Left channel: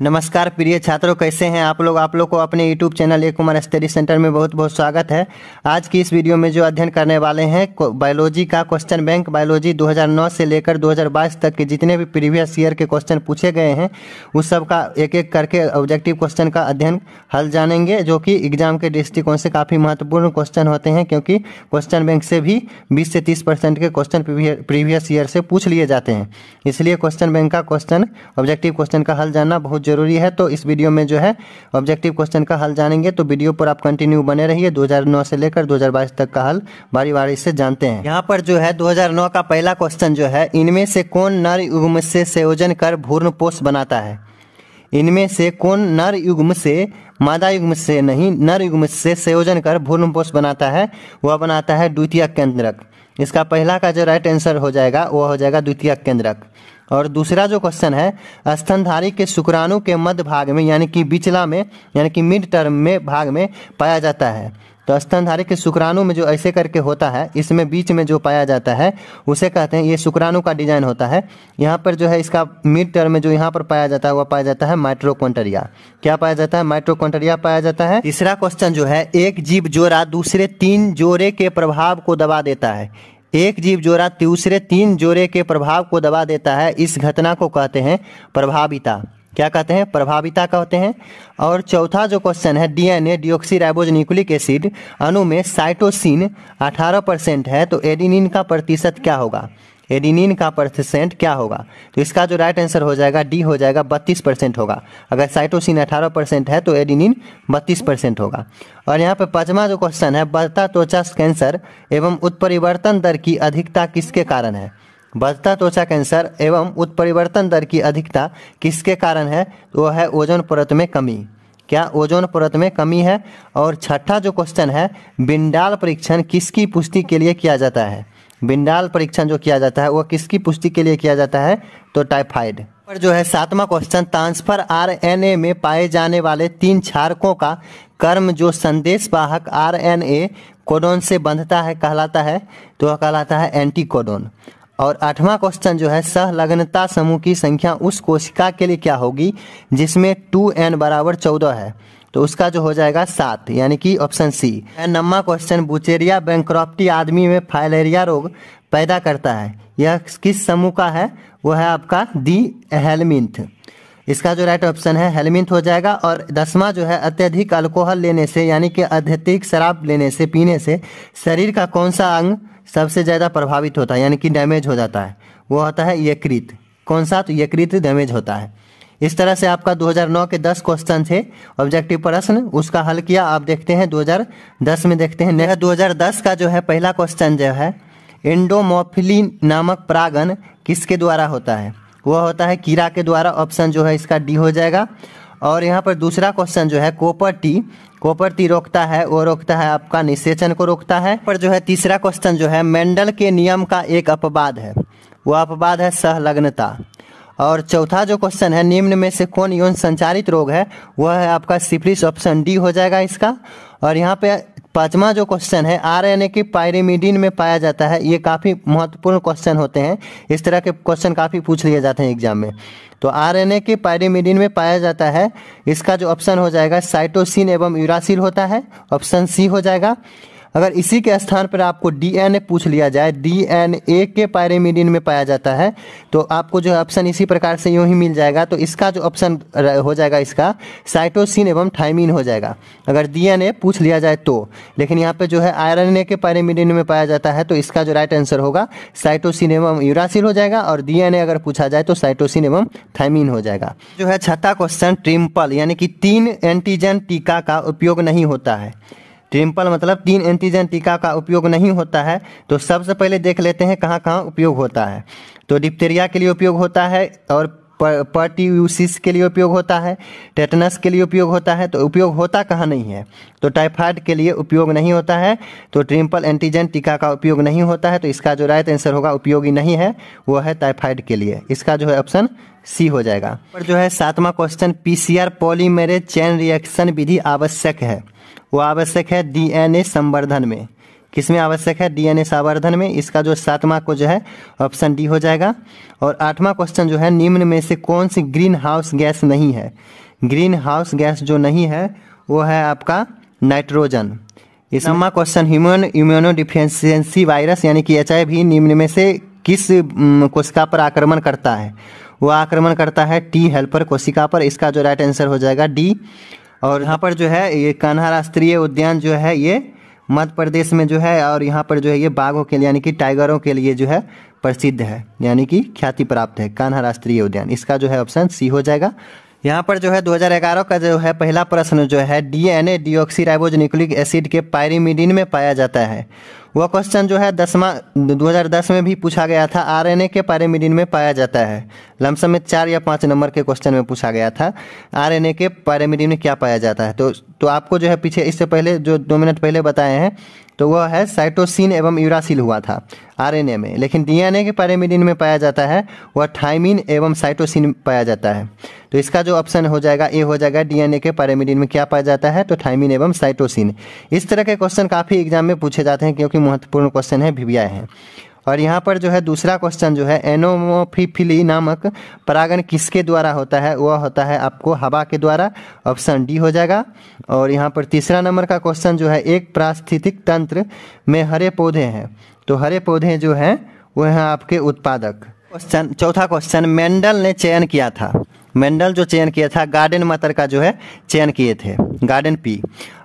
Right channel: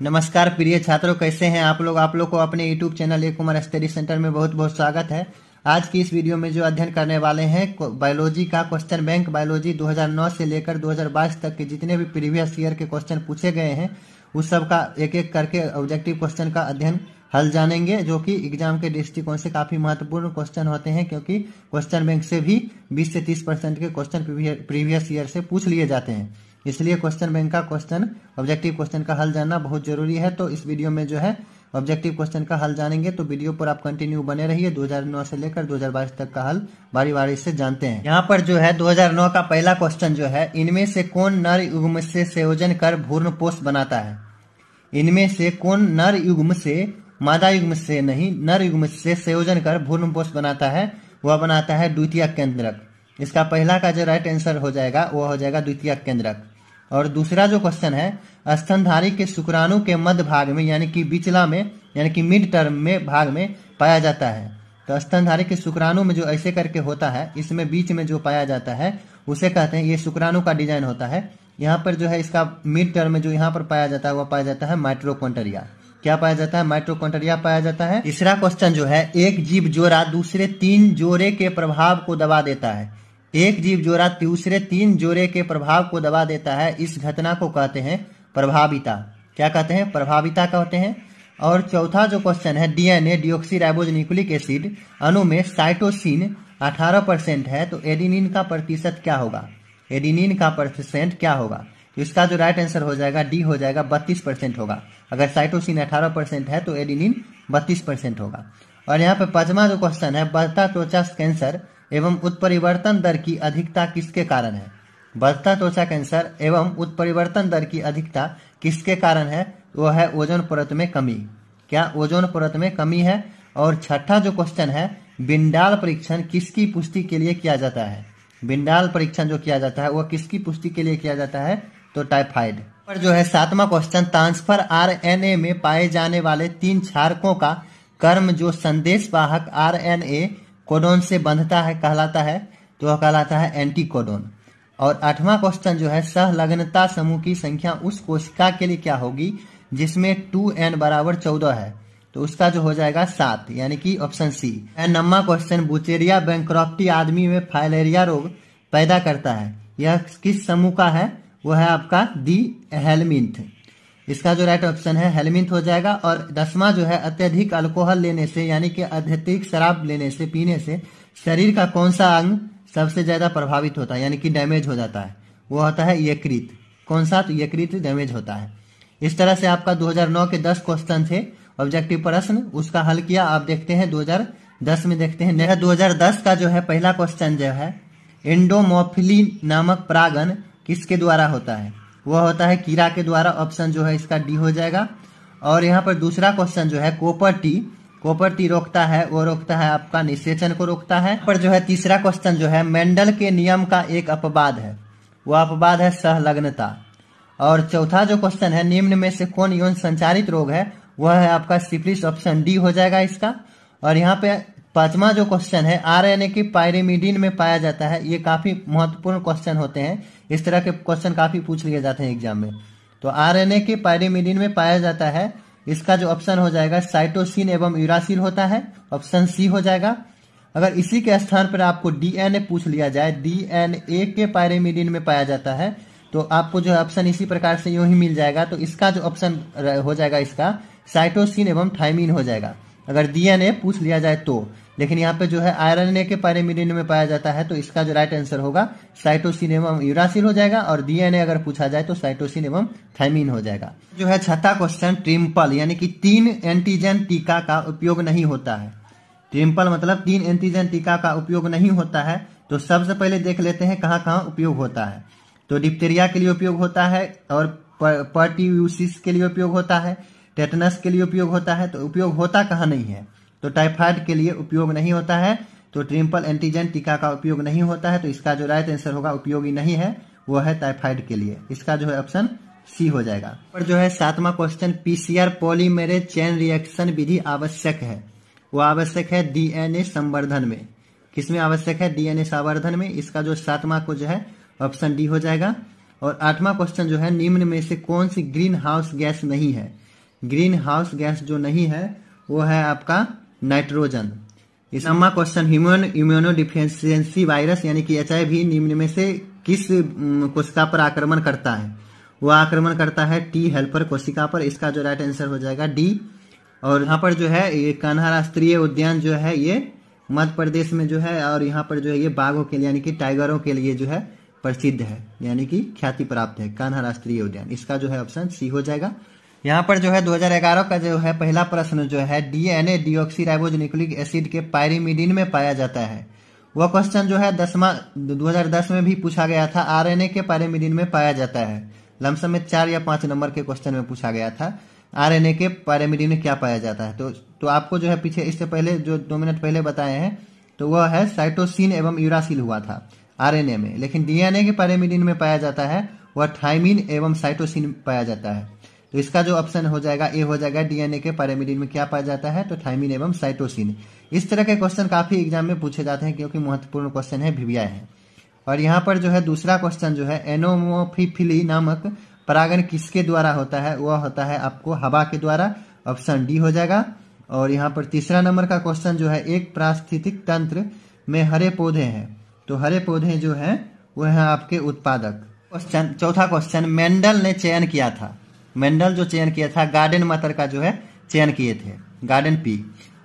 नमस्कार प्रिय छात्रों, कैसे हैं आप लोग को अपने YouTube चैनल ए कुमार स्टडी सेंटर में बहुत बहुत स्वागत है। आज की इस वीडियो में जो अध्ययन करने वाले हैं बायोलॉजी का क्वेश्चन बैंक बायोलॉजी 2009 से लेकर 2022 तक के जितने भी प्रीवियस ईयर के क्वेश्चन पूछे गए हैं उस सब का एक एक करके ऑब्जेक्टिव क्वेश्चन का अध्ययन हल जानेंगे, जो कि एग्जाम के दृष्टिकोण से काफ़ी महत्वपूर्ण क्वेश्चन होते हैं, क्योंकि क्वेश्चन बैंक से भी 20 से 30% के क्वेश्चन प्रीवियस ईयर से पूछ लिए जाते हैं। इसलिए क्वेश्चन बैंक का क्वेश्चन ऑब्जेक्टिव क्वेश्चन का हल जानना बहुत जरूरी है। तो इस वीडियो में जो है ऑब्जेक्टिव क्वेश्चन का हल जानेंगे, तो वीडियो पर आप कंटिन्यू बने रहिए। 2009 से लेकर 2022 तक का हल बारी बारी से जानते हैं। यहाँ पर जो है 2009 का पहला क्वेश्चन जो है, इनमें से कौन नर युग्म से संयोजन कर भ्रूणपोष बनाता है। इनमें से कौन नर युग्म से, मादा युग्म से नहीं, नर युग्म से संयोजन कर भ्रूणपोष बनाता है, वह बनाता है द्वितीयक केंद्रक। इसका पहला का जो राइट आंसर हो जाएगा वह हो जाएगा द्वितीयक केंद्रक। और दूसरा जो क्वेश्चन है, स्तनधारी के शुक्राणु के मध्य भाग में यानी कि बिचला में यानी कि मिड टर्म में भाग में पाया जाता है। तो स्तनधारी के शुक्राणु में जो ऐसे करके होता है, इसमें बीच में जो पाया जाता है उसे कहते हैं, ये शुक्राणु का डिजाइन होता है। यहाँ पर जो है इसका मिड टर्म में जो यहाँ पर पाया जाता है वह पाया जाता है माइटोकॉन्ड्रिया। क्या पाया जाता है? माइटोकॉन्ड्रिया पाया जाता है। तीसरा क्वेश्चन जो है, एक जीव जोड़ा दूसरे 3 जोड़े के प्रभाव को दबा देता है। एक जीव जोड़ा दूसरे 3 जोड़े के प्रभाव को दबा देता है, इस घटना को कहते हैं प्रभाविता। क्या कहते हैं? प्रभाविता कहते हैं। और चौथा जो क्वेश्चन है, डीएनए डिऑक्सीराइबोज न्यूक्लिक एसिड अणु में साइटोसिन 18% है, तो एडेनिन का प्रतिशत क्या होगा? एडेनिन का प्रतिशत क्या होगा? तो इसका जो राइट आंसर हो जाएगा डी हो जाएगा, 32% होगा। अगर साइटोसिन 18% है तो एडेनिन 32% होगा। और यहाँ पे पांचवा जो क्वेश्चन है, बढ़ता त्वचा कैंसर एवं उत्परिवर्तन दर की अधिकता किसके कारण है। बढ़ता त्वचा कैंसर एवं उत्परिवर्तन दर की अधिकता किसके कारण है? तो वह है ओजोन परत में कमी। क्या ओजोन परत में कमी है? और छठा जो क्वेश्चन है, बिंडाल परीक्षण किसकी पुष्टि के लिए किया जाता है। बिंडाल परीक्षण जो किया जाता है वह किसकी पुष्टि के लिए किया जाता है? तो टाइफाइड। और जो है सातवां क्वेश्चन, ट्रांसफर आरएनए में पाए जाने वाले 3 क्षारकों का कर्म जो संदेश वाहक आरएनए कोडोन से बंधता है कहलाता है, तो वह कहलाता है एंटीकोडोन। और 8वां क्वेश्चन जो है, सहलग्नता समूह की संख्या उस कोशिका के लिए क्या होगी जिसमें 2n बराबर 14 है, तो उसका जो हो जाएगा 7, यानी कि ऑप्शन सी। 9वां क्वेश्चन, बुचेरिया बैंक्रॉफ्टी आदमी में फाइलेरिया रोग पैदा करता है, यह किस समूह का है? वो है आपका दी हेलमिंथ। इसका जो राइट ऑप्शन है हेलमिंथ हो जाएगा। और 10वां जो है, अत्यधिक अल्कोहल लेने से यानी कि अत्यधिक शराब लेने से, पीने से शरीर का कौन सा अंग सबसे ज्यादा प्रभावित होता है यानी कि डैमेज हो जाता है? वो होता है यकृत। कौन सा? तो यकृत डैमेज होता है। इस तरह से आपका 2009 के 10 क्वेश्चन थे ऑब्जेक्टिव प्रश्न, उसका हल किया। आप देखते हैं 2010 में देखते हैं। 2010 का जो है पहला क्वेश्चन जो है, एंडोमोफिली नामक परागण किसके द्वारा होता है? वह होता है कीड़ा के द्वारा। ऑप्शन जो है इसका डी हो जाएगा। और यहाँ पर दूसरा क्वेश्चन जो है, कॉपर टी रोकता है, वो रोकता है आपका निषेचन को रोकता है। पर जो है तीसरा क्वेश्चन जो है, मेंडल के नियम का एक अपवाद है, वो अपवाद है सहलग्नता। और चौथा जो क्वेश्चन है, निम्न में से कौन यौन संचारित रोग है? वह है आपका सिफिलिस। ऑप्शन डी हो जाएगा इसका। और यहाँ पे पांचवा जो क्वेश्चन है, आरएनए के पायरिमिडीन में पाया जाता है। ये काफी महत्वपूर्ण क्वेश्चन होते हैं, इस तरह के क्वेश्चन काफी पूछ लिए जाते हैं एग्जाम में। तो आरएनए के पायरिमिडीन में पाया जाता है, इसका जो ऑप्शन हो जाएगा साइटोसिन एवं यूरासिल होता है, ऑप्शन सी हो जाएगा। अगर इसी के स्थान पर आपको डीएनए पूछ लिया जाए, डीएनए के पायरिमिडीन में पाया जाता है, तो आपको जो ऑप्शन इसी प्रकार से यूं ही मिल जाएगा। तो इसका जो ऑप्शन हो जाएगा इसका साइटोसिन एवं थाइमिन हो जाएगा, अगर डीएनए पूछ लिया जाए तो। लेकिन यहाँ पे जो है आरएनए के पायरिमिडीन में पाया जाता है, तो इसका जो राइट आंसर होगा साइटोसिन एवं यूरासिल हो जाएगा। और डीएनए अगर पूछा जाए तो साइटोसिन एवं थाइमिन हो जाएगा। जो है छठा क्वेश्चन, ट्रिम्पल यानी कि 3 एंटीजन टीका का उपयोग नहीं होता है। ट्रिम्पल मतलब 3 एंटीजन टीका का उपयोग नहीं होता है। तो सबसे पहले देख लेते हैं कहाँ कहाँ उपयोग होता है। तो डिप्थीरिया के लिए उपयोग होता है, और पर्ट्यूसिस के लिए उपयोग होता है, टेटनस के लिए उपयोग होता है। तो उपयोग होता कहाँ नहीं है? तो टाइफाइड के लिए उपयोग नहीं होता है। तो ट्रिम्पल एंटीजन टीका का उपयोग नहीं होता है, तो इसका जो राइट आंसर होगा उपयोगी नहीं है, वो है टाइफाइड के लिए। इसका जो है ऑप्शन सी हो जाएगा। और जो है 7वां question, PCR polymerase chain reaction विधि आवश्यक है, वो आवश्यक है डीएनए संवर्धन में। किसमें आवश्यक है? डीएनए संवर्धन में। इसका जो 7वां को जो है ऑप्शन डी हो जाएगा। और 8वां क्वेश्चन जो है, निम्न में से कौन सी ग्रीन हाउस गैस नहीं है? ग्रीन हाउस गैस जो नहीं है वो है आपका नाइट्रोजन। इस 9वां क्वेश्चन, ह्यूमन इम्यूनोडिफिशियंसी वायरस यानी कि HIV निम्न में से किस कोशिका पर आक्रमण करता है? वो आक्रमण करता है टी हेल्पर कोशिका पर। इसका जो राइट आंसर हो जाएगा डी। और यहाँ पर जो है ये कान्हा राष्ट्रीय उद्यान जो है ये मध्य प्रदेश में जो है, और यहाँ पर जो है ये बाघों के लिए यानी कि टाइगरों के लिए जो है प्रसिद्ध है, यानी कि ख्याति प्राप्त है कान्हा राष्ट्रीय उद्यान। इसका जो है ऑप्शन सी हो जाएगा। यहाँ पर जो है 2011 का जो है पहला प्रश्न जो है, डीएनए डीऑक्सीराइबोज न्यूक्लिक एसिड के पायरिमिडीन में पाया जाता है। वह क्वेश्चन जो है 2010 में भी पूछा गया था। आरएनए के पायरिमिडीन में पाया जाता है। लमसम में 4 या 5 नंबर के क्वेश्चन में पूछा गया था, आरएनए के पायरिमिडीन में क्या पाया जाता है। तो आपको जो है पीछे इससे पहले जो 2 मिनट पहले बताए हैं, तो वह है साइटोसिन एवं यूरासिल हुआ था आरएनए में। लेकिन डीएनए के पायरिमिडीन में पाया जाता है वह थाइमिन एवं साइटोसिन पाया जाता है। तो इसका जो ऑप्शन हो जाएगा ए हो जाएगा। डीएनए के पायरिमिडीन में क्या पाया जाता है? तो थाइमिन एवं साइटोसिन। इस तरह के क्वेश्चन काफी एग्जाम में पूछे जाते हैं क्योंकि महत्वपूर्ण क्वेश्चन है, भी आए हैं। और यहाँ पर जो है दूसरा क्वेश्चन जो है, एनोमोफिली नामक परागण किसके द्वारा होता है? वह होता है आपको हवा के द्वारा। ऑप्शन डी हो जाएगा। और यहाँ पर तीसरा नंबर का क्वेश्चन जो है, एक पारिस्थितिक तंत्र में हरे पौधे हैं, तो हरे पौधे जो हैं वह हैं आपके उत्पादक। क्वेश्चन चौथा क्वेश्चन, मेंडल ने चयन किया था। मेंडल जो चयन किया था गार्डन मटर का जो है चयन किए थे, गार्डन पी।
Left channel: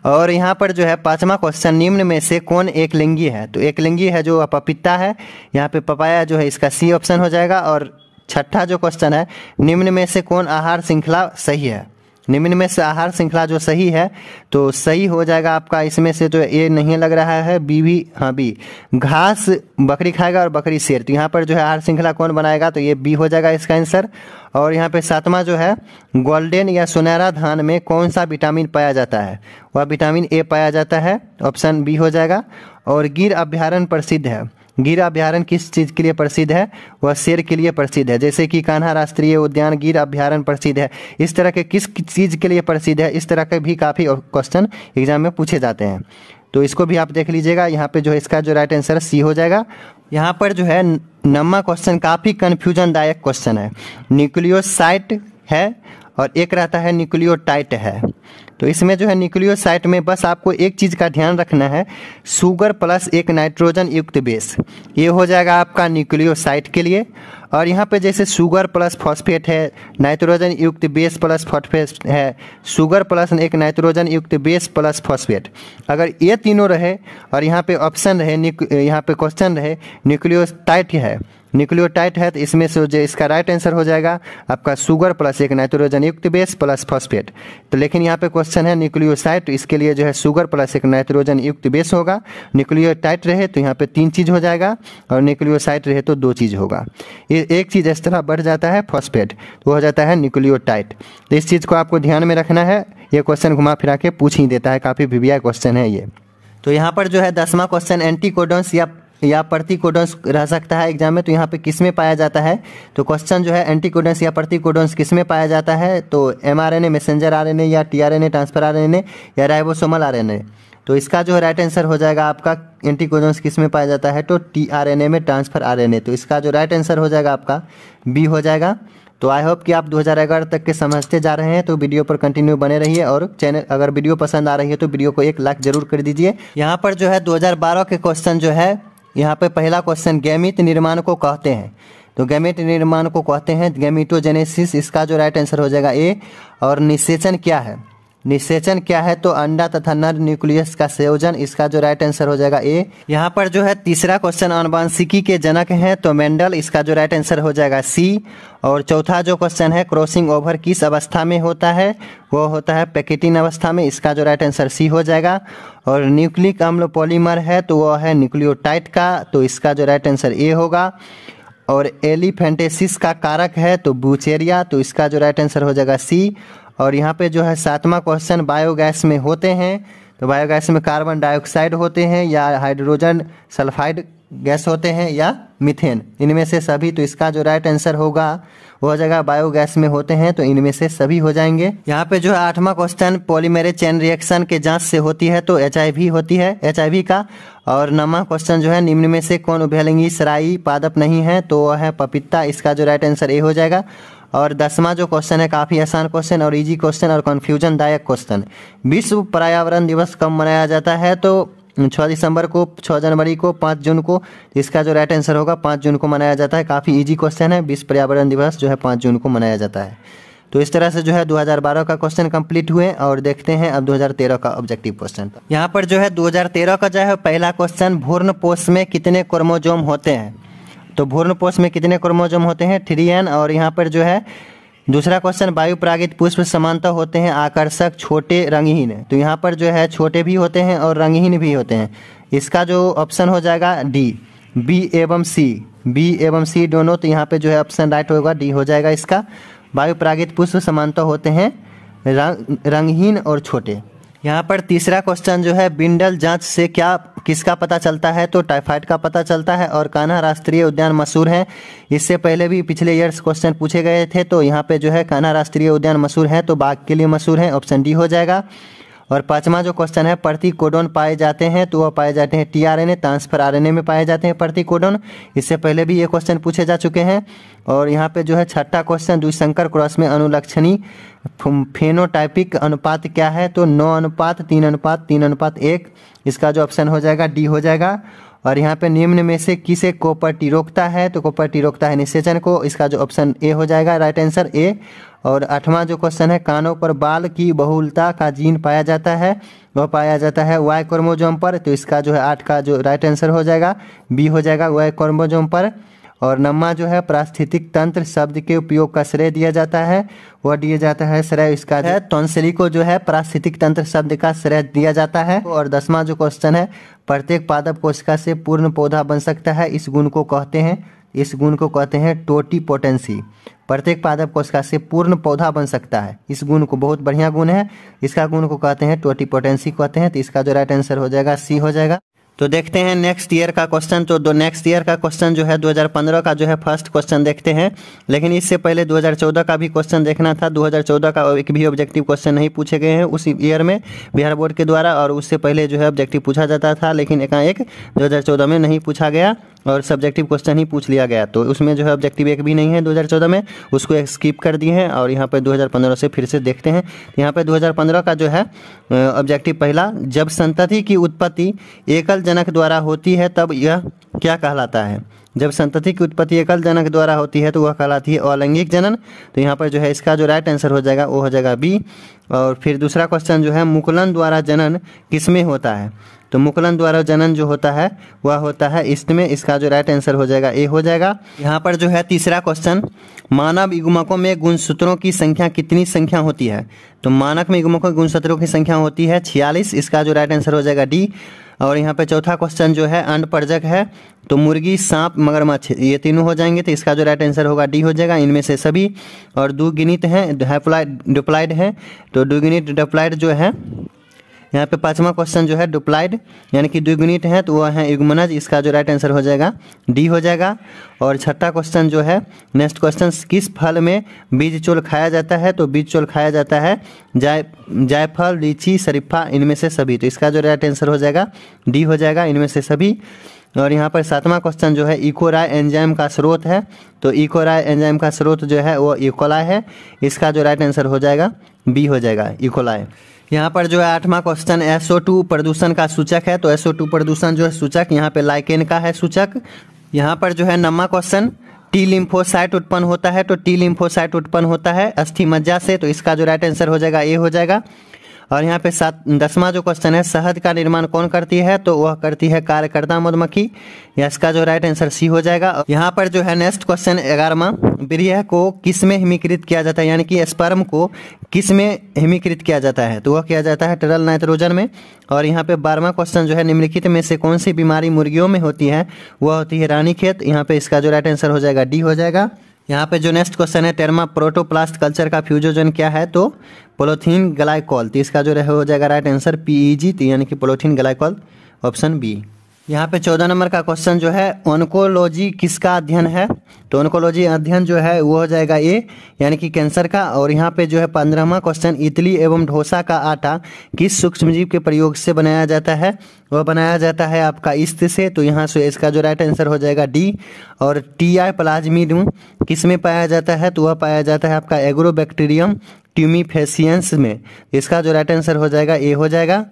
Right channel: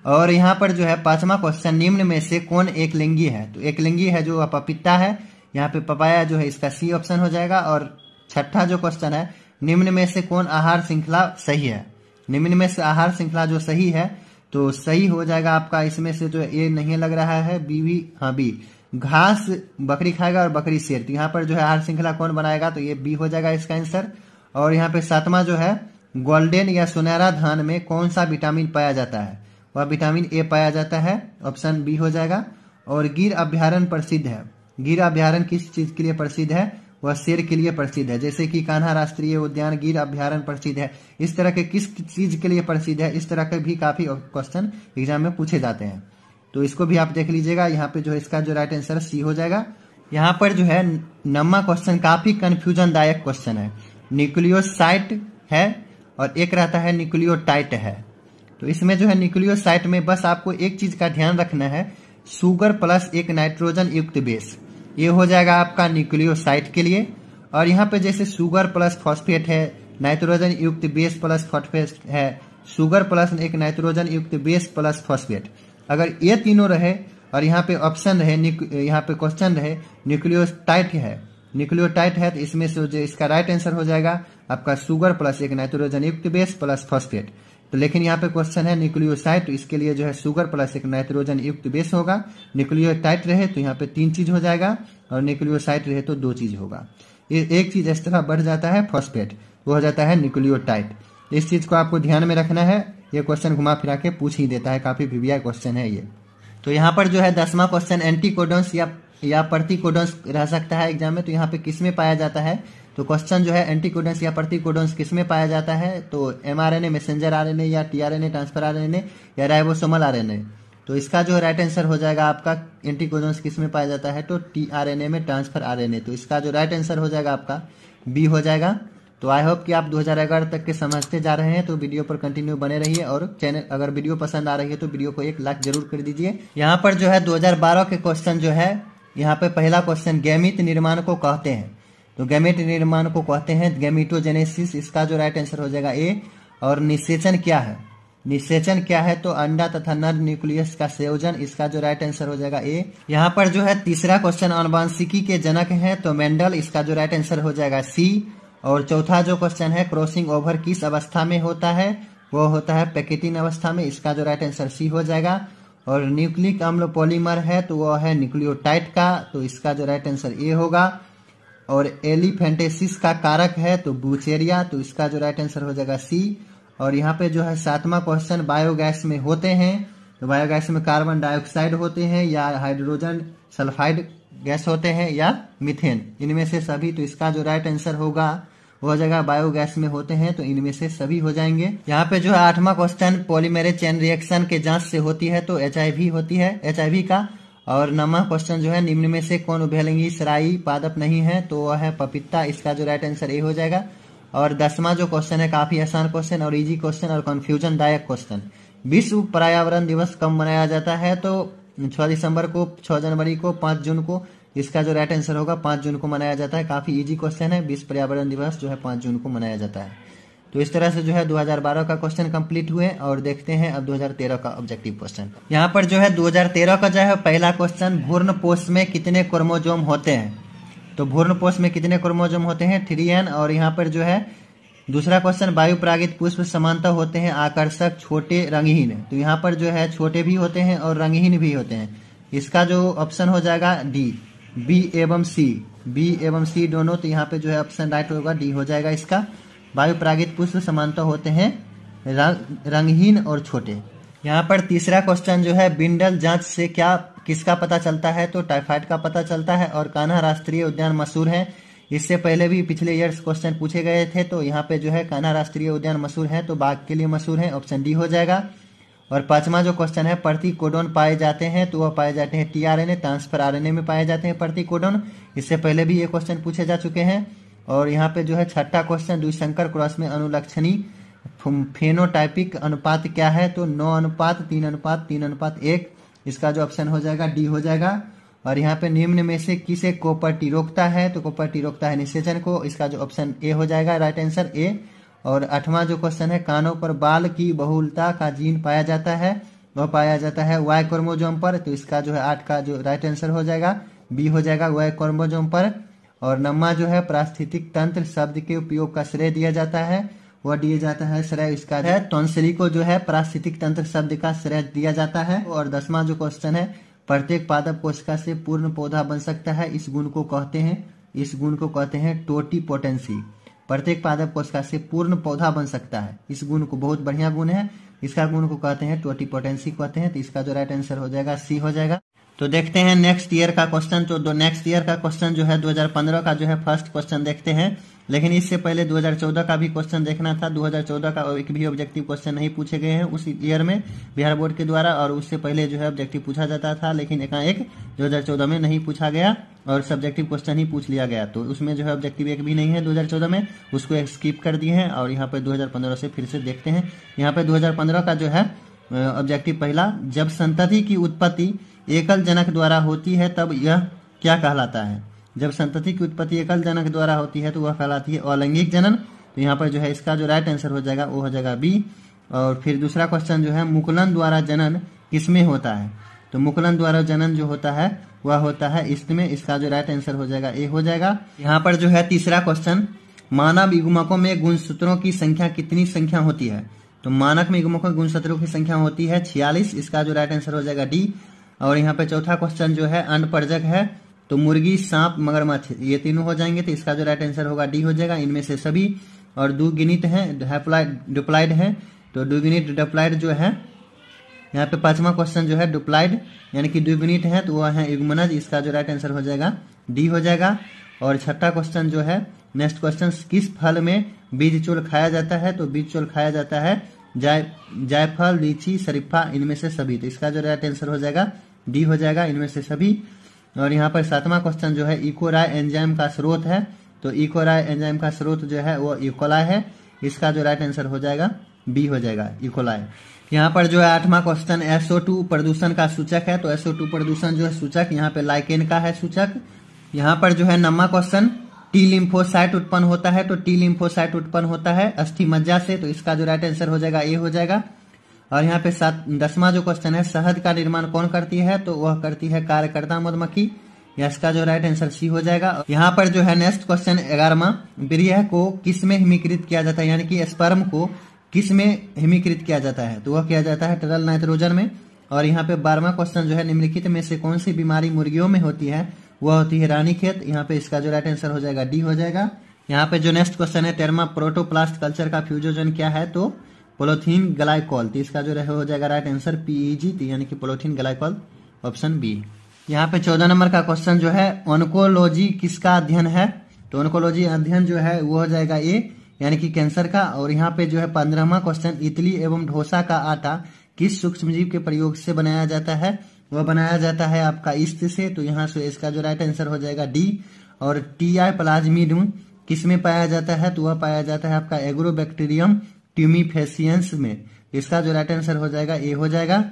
और यहाँ पर जो है 5वां क्वेश्चन, निम्न में से कौन एक लिंगी है? तो एक लिंगी है जो पपीता है। यहाँ पे पपाया जो है इसका सी ऑप्शन हो जाएगा। और 6ठा जो क्वेश्चन है, निम्न में से कौन आहार श्रृंखला सही है? निम्न में से आहार श्रृंखला जो सही है तो सही हो जाएगा आपका इसमें से, तो ए नहीं लग रहा है, बी भी, हाँ बी, घास बकरी खाएगा और बकरी शेर। तो यहाँ पर जो है आहार श्रृंखला कौन बनाएगा? तो ये बी हो जाएगा इसका आंसर। और यहाँ पे 7वां जो है, गोल्डन या सुनहरा धान में कौन सा विटामिन पाया जाता है? वह विटामिन ए पाया जाता है। ऑप्शन बी हो जाएगा। और गिर अभ्यारण्य प्रसिद्ध है। गिर अभ्यारण्य किस चीज के लिए प्रसिद्ध है? वह शेर के लिए प्रसिद्ध है। जैसे कि कान्हा राष्ट्रीय उद्यान गिर अभ्यारण्य प्रसिद्ध है, इस तरह के किस चीज के लिए प्रसिद्ध है? इस तरह के भी काफी क्वेश्चन एग्जाम में पूछे जाते हैं, तो इसको भी आप देख लीजिएगा। यहाँ पे जो है इसका जो राइट आंसर सी हो जाएगा। यहाँ पर जो है 9वां क्वेश्चन काफी कंफ्यूजन दायक क्वेश्चन है। न्यूक्लियोसाइट है और एक रहता है न्यूक्लियोटाइड है। तो इसमें जो है न्यूक्लियोसाइट में बस आपको एक चीज का ध्यान रखना है, शुगर प्लस एक नाइट्रोजन युक्त बेस, ये हो जाएगा आपका न्यूक्लियोसाइट के लिए। और यहाँ पे जैसे शुगर प्लस फॉस्फेट है, नाइट्रोजन युक्त बेस प्लस फॉस्फेट है, शुगर प्लस एक नाइट्रोजन युक्त बेस प्लस फॉस्फेट, अगर ये तीनों रहे और यहाँ पे ऑप्शन रहे, यहाँ पे क्वेश्चन रहे न्यूक्लियोटाइड है, न्यूक्लियोटाइड है, तो इसमें से जो इसका राइट आंसर हो जाएगा आपका शुगर प्लस एक नाइट्रोजन युक्त बेस प्लस फॉस्फेट। तो लेकिन यहाँ पे क्वेश्चन है न्यूक्लियोसाइड, तो इसके लिए जो है शुगर प्लस एक नाइट्रोजन युक्त बेस होगा। न्यूक्लियोटाइड रहे तो यहाँ पे 3 चीज हो जाएगा और न्यूक्लियोसाइड रहे तो 2 चीज होगा। एक चीज इस तरह बढ़ जाता है फॉस्फेट, तो हो जाता है न्यूक्लियोटाइड। तो इस चीज को आपको ध्यान में रखना है, ये क्वेश्चन घुमा फिरा के पूछ ही देता है, काफी वीवीआई क्वेश्चन है ये। तो यहाँ पर जो है 10वां क्वेश्चन, एंटीकोडॉन्स या प्रतिकोडॉन्स रह सकता है एग्जाम में, तो यहाँ पे किस में पाया जाता है? तो क्वेश्चन जो है एंटीकोडॉन्स या प्रतिकोडॉन्स किस में पाया जाता है? तो एमआरएनए, मैसेंजर आरएनए, या टीआरएनए, ट्रांसफर आरएनए, या राइबोसोमल आरएनए। तो इसका जो राइट आंसर हो जाएगा आपका, एंटीकोडॉन्स किस में पाया जाता है? तो टीआरएनए में, ट्रांसफर आरएनए। तो इसका जो राइट आंसर हो जाएगा आपका बी हो जाएगा। तो आई होप कि आप 2011 तक के समझते जा रहे हैं, तो वीडियो पर कंटिन्यू बने रहिए। और चैनल अगर वीडियो पसंद आ रही है तो वीडियो को एक लाइक जरूर कर दीजिए। यहाँ पर जो है 2012 के क्वेश्चन जो है, यहाँ पे पहला क्वेश्चन, गैमीट निर्माण को कहते हैं। तो गैमीट निर्माण को कहते हैं गैमीटोजेनेसिस, इसका जो राइट आंसर हो जाएगा ए। और निषेचन क्या है? निषेचन क्या है? तो अंडा तथा नर न्यूक्लियस का संयोजन, इसका जो राइट आंसर हो जाएगा ए। यहाँ पर जो है तीसरा क्वेश्चन, आनुवांशिकी के जनक हैं तो मेंडल, इसका जो राइट आंसर हो जाएगा सी। और चौथा जो क्वेश्चन है, क्रॉसिंग ओवर किस अवस्था में होता है? वो होता है पैकेटिन अवस्था में, इसका जो राइट आंसर सी हो जाएगा। और न्यूक्लिक अम्ल पॉलीमर है तो वो है न्यूक्लियोटाइड का, तो इसका जो राइट आंसर ए होगा। और एलिफेंटेसिस का कारक है तो ब्यूचेरिया, तो इसका जो राइट आंसर हो जाएगा सी। और यहाँ पे जो है 7वां क्वेश्चन, बायोगैस में होते हैं तो बायोगैस में कार्बन डाइऑक्साइड होते हैं या हाइड्रोजन सल्फाइड गैस होते हैं या मीथेन, इनमें से सभी। तो इसका जो राइट आंसर होगा वो हो जाएगा बायोगैस में होते हैं, तो इनमें से सभी हो जाएंगे। यहाँ पे जो है 8वां क्वेश्चन, पॉलीमेरेज चेन रिएक्शन के जांच से होती है तो HIV होती है, HIV का। और 9वां क्वेश्चन जो है, निम्न में से कौन उभयलिंगी सराई पादप नहीं है, तो वह है पपीता। इसका जो राइट आंसर ए हो जाएगा। और 10वां जो क्वेश्चन है, काफी आसान क्वेश्चन और इजी क्वेश्चन और कंफ्यूजन दायक क्वेश्चन। विश्व पर्यावरण दिवस कब मनाया जाता है, तो 6 दिसंबर को, 6 जनवरी को, 5 जून को। इसका जो राइट आंसर होगा 5 जून को मनाया जाता है। काफी इजी क्वेश्चन है। विश्व पर्यावरण दिवस जो है 5 जून को मनाया जाता है। तो इस तरह से जो है 2012 का क्वेश्चन कंप्लीट हुए और देखते हैं अब 2013 का ऑब्जेक्टिव क्वेश्चन। यहाँ पर जो है 2013 का जो है पहला क्वेश्चन, भ्रूणपोष में कितने क्रोमोजोम होते हैं। तो भ्रूणपोष में कितने क्रोमोजोम होते हैं, 3n। और यहाँ पर जो है दूसरा क्वेश्चन, वायु परागित पुष्प समानतः होते हैं आकर्षक, छोटे, रंगहीन। तो यहाँ पर जो है छोटे भी होते हैं और रंगहीन भी होते हैं। इसका जो ऑप्शन हो जाएगा डी। बी एवं सी दोनों। तो यहाँ पे जो है ऑप्शन राइट होगा, डी हो जाएगा इसका। वायु परागित पुष्प समानतः होते हैं रंगहीन और छोटे। यहाँ पर तीसरा क्वेश्चन जो है, बिंडल जांच से किसका पता चलता है, तो टाइफाइड का पता चलता है। और कान्हा राष्ट्रीय उद्यान मशहूर है। इससे पहले भी पिछले ईयर्स क्वेश्चन पूछे गए थे। तो यहाँ पे जो है कान्हा राष्ट्रीय उद्यान मशहूर है, तो बाघ के लिए मशहूर है, ऑप्शन डी हो जाएगा। और 5वां जो क्वेश्चन है, प्रतिकोडोन पाए जाते हैं, तो वह पाए जाते हैं टीआरएनए, ट्रांसफर आरएनए में पाए जाते हैं प्रतिकोडोन। इससे पहले भी ये क्वेश्चन पूछे जा चुके हैं। और यहाँ पे जो है 6ठा क्वेश्चन, द्विसंकर क्रॉस में अनुलक्षणी फेनोटाइपिक अनुपात क्या है, तो 9:3:3:1। इसका जो ऑप्शन हो जाएगा डी हो जाएगा। और यहाँ पे निम्न में से किसे कोपर्टी रोकता है, तो कोपर्टी रोकता है निषेचन को। इसका जो ऑप्शन ए हो जाएगा, राइट आंसर ए। और 8वां जो क्वेश्चन है, कानों पर बाल की बहुलता का जीन पाया जाता है, वह पाया जाता है वाई क्रोमोजोम पर। तो इसका जो है 8 का जो राइट आंसर हो जाएगा, बी हो जाएगा, वाई क्रोमोजोम पर। और 9वां जो है, पारिस्थितिक तंत्र शब्द के उपयोग का श्रेय दिया जाता है, वह दिया जाता है श्रेय इसका है टॉन्सिली को जो है पारिस्थितिक तंत्र शब्द का श्रेय दिया जाता है। और 10वां जो क्वेश्चन है, प्रत्येक पादप कोशिका से पूर्ण पौधा बन सकता है, इस गुण को कहते हैं टोटीपोटेंसी। प्रत्येक पादप कोशिका से पूर्ण पौधा बन सकता है, इस गुण को, बहुत बढ़िया गुण है, इसका गुण को कहते हैं टोटीपोटेंसी कहते हैं। तो इसका जो राइट आंसर हो जाएगा सी हो जाएगा। तो देखते हैं नेक्स्ट ईयर का क्वेश्चन। तो नेक्स्ट ईयर का क्वेश्चन जो है 2015 का जो है फर्स्ट क्वेश्चन देखते हैं। लेकिन इससे पहले 2014 का भी क्वेश्चन देखना था। 2014 का एक भी ऑब्जेक्टिव क्वेश्चन नहीं पूछे गए हैं उस ईयर में बिहार बोर्ड के द्वारा। और उससे पहले जो है ऑब्जेक्टिव पूछा जाता था, लेकिन एकाएक 2014 में नहीं पूछा गया और सब्जेक्टिव क्वेश्चन ही पूछ लिया गया। तो उसमें जो है ऑब्जेक्टिव एक भी नहीं है 2014 में, उसको स्किप कर दिए हैं। और यहाँ पे 2015 से फिर से देखते हैं। यहाँ पे 2015 का जो है ऑब्जेक्टिव पहला, जब संतति की उत्पत्ति एकल जनक द्वारा होती है तब यह क्या कहलाता है। जब संतति की उत्पत्ति एकल जनक द्वारा होती है तो वह कहलाती है अलैंगिक जनन। तो यहाँ पर जो है इसका जो राइट आंसर हो जाएगा वो हो जाएगा बी। और फिर दूसरा क्वेश्चन जो है, मुकुलन द्वारा जनन किसमें होता है। तो मुकुलन द्वारा जनन जो होता है वह होता है ईस्ट में। इसका जो राइट आंसर हो जाएगा ए हो जाएगा। यहाँ पर जो है तीसरा क्वेश्चन, मानव युग्मकों में गुणसूत्रों की संख्या कितनी संख्या होती है। तो मानव में युग्मकों की गुणसूत्रों की संख्या होती है 46। इसका जो राइट आंसर हो जाएगा डी। और यहाँ पे चौथा क्वेश्चन जो है, अण्डपर्जक है, तो मुर्गी, सांप, मगरमच्छ, ये तीनों हो जाएंगे। तो इसका जो राइट आंसर होगा डी हो जाएगा, इनमें से सभी। और द्विगिनित हैं, डिप्लॉइड हैं, तो द्विगिनित डिप्लॉइड जो है, यहाँ पे 5वां क्वेश्चन जो है डिप्लॉइड यानी कि द्विगुणित है, तो वह है युग्मनज। इसका जो राइट आंसर हो जाएगा डी हो जाएगा। और 6ठा क्वेश्चन जो है, नेक्स्ट क्वेश्चन, किस फल में बीज चोल खाया जाता है। तो बीज चोल खाया जाता है जायफल, लीची, शरीफा, इनमें से सभी। तो इसका जो राइट आंसर हो जाएगा डी हो जाएगा, इनमें से सभी। और यहाँ पर 7वां क्वेश्चन जो है, इकोराय एंजाइम का स्रोत है। तो इकोराय एंजाइम का स्रोत जो है वो इकोलाई है। इसका जो राइट आंसर हो जाएगा बी हो जाएगा, इकोलाई। यहाँ पर जो है 8वां क्वेश्चन, SO2 प्रदूषण का सूचक है। तो SO2 प्रदूषण जो है सूचक यहाँ पे लाइकेन का है सूचक। यहाँ पर जो है 9वां क्वेश्चन, टी लिम्फोसाइट उत्पन्न होता है। तो टी लिम्फोसाइट उत्पन्न होता है अस्थि मज्जा से। तो इसका जो राइट आंसर हो जाएगा ए हो जाएगा। और यहाँ पे 10वां जो क्वेश्चन है, शहद का निर्माण कौन करती है। तो वह करती है कार्यकर्ता मधुमक्खी। इसका जो राइट आंसर सी हो जाएगा। यहाँ पर जो है नेक्स्ट क्वेश्चन 11वां, वीर्य को किस में हिमीकृत किया जाता है, यानी कि स्पर्म को किस में हिमीकृत किया जाता है। तो वह किया जाता है तरल नाइट्रोजन में। और यहाँ पे 12वां क्वेश्चन जो है, निम्नलिखित में से कौन सी बीमारी मुर्गियों में होती है, वह होती है रानीखेत। यहाँ पे इसका जो राइट आंसर हो जाएगा डी हो जाएगा। यहाँ पे जो नेक्स्ट क्वेश्चन है, टेरमा प्रोटोप्लास्ट कल्चर का फ्यूजोजन क्या है। तो पोलोथीन ग्लाइकोल। तो इसका जो हो जाएगा राइट आंसर PEG, यानी कि पोलोथीन ग्लाइकोल, ऑप्शन बी। यहाँ पे 14 नंबर का क्वेश्चन जो है, ऑन्कोलॉजी किसका अध्ययन है? तो ऑन्कोलॉजी अध्ययन जो है वो हो जाएगा ए, यानी कि कैंसर का। और यहाँ पे जो है 15वां क्वेश्चन, इडली एवं डोसा का आटा किस सूक्ष्मजीव के प्रयोग से बनाया जाता है? वह बनाया जाता है आपका ईस्ट से। तो यहाँ से इसका जो राइट आंसर हो जाएगा डी। और टीआई प्लाज्मिडियम किस में पाया जाता है? तो वह पाया जाता है आपका एग्रोबैक्टीरियम ट्यूमीफेसियंस में। इसका जो राइट आंसर हो जाएगा ए हो जाएगा।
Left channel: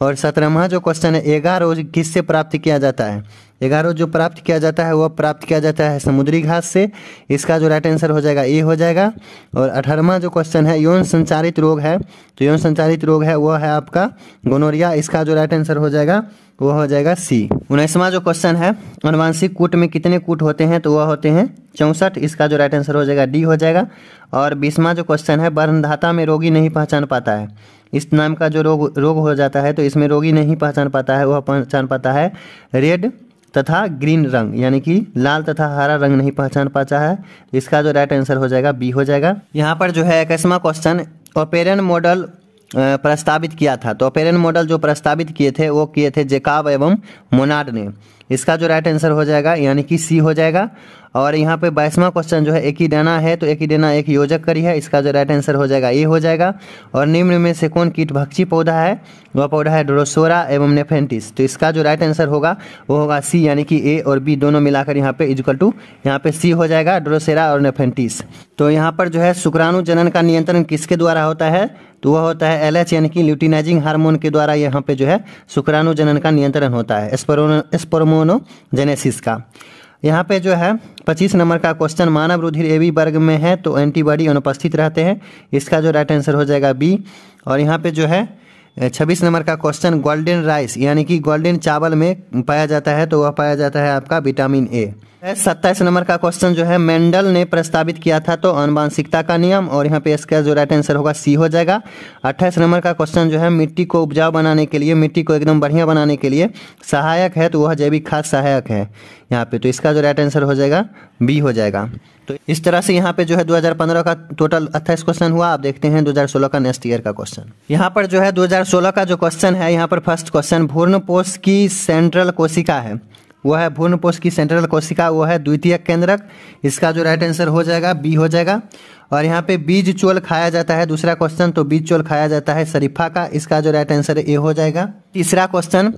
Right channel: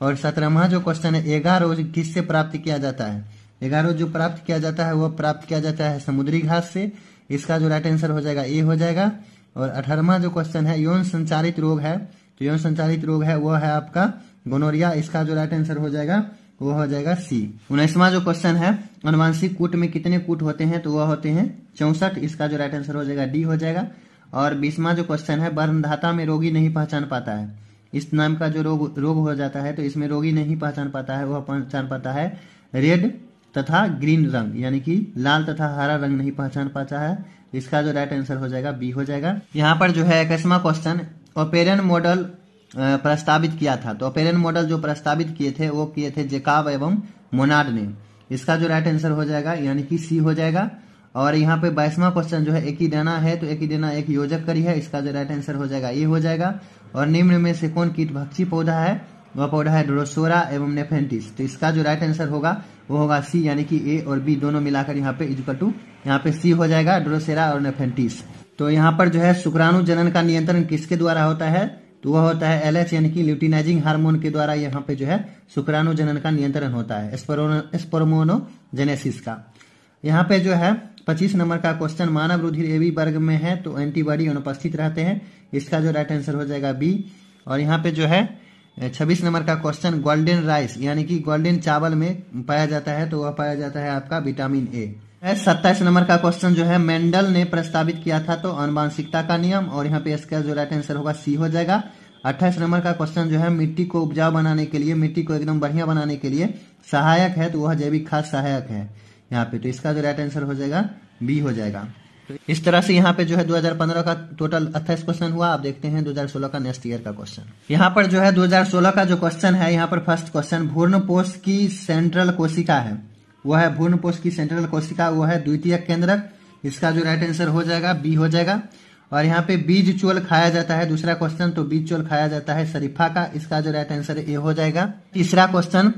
और 17वां जो क्वेश्चन है, एगारोज किससे प्राप्त किया जाता है? एगारोज जो प्राप्त किया जाता है वह प्राप्त किया जाता है समुद्री घास से। इसका जो राइट आंसर हो जाएगा ए हो जाएगा। और 18वां जो क्वेश्चन है, यौन संचारित रोग है, तो यौन संचारित रोग है वह है आपका गोनोरिया। इसका जो राइट आंसर हो जाएगा वो हो जाएगा सी। 19वां जो क्वेश्चन है, अनुवांशिक कूट में कितने कूट होते हैं? तो वह होते हैं 64। इसका जो राइट आंसर हो जाएगा डी हो जाएगा। और 20वां जो क्वेश्चन है, बर्नधाता में रोगी नहीं पहचान पाता है, इस नाम का जो रोग हो जाता है, तो इसमें रोगी नहीं पहचान पाता है, वह पहचान पाता है रेड तथा ग्रीन रंग, यानी कि लाल तथा हरा रंग नहीं पहचान पाता है। इसका जो राइट आंसर हो जाएगा बी हो जाएगा। यहाँ पर जो है 21वां क्वेश्चन, ओपेरन मॉडल प्रस्तावित किया था। तो ओपेरन मॉडल जो प्रस्तावित किए थे वो किए थे जैकब एवं मोनार्ड ने। इसका जो राइट आंसर हो जाएगा यानी कि सी हो जाएगा। और यहाँ पे 22वां क्वेश्चन जो है, एकिडेना है, तो एकिडेना एक योजक करी है। इसका जो राइट आंसर हो जाएगा ए हो जाएगा। और निम्न में से कौन कीटभक्षी पौधा है? वह पौधा है ड्रोसोरा एवं नेफेंटिस। तो इसका जो राइट आंसर होगा वो होगा सी, यानी कि ए और बी दोनों मिलाकर यहाँ पे इक्वल टू यहाँ पे सी हो जाएगा, ड्रोसेरा और नेफेंटिस। तो यहाँ पर जो है शुक्राणु जनन का नियंत्रण किसके द्वारा होता है? तो वह होता है एलएच, यानी कि ल्यूटिनाइजिंग हार्मोन के द्वारा यहाँ पे जो है शुक्राणु जनन का नियंत्रण होता है, स्पर्मोनोजेनेसिस का। यहाँ पे जो है 25 नंबर का क्वेश्चन, मानव रुधिर एबी वर्ग में है तो एंटीबॉडी अनुपस्थित रहते हैं। इसका जो राइट आंसर हो जाएगा बी। और यहाँ पे जो है 26 नंबर का क्वेश्चन, गोल्डन राइस यानी कि गोल्डन चावल में पाया जाता है, तो वह पाया जाता है आपका विटामिन ए। 27 नंबर का क्वेश्चन जो है, मेंडल ने प्रस्तावित किया था तो आनुवंशिकता का नियम, और यहाँ पे इसका जो राइट आंसर होगा सी हो जाएगा। 28 नंबर का क्वेश्चन जो है, मिट्टी को उपजाऊ बनाने के लिए, मिट्टी को एकदम बढ़िया बनाने के लिए सहायक है, तो वह जैविक खाद सहायक है यहाँ पे। तो इसका जो राइट आंसर हो जाएगा बी हो जाएगा। तो इस तरह से यहाँ पे जो है 2015 का टोटल 28 क्वेश्चन हुआ। आप देखते हैं 2016 का नेक्स्ट ईयर का क्वेश्चन। यहाँ पर जो है 2016 का जो क्वेश्चन है, यहाँ पर फर्स्ट क्वेश्चन, भ्रूणपोष की सेंट्रल कोशिका है, वो है भ्रूणपोष की सेंट्रल कोशिका, वो है द्वितीयक केंद्रक। इसका जो राइट आंसर हो जाएगा बी हो जाएगा। और यहाँ पे बीज चोल खाया जाता है, दूसरा क्वेश्चन, तो बीज चोल खाया जाता है शरीफा का। इसका जो राइट आंसर ए हो जाएगा। तीसरा क्वेश्चन,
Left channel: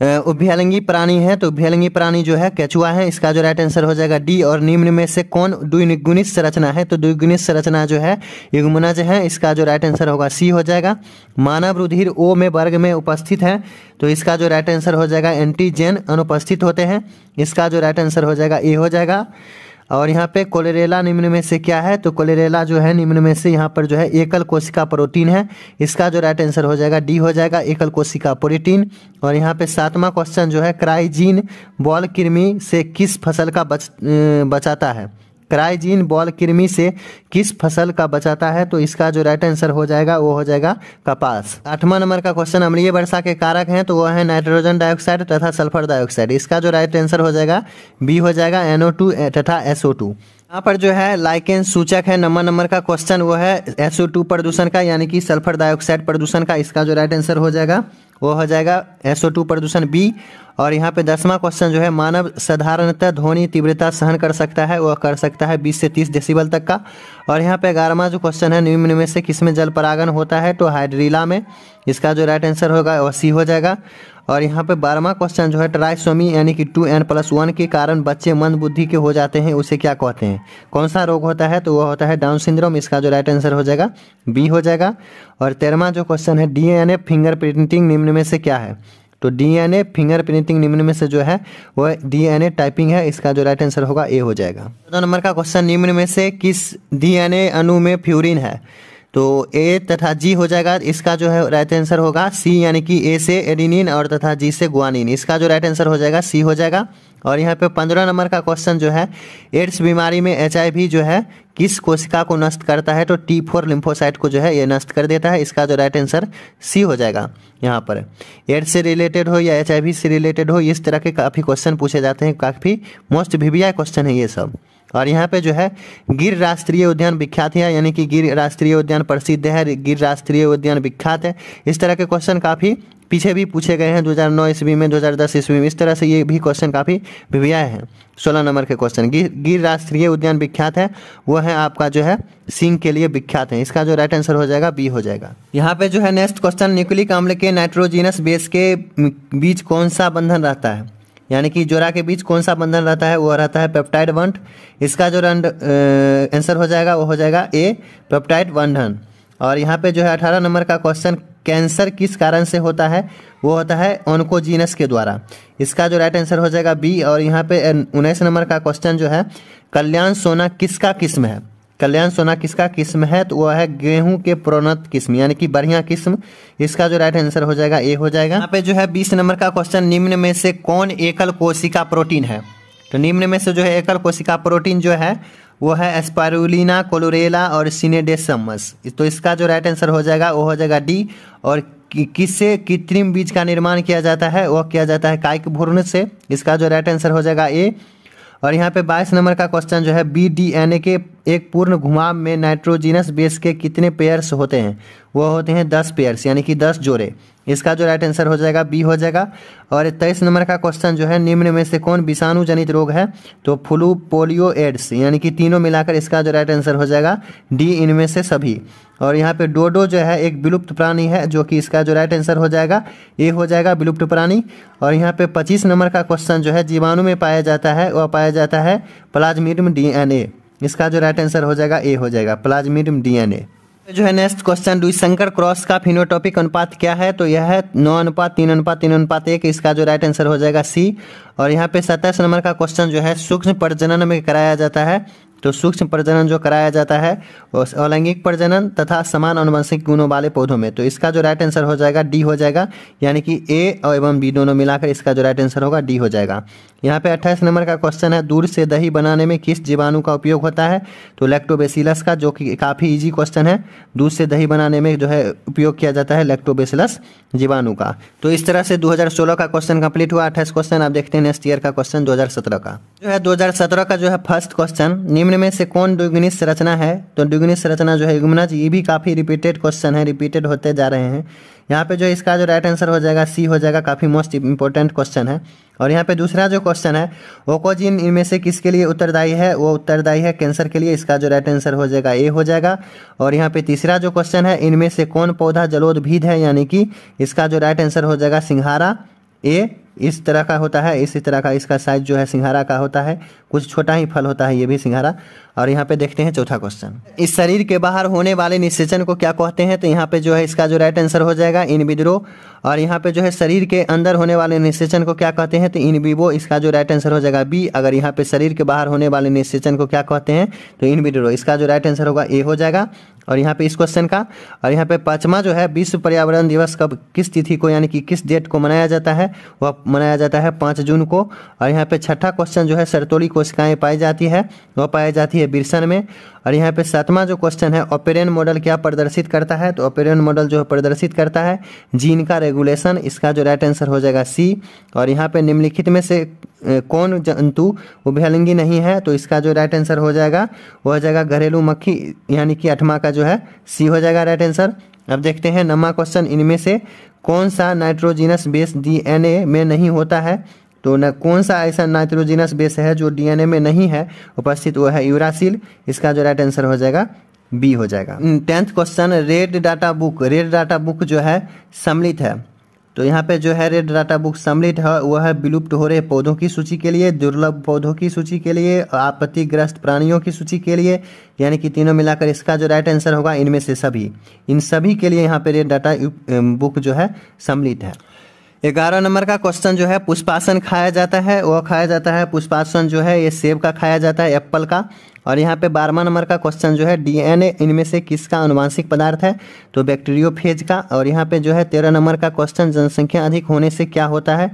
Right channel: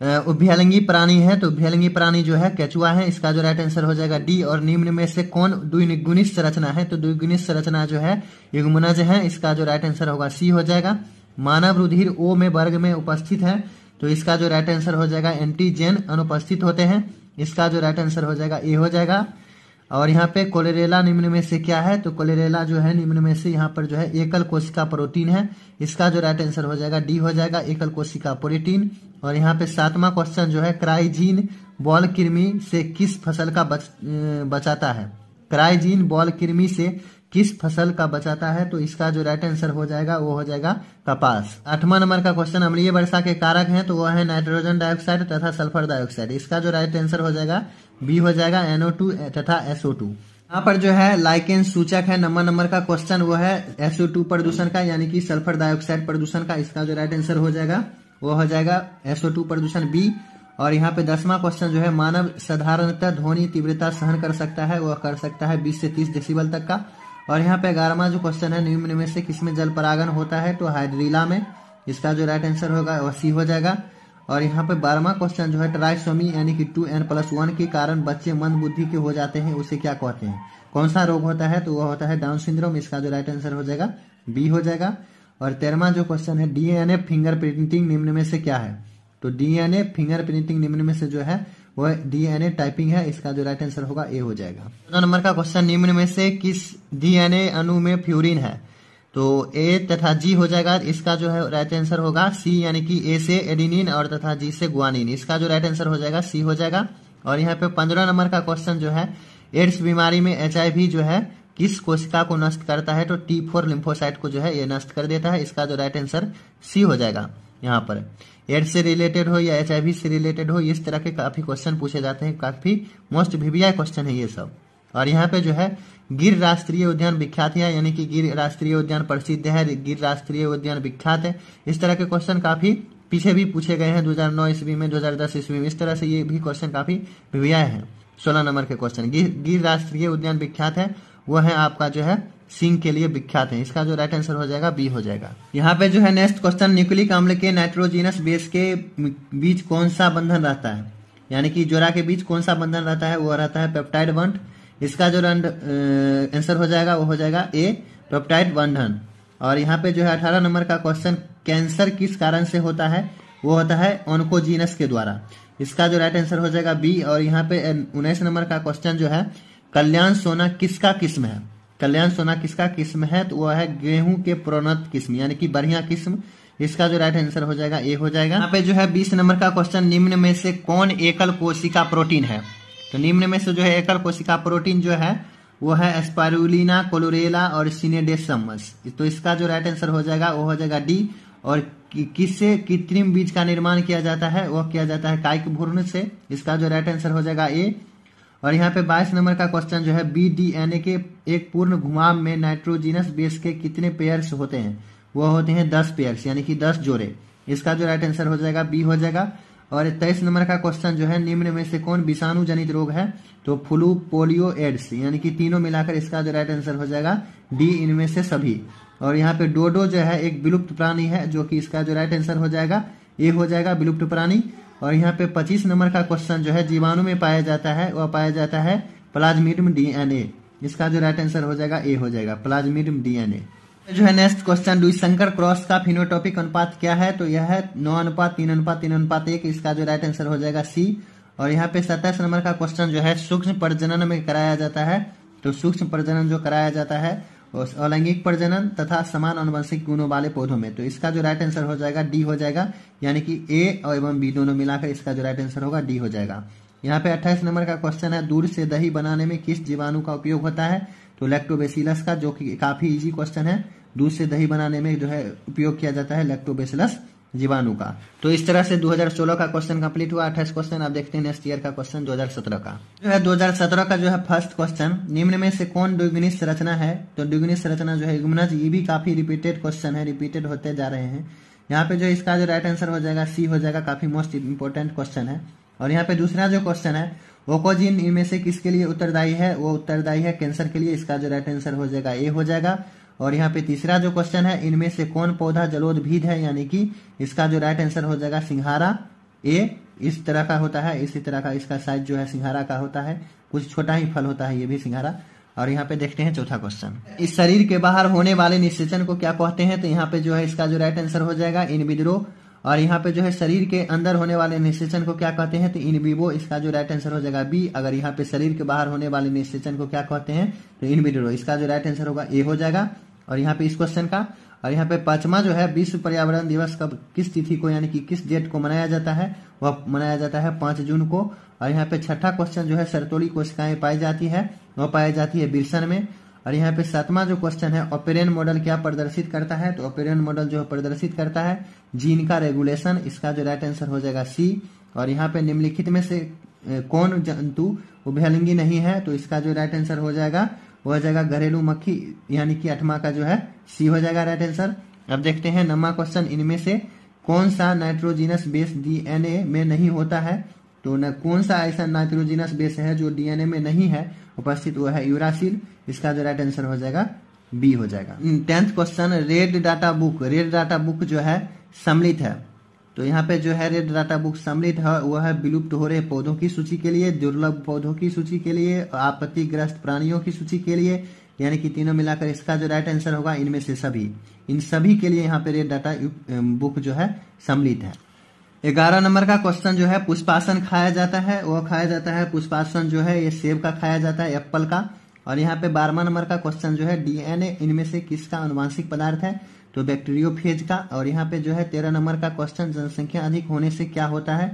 उभयलिंगी प्राणी है, तो उभयलिंगी प्राणी जो है केचुआ है। इसका जो राइट आंसर हो जाएगा डी। और निम्न में से कौन द्विगुणित संरचना है? तो द्विगुणित संरचना जो है युग्मनज है। इसका जो राइट आंसर होगा सी हो जाएगा। मानव रुधिर ओ में वर्ग में उपस्थित है, तो इसका जो राइट आंसर हो जाएगा एंटीजेन अनुपस्थित होते हैं। इसका जो राइट आंसर हो जाएगा ए हो जाएगा। और यहाँ पे कोलेरेला निम्न में से क्या है? तो कोलेरेला जो है निम्न में से यहाँ पर जो है एकल कोशिका प्रोटीन है। इसका जो राइट आंसर हो जाएगा डी हो जाएगा, एकल कोशिका प्रोटीन। और यहाँ पे 7वां क्वेश्चन जो है, क्राइजीन बॉल कृमि से किस फसल का बचाता है? क्राइजीन बॉल कृमि से किस फसल का बचाता है? तो इसका जो राइट आंसर हो जाएगा वो हो जाएगा कपास। 8वां नंबर का क्वेश्चन, अम्लीय वर्षा के कारक हैं, तो वह है नाइट्रोजन डाइऑक्साइड तथा सल्फर डाइऑक्साइड। इसका जो राइट आंसर हो जाएगा बी हो जाएगा, NO2 तथा SO2। यहाँ पर जो है लाइकेन सूचक है, नंबर का क्वेश्चन वो है SO2 प्रदूषण का, यानी कि सल्फर डाइऑक्साइड प्रदूषण का। इसका जो राइट आंसर हो जाएगा वो हो जाएगा SO2 प्रदूषण बी। और यहाँ पे 10वां क्वेश्चन जो है, मानव साधारणतः ध्वनि तीव्रता सहन कर सकता है, वह कर सकता है 20 से 30 डेसिबल तक का। और यहाँ पे 11वां जो क्वेश्चन है, निम्न में से किसमें जल परागन होता है? तो हाइड्रीला में। इसका जो राइट आंसर होगा वह सी हो जाएगा। और यहाँ पे 12वां क्वेश्चन जो है, ट्राइसोमी यानी कि 2n+1 के कारण बच्चे मंद बुद्धि के हो जाते हैं, उसे क्या कहते हैं? कौन सा रोग होता है? तो वह होता है डाउन सिंड्रोम। इसका जो राइट आंसर हो जाएगा बी हो जाएगा। और 13वां जो क्वेश्चन है, DNA फिंगरप्रिंटिंग निम्न में से क्या है? तो DNA फिंगरप्रिंटिंग निम्न में से जो है वह DNA टाइपिंग है। इसका जो राइट आंसर होगा ए हो जाएगा। 14 नंबर का क्वेश्चन, निम्न में से किस DNA अणु में फ्यूरिन है? तो ए तथा जी हो जाएगा। इसका जो है राइट आंसर होगा सी, यानी कि ए से एडिनिन और तथा जी से गुआनिन। इसका जो राइट आंसर हो जाएगा सी हो जाएगा। और यहाँ पे 15 नंबर का क्वेश्चन जो है, एड्स बीमारी में HIV जो है किस कोशिका को नष्ट करता है? तो T4 लिम्फोसाइट को जो है ये नष्ट कर देता है। इसका जो राइट आंसर सी हो जाएगा। यहाँ पर एड्स से रिलेटेड हो या HIV से रिलेटेड हो, इस तरह के काफ़ी क्वेश्चन पूछे जाते हैं, काफ़ी मोस्ट VVI क्वेश्चन है ये सब। और यहाँ पे जो है गिर राष्ट्रीय उद्यान विख्यात है, यानी कि गिर राष्ट्रीय उद्यान प्रसिद्ध है, गिर राष्ट्रीय उद्यान विख्यात है। इस तरह के क्वेश्चन काफ़ी पीछे भी पूछे गए हैं 2009 ईस्वी में, 2010 ईस्वी में। इस तरह से ये भी क्वेश्चन काफ़ी भी आए हैं। 16 नंबर के क्वेश्चन। गिर राष्ट्रीय उद्यान विख्यात है, वो है आपका जो है सींग के लिए विख्यात है। इसका जो राइट आंसर हो जाएगा बी हो जाएगा। यहाँ पे जो है नेक्स्ट क्वेश्चन, न्यूक्लिक अम्ल के नाइट्रोजिनस बेस के बीच कौन सा बंधन रहता है, यानी कि जोड़ा के बीच कौन सा बंधन रहता है, वो रहता है पेप्टाइड बॉन्ड। इसका जो आंसर हो जाएगा वो हो जाएगा ए, पेप्टाइड बंधन। और यहाँ पे जो है 18 नंबर का क्वेश्चन, कैंसर किस कारण से होता है, वो होता है ऑन्कोजीनस के द्वारा। इसका जो राइट आंसर हो जाएगा बी। और यहाँ पे 19 नंबर का क्वेश्चन जो है, कल्याण सोना किसका किस्म है, कल्याण सोना किसका किस्म है, तो वह है गेहूं के प्रोन्नत किस्म, यानी कि बढ़िया किस्म। इसका जो राइट आंसर हो जाएगा ए हो जाएगा। यहाँ पे जो है 20 नंबर का क्वेश्चन, निम्न में से कौन एकल कोशिका प्रोटीन है, तो निम्न में से जो है एकल कोशिका प्रोटीन जो है वो है एस्पारुलिना, क्लोरेला और सिनेडेसमस। तो इसका जो राइट आंसर हो जाएगा वो हो जाएगा डी। और किससे कृत्रिम बीज का निर्माण किया जाता है, वह किया जाता है कायिक भ्रूण से। इसका जो राइट आंसर हो जाएगा ए। और यहाँ पे 22 नंबर का क्वेश्चन जो है, BDNA के एक पूर्ण घुमाव में नाइट्रोजिनस बेस के कितने पेयर्स होते हैं, वो होते हैं 10 पेयर्स, यानी कि 10 जोड़े। इसका जो राइट आंसर हो जाएगा बी हो जाएगा। और 23 नंबर का क्वेश्चन जो है, निम्न में से कौन विषाणु जनित रोग है, तो फ्लू, पोलियो, एड्स, यानी कि तीनों मिलाकर इसका जो राइट आंसर हो जाएगा डी, इनमें से सभी। और यहाँ पे डोडो जो है एक विलुप्त प्राणी है, जो कि इसका जो राइट आंसर हो जाएगा ए हो जाएगा, विलुप्त प्राणी। और यहाँ पे 25 नंबर का क्वेश्चन जो है, जीवाणु में पाया जाता है, वह पाया जाता है प्लाज्मिडियम DNA। इसका जो राइट आंसर हो जाएगा ए हो जाएगा, प्लाज्मिडियम DNA। जो है नेक्स्ट क्वेश्चन, द्विसंकर क्रॉस का फिनोटॉपिक अनुपात क्या है, तो यह है 9:3:3:1। इसका जो राइट आंसर हो जाएगा सी। और यहाँ पे 27 नंबर का क्वेश्चन जो है, सूक्ष्म प्रजनन में कराया जाता है, तो सूक्ष्म प्रजनन जो कराया जाता है वो अलैंगिक प्रजनन तथा समान आनुवंशिक गुणों वाले पौधों में। तो इसका जो राइट आंसर हो जाएगा डी हो जाएगा, यानी कि ए और एवं बी दोनों मिलाकर इसका जो राइट आंसर होगा डी हो जाएगा। यहाँ पे 28 नंबर का क्वेश्चन है, दूध से दही बनाने में किस जीवाणु का उपयोग होता है, तो लैक्टोबैसिलस का, जो कि काफ़ी इजी क्वेश्चन है। दूध से दही बनाने में जो है उपयोग किया जाता है लैक्टोबैसिलस जीवाणु का। तो इस तरह से 2016 का क्वेश्चन कंप्लीट हुआ। 28 क्वेश्चन आप देखते हैं नेक्स्ट ईयर का क्वेश्चन 2017 का जो है। 2017 का जो है फर्स्ट क्वेश्चन, निम्न में से कौन द्विगुणित संरचना है, तो द्विगुणित संरचना जो है युग्मनज। ये भी काफ़ी रिपीटेड क्वेश्चन है, रिपीटेड होते जा रहे हैं। यहाँ पे जो इसका जो राइट आंसर हो जाएगा सी हो जाएगा, काफ़ी मोस्ट इंपॉर्टेंट क्वेश्चन है। और यहाँ पे दूसरा जो क्वेश्चन है, ओकोजिन इनमें से किसके लिए उत्तरदायी है, वो उत्तरदायी है कैंसर के लिए। इसका जो राइट आंसर हो जाएगा ए हो जाएगा। और यहाँ पे तीसरा जो क्वेश्चन है, इनमें से कौन पौधा जलोदभिद है, यानी कि इसका जो राइट आंसर हो जाएगा सिंघारा ए। इस तरह का होता है, इसी तरह का इसका साइज जो है सिंघारा का होता है, कुछ छोटा ही फल होता है ये भी सिंघारा। और यहाँ पे देखते हैं चौथा क्वेश्चन, इस शरीर के बाहर होने वाले निषेचन को क्या कहते हैं, तो यहाँ पे जो है इसका जो राइट आंसर हो जाएगा इन विट्रो। और यहाँ पे जो है शरीर के अंदर होने वाले निषेचन को क्या कहते हैं, तो इन विवो। इसका जो राइट आंसर हो जाएगा बी। अगर यहाँ पे शरीर के बाहर होने वाले निषेचन को क्या कहते हैं, तो इन विट्रो। इसका जो राइट आंसर होगा ए हो जाएगा। और यहाँ पे इस क्वेश्चन का, और यहाँ पे पांचवा जो है, विश्व पर्यावरण दिवस कब, किस तिथि को, यानी कि किस डेट को मनाया जाता है, वह मनाया जाता है 5 जून को। और यहाँ पे छठा क्वेश्चन जो है, सरतोली कोशिकाएं पाई जाती है, वह पाई जाती है बिरसन में। और यहाँ पे 7वां जो क्वेश्चन है, ऑपेरेन मॉडल क्या प्रदर्शित करता है, तो ऑपेरेन मॉडल जो प्रदर्शित करता है जीन का रेगुलेशन। इसका जो राइट आंसर हो जाएगा सी। और यहाँ पे निम्नलिखित में से कौन जंतु उभयलिंगी नहीं है, तो इसका जो राइट आंसर हो जाएगा वो हो जाएगा घरेलू मक्खी, यानी कि 8वां का जो है सी हो जाएगा राइट आंसर। अब देखते हैं 9वां क्वेश्चन, इनमें से कौन सा नाइट्रोजिनस बेस DNA में नहीं होता है, तो न कौन सा ऐसा नाइट्रोजिनस बेस है जो DNA में नहीं है उपस्थित, वो है यूरासिल। इसका जो राइट आंसर हो जाएगा बी हो जाएगा। 10th question, red data book जो है सम्मिलित है, तो यहाँ पे जो है रेड डाटा बुक सम्मिलित है, वह है विलुप्त हो रहे पौधों की सूची के लिए, दुर्लभ पौधों की सूची के लिए, आपत्तिग्रस्त प्राणियों की सूची के लिए, यानी कि तीनों मिलाकर इसका जो राइट आंसर होगा इनमें से सभी। इन सभी के लिए यहाँ पे रेड डाटा बुक जो है सम्मिलित है। 11 नंबर का क्वेश्चन जो है, पुष्पासन खाया जाता है, वह खाया जाता है पुष्पासन जो है ये सेब का खाया जाता है, एप्पल का। और यहाँ पे 12वां नंबर का क्वेश्चन जो है, DNA इनमें से किसका आनुवांशिक पदार्थ है, तो बैक्टीरियोफेज का। और यहाँ पे जो है 13 नंबर का क्वेश्चन, जनसंख्या अधिक होने से क्या होता है,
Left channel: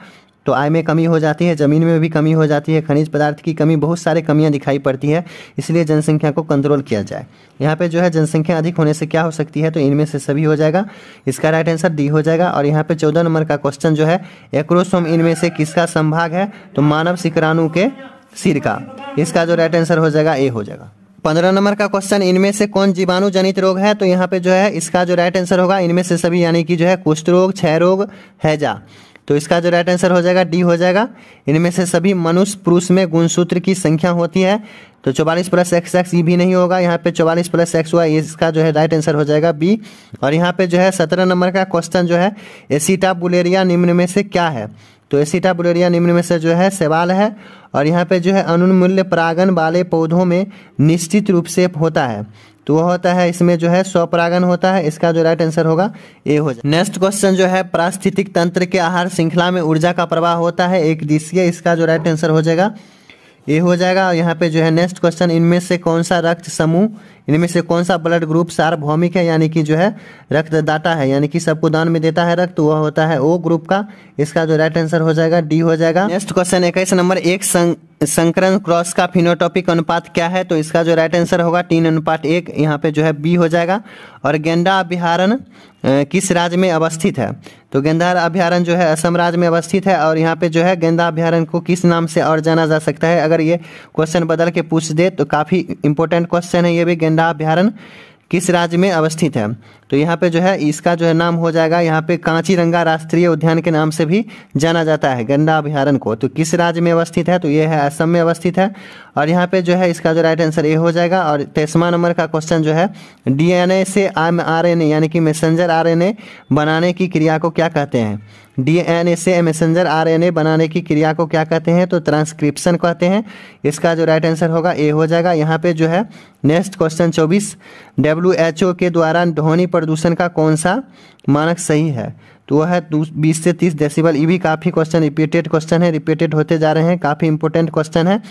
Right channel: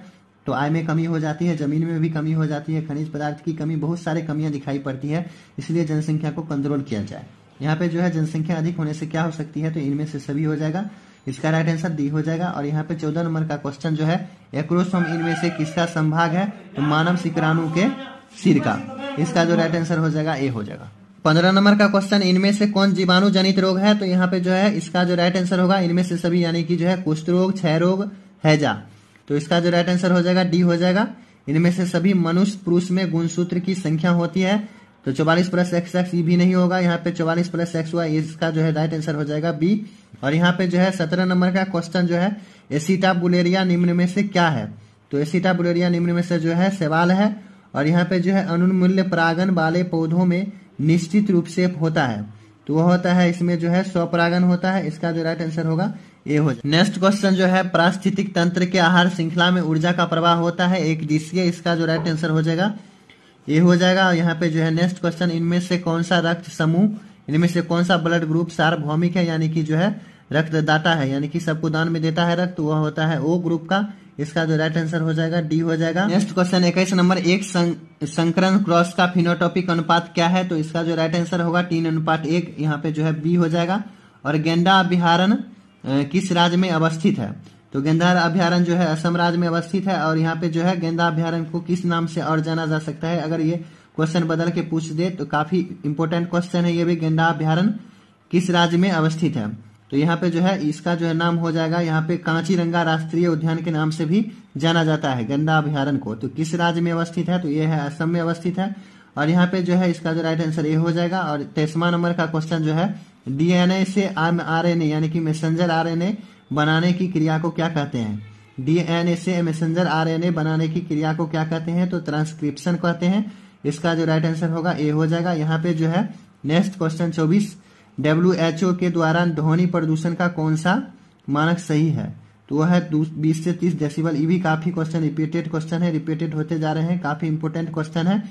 तो आय में कमी हो जाती है, जमीन में भी कमी हो जाती है, खनिज पदार्थ की कमी, बहुत सारे कमियां दिखाई पड़ती है, इसलिए जनसंख्या को कंट्रोल किया जाए। यहाँ पे जो है जनसंख्या अधिक होने से क्या हो सकती है, तो इनमें से सभी हो जाएगा। इसका राइट आंसर डी हो जाएगा। और यहाँ पे 14 नंबर का क्वेश्चन जो है, एक्रोसोम इनमें से किसका संभाग है, तो मानव शुक्राणु के सिर का। इसका जो राइट आंसर हो जाएगा ए हो जाएगा। 15 नंबर का क्वेश्चन, इनमें से कौन जीवाणु जनित रोग है? तो यहाँ पे जो है इसका जो राइट आंसर होगा इनमें से सभी, यानी कि जो है कुष्ठ रोग, क्षय रोग, हैजा। तो इसका जो राइट आंसर हो जाएगा डी हो जाएगा। इनमें से सभी मनुष्य पुरुष में गुणसूत्र की संख्या होती है। तो 44 प्लस XX ये भी नहीं होगा, यहाँ पे 44 प्लस XY, इसका जो है राइट आंसर हो जाएगा बी। और यहाँ पे जो है 17 नंबर का क्वेश्चन जो है, एसिटाबुलेरिया निम्न में से क्या है? तो एसिटाबुलेरिया निम्न में से जो है शैवाल है। और यहाँ पे जो है अनुन्मूल्य परागन वाले पौधों में निश्चित रूप से होता है, तो वो होता है इसमें जो है स्वपरागन होता है। इसका जो राइट आंसर होगा ए हो जाएगा। नेक्स्ट क्वेश्चन जो है, पारिस्थितिक तंत्र के आहार श्रृंखला में ऊर्जा का प्रवाह होता है एक दिशीय, इसका जो राइट आंसर हो जाएगा ए हो जाएगा। और यहाँ पे जो है नेक्स्ट क्वेश्चन, इनमें से कौन सा रक्त समूह, इनमें से कौन सा ब्लड ग्रुप सार्वभौमिक है, यानी कि जो है रक्तदाता है, यानी कि सबको दान में देता है रक्त, वह होता है ओ ग्रुप का। इसका जो राइट आंसर हो जाएगा डी हो जाएगा। नेक्स्ट क्वेश्चन 21 नंबर, एक संकरण क्रॉस का फिनोटॉपिक अनुपात क्या है? तो इसका जो राइट आंसर होगा 3:1, यहाँ पे जो है बी हो जाएगा। और गेंडा अभ्यारण्य किस राज्य में अवस्थित है? तो गेंदा अभ्यारण्य जो है असम राज्य में अवस्थित है। और यहाँ पे जो है गेंदा अभ्यारण्य को किस नाम से और जाना जा सकता है? अगर ये क्वेश्चन बदल के पूछ दे तो काफी इंपॉर्टेंट क्वेश्चन है ये भी। गेंदा अभ्यारण्य किस राज्य में अवस्थित है? तो यहाँ पे जो है इसका जो है नाम हो जाएगा, यहाँ पे कांचीरंगा राष्ट्रीय उद्यान के नाम से भी जाना जाता है गेंदा अभ्यारण्य को। तो किस राज्य में अवस्थित है? तो ये है असम में अवस्थित है। और यहाँ पे जो है इसका जो राइट आंसर ए हो जाएगा। और 23वां नंबर का क्वेश्चन जो है, DNA से mRNA यानी कि मैसेंजर RNA बनाने की क्रिया को क्या कहते हैं? DNA से मैसेंजर RNA बनाने की क्रिया को क्या कहते हैं? तो ट्रांसक्रिप्शन कहते हैं। इसका जो राइट आंसर होगा ए हो जाएगा। यहाँ पे जो है नेक्स्ट क्वेश्चन 24, WHO के द्वारा ध्वनि प्रदूषण का कौन सा मानक सही है? तो वह है 20 से 30 डेसिबल। ये भी काफी क्वेश्चन रिपीटेड क्वेश्चन है, रिपीटेड होते जा रहे हैं, काफी इंपोर्टेंट क्वेश्चन है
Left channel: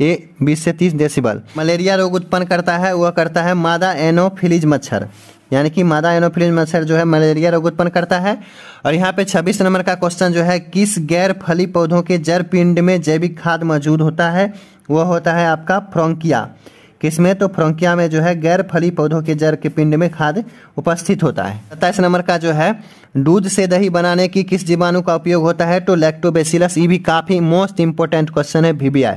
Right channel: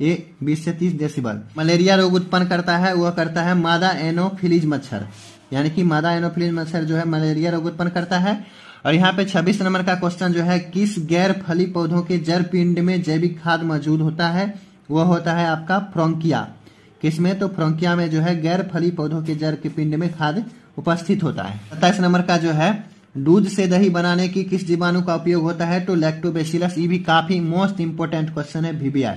ये। 20 से 30 डेसिबल। मलेरिया रोग उत्पन्न करता है, वह करता है मादा एनोफिलीज मच्छर, यानी कि मादा एनोफिलीज मच्छर जो है मलेरिया रोग उत्पन्न करता है। और यहाँ पे 26 नंबर का क्वेश्चन जो है, किस गैर फली पौधों के जड़ पिंड में जैविक खाद मौजूद होता है? वह होता है आपका फ्रोंकिया। किसमें? तो फ्रोंकिया में जो है गैर फली पौधों के जड़ के पिंड में खाद उपस्थित होता है। 27 नंबर का जो है, दूध से दही बनाने की किस जीवाणु का उपयोग होता है? तो लैक्टोबैसिलस। ये भी काफी मोस्ट इंपोर्टेंट क्वेश्चन है, VBI।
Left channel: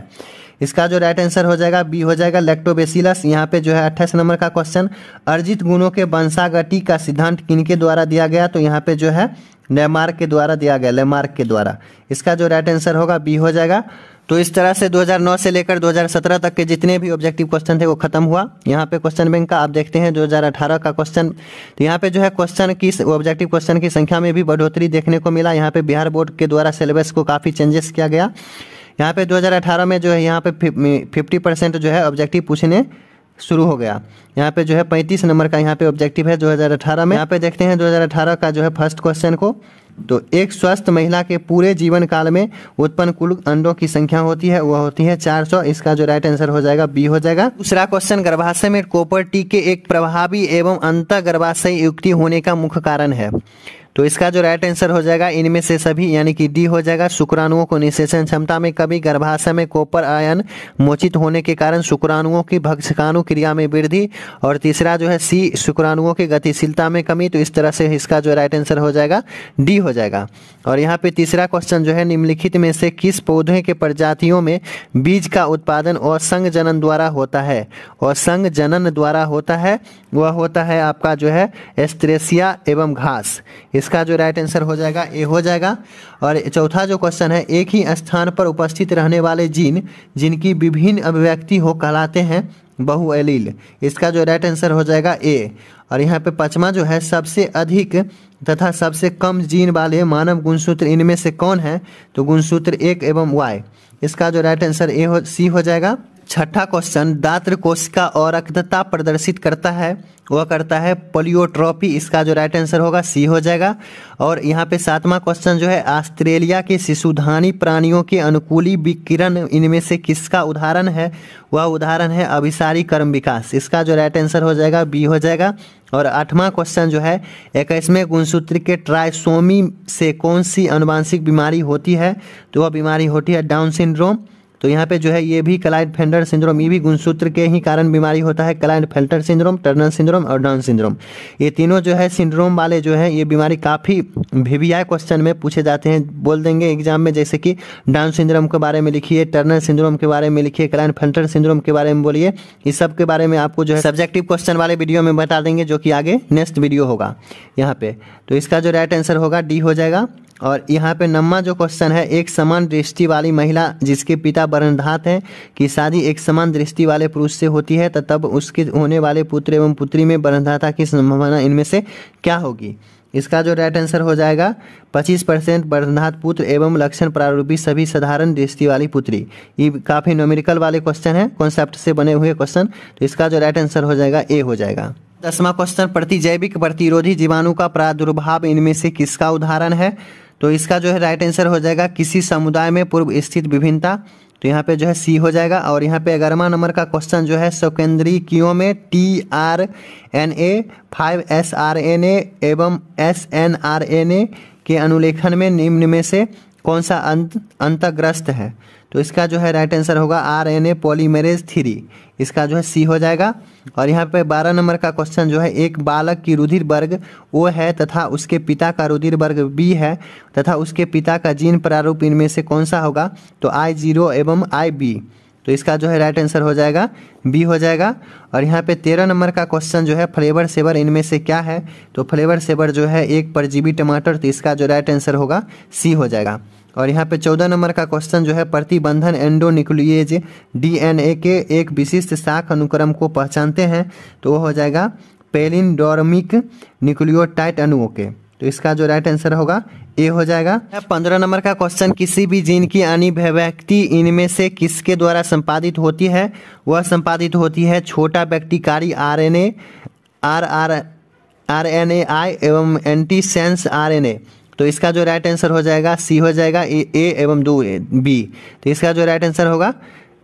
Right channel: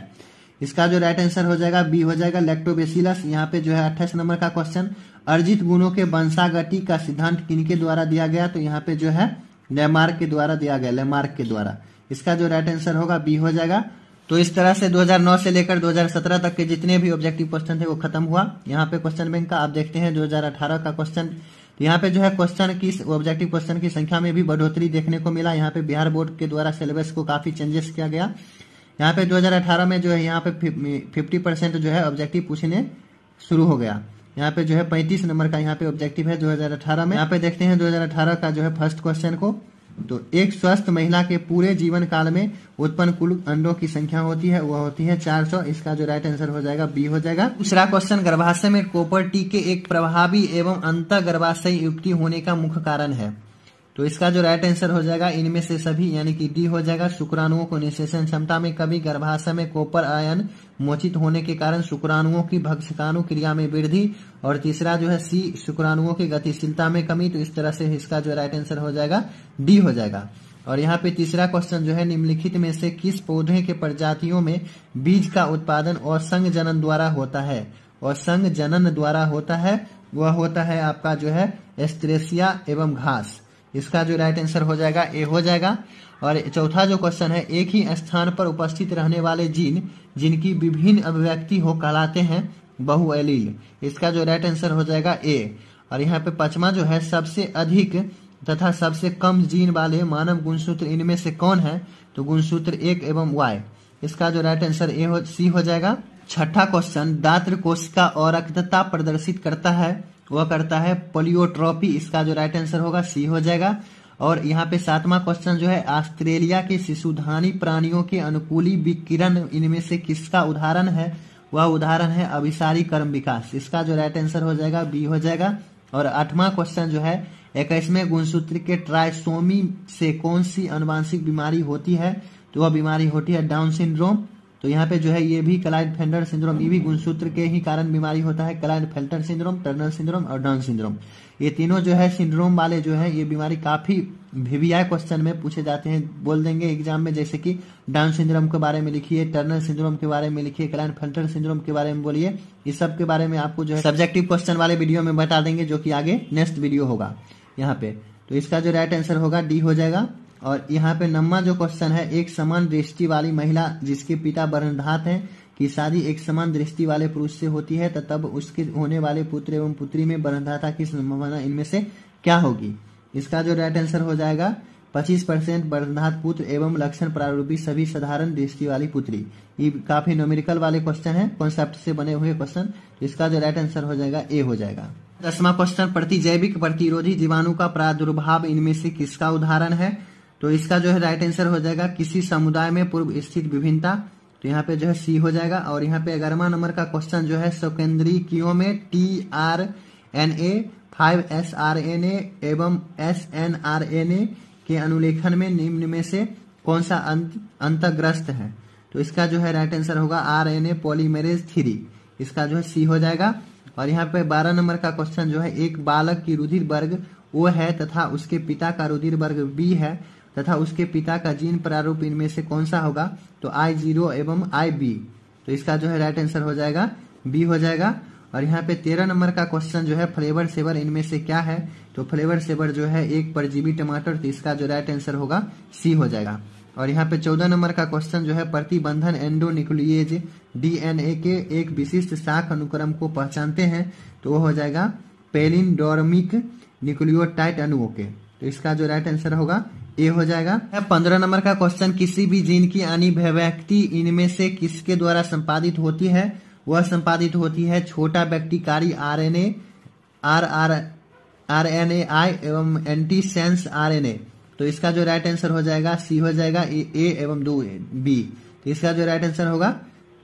इसका जो राइट आंसर हो जाएगा बी हो जाएगा, लैक्टोबैसिलस। यहाँ पे जो है 28 नंबर का क्वेश्चन, अर्जित गुणों के वंशागति का सिद्धांत किनके द्वारा दिया गया? तो यहाँ पे जो है लेमार्क के द्वारा दिया गया, लेमार्क के द्वारा। इसका जो राइट आंसर होगा बी हो जाएगा। तो इस तरह से 2009 से लेकर 2017 तक के जितने भी ऑब्जेक्टिव क्वेश्चन थे वो खत्म हुआ। यहाँ पे क्वेश्चन बैंक का आप देखते हैं 2018 का क्वेश्चन, तो यहाँ पे जो है क्वेश्चन की ऑब्जेक्टिव क्वेश्चन की संख्या में भी बढ़ोतरी देखने को मिला। यहाँ पे बिहार बोर्ड के द्वारा सिलेबस को काफी चेंजेस किया गया। यहाँ पे 2018 में जो है यहाँ पे 50% जो है ऑब्जेक्टिव पूछने शुरू हो गया। यहाँ पे जो है 35 नंबर का यहाँ पे ऑब्जेक्टिव है 2018 में। यहाँ पे देखते हैं 2018 का जो है फर्स्ट क्वेश्चन को। तो एक स्वस्थ महिला के पूरे जीवन काल में उत्पन्न कुल अंडों की संख्या होती है, वह होती है 400। इसका जो राइट आंसर हो जाएगा बी हो जाएगा। दूसरा क्वेश्चन, गर्भाशय में कॉपर टी के एक प्रभावी एवं अंतः गर्भाशय युक्ति होने का मुख्य कारण है? तो इसका जो राइट आंसर हो जाएगा इनमें से सभी, यानी कि डी हो जाएगा। शुक्राणुओं को निषेचन क्षमता में कमी, गर्भाशय में कॉपर आयन मोचित होने के कारण शुक्राणुओं की भक्षकाणु क्रिया में वृद्धि। और तीसरा जो है सी, शुक्राणुओं की गतिशीलता में कमी। तो इस तरह से इसका जो राइट आंसर हो जाएगा डी हो जाएगा। और यहाँ पे तीसरा क्वेश्चन जो है, निम्नलिखित में से किस पौधे के प्रजातियों में बीज का उत्पादन और संग जनन द्वारा होता है? और संग जनन द्वारा होता है वह होता है आपका जो है एस्ट्रेसिया एवं घास। इसका जो राइट आंसर हो जाएगा ए हो जाएगा। और चौथा जो क्वेश्चन है, एक ही स्थान पर उपस्थित रहने वाले जीन जिनकी विभिन्न अभिव्यक्ति हो कहलाते हैं बहुएलील। इसका जो राइट आंसर हो जाएगा ए। और यहाँ पे पांचवा जो है, सबसे अधिक तथा सबसे कम जीन वाले मानव गुणसूत्र इनमें से कौन है? तो गुणसूत्र 1 एवं Y। इसका जो राइट आंसर सी हो जाएगा। छठा क्वेश्चन, दात्र कोशिका अवरक्तता प्रदर्शित करता है, वह करता है पोलियोट्रोपी। इसका जो राइट आंसर होगा सी हो जाएगा। और यहाँ पे सातवां क्वेश्चन जो है, ऑस्ट्रेलिया के शिशुधानी प्राणियों के अनुकूली विकिरण इनमें से किसका उदाहरण है? वह उदाहरण है अभिसारी कर्म विकास। इसका जो राइट आंसर हो जाएगा बी हो जाएगा। और आठवां क्वेश्चन जो है, 21वें गुणसूत्र के ट्राइसोमी से कौन सी आनुवांशिक बीमारी होती है? तो वह बीमारी होती है डाउन सिंड्रोम। तो यहाँ पे जो है ये भी क्लाइनफेल्टर सिंड्रोम, ये भी गुणसूत्र के ही कारण बीमारी होता है। क्लाइनफेल्टर सिंड्रोम, टर्नर सिंड्रोम और डाउन सिंड्रोम, ये तीनों जो है सिंड्रोम वाले जो है ये बीमारी काफ़ी वीवीआई क्वेश्चन में पूछे जाते हैं। बोल देंगे एग्जाम में, जैसे कि डाउन सिंड्रोम के बारे में लिखिए, टर्नर सिंड्रोम के बारे में लिखिए, क्लाइनफेल्टर सिंड्रोम के बारे में बोलिए। इस सब के बारे में आपको जो है सब्जेक्टिव क्वेश्चन वाले वीडियो में बता देंगे, जो कि आगे नेक्स्ट वीडियो होगा यहाँ पे। तो इसका जो राइट आंसर होगा डी हो जाएगा। और यहाँ पे नम्मा जो क्वेश्चन है, एक समान दृष्टि वाली महिला जिसके पिता वर्णधात हैं की शादी एक समान दृष्टि वाले पुरुष से होती है, तो तब उसके होने वाले पुत्र एवं पुत्री में वर्णधाता की संभावना इनमें से क्या होगी? इसका जो राइट आंसर हो जाएगा 25% वर्णधात पुत्र एवं लक्षण प्रारूपी सभी साधारण दृष्टि वाली पुत्री। ये काफ़ी न्यूमेरिकल वाले क्वेश्चन है, कॉन्सेप्ट से बने हुए क्वेश्चन। तो इसका जो राइट आंसर हो जाएगा ए हो जाएगा। 10वां क्वेश्चन, प्रतिजैविक प्रतिरोधी जीवाणु का प्रादुर्भाव इनमें से किसका उदाहरण है? तो इसका जो है राइट आंसर हो जाएगा किसी समुदाय में पूर्व स्थित विभिन्नता। तो यहाँ पे जो है सी हो जाएगा। और यहाँ पे 11वां नंबर का क्वेश्चन जो है, स्वकेंद्रीकियों में tRNA 5sRNA एवं snRNA के अनुलेखन में निम्न में से कौन सा अंतर्ग्रस्त है? तो इसका जो है राइट आंसर होगा RNA पॉलीमरेज 3। इसका जो है सी हो जाएगा। और यहाँ पे 12 नंबर का क्वेश्चन जो है, एक बालक की रुधिर वर्ग O है तथा उसके पिता का रुधिर वर्ग B है तथा उसके पिता का जीन प्रारूप इनमें से कौन सा होगा? तो I0 एवं IB। तो इसका जो है राइट आंसर हो जाएगा बी हो जाएगा। और यहाँ पे 13 नंबर का क्वेश्चन जो है, फ्लेवर सेवर इनमें से क्या है? तो फ्लेवर सेवर जो है एक परजीवी टमाटर। तो इसका जो राइट आंसर होगा सी हो जाएगा। और यहाँ पे 14 नंबर का क्वेश्चन जो है, प्रतिबंधन एंडोन्यूक्लिएज DNA के एक विशिष्ट शाख अनुक्रम को पहचानते हैं। तो वो हो जाएगा पैलिंड्रोमिक न्यूक्लियोटाइड अणुओं के। तो इसका जो राइट आंसर होगा ए हो जाएगा। 15 नंबर का क्वेश्चन, किसी भी जीन की अभिव्यक्ति इनमें से किसके द्वारा संपादित होती है? वह संपादित होती है छोटा व्यक्तिकारी RNAi एवं एंटीसेंस RNA। तो इसका जो राइट आंसर हो जाएगा सी हो जाएगा, ए एवं 2 बी। तो इसका जो राइट आंसर होगा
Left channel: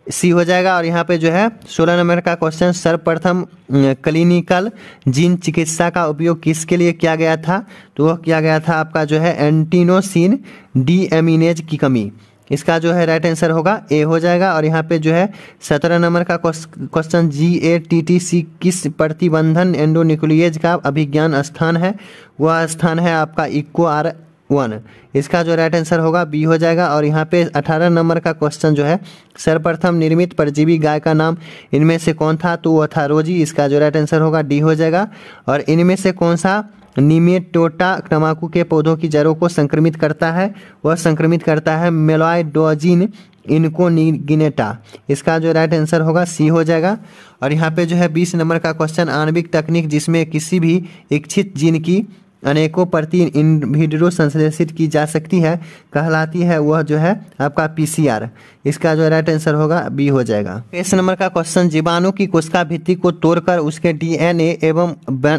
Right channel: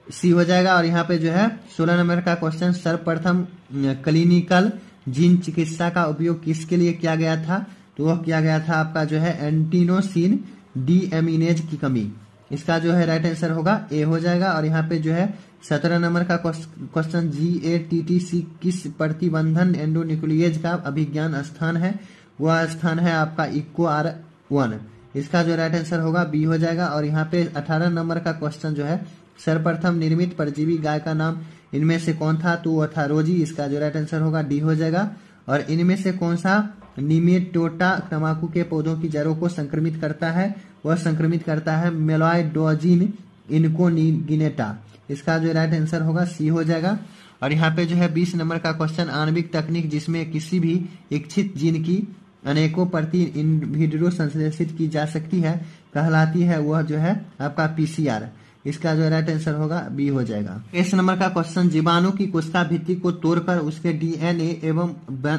सी हो जाएगा। और यहाँ पे जो है 16 नंबर का क्वेश्चन, सर्वप्रथम क्लिनिकल जीन चिकित्सा का उपयोग किसके लिए किया गया था? तो वह किया गया था आपका जो है एंटीनोसिन डीएमिनेज की कमी। इसका जो है राइट आंसर होगा ए हो जाएगा। और यहाँ पे जो है 17 नंबर का क्वेश्चन, GATTC किस प्रतिबंधन एंडोन्यूक्लिएज का अभिज्ञान स्थान है? वह स्थान है आपका EcoR1। इसका जो राइट आंसर होगा बी हो जाएगा। और यहाँ पे 18 नंबर का क्वेश्चन जो है, सर्वप्रथम निर्मित परजीवी गाय का नाम इनमें से कौन था? तो वह था रोजी। इसका जो राइट आंसर होगा डी हो जाएगा। और इनमें से कौन सा निमेटोडा तंबाकू के पौधों की जड़ों को संक्रमित करता है? वह संक्रमित करता है मेलॉयडोजिन इनकोनिगिनेटा। इसका जो राइट आंसर होगा सी हो जाएगा। और यहाँ पे जो है 20 नंबर का क्वेश्चन, आणविक तकनीक जिसमें किसी भी इच्छित जीन की अनेकों प्रति इनविट्रो संश्लेषित की जा सकती है कहलाती है, वह जो है आपका PCR। इसका जो राइट आंसर होगा बी हो जाएगा। 20 नंबर का क्वेश्चन, जीवाणु की कोशिका भित्ति को तोड़कर उसके DNA एवं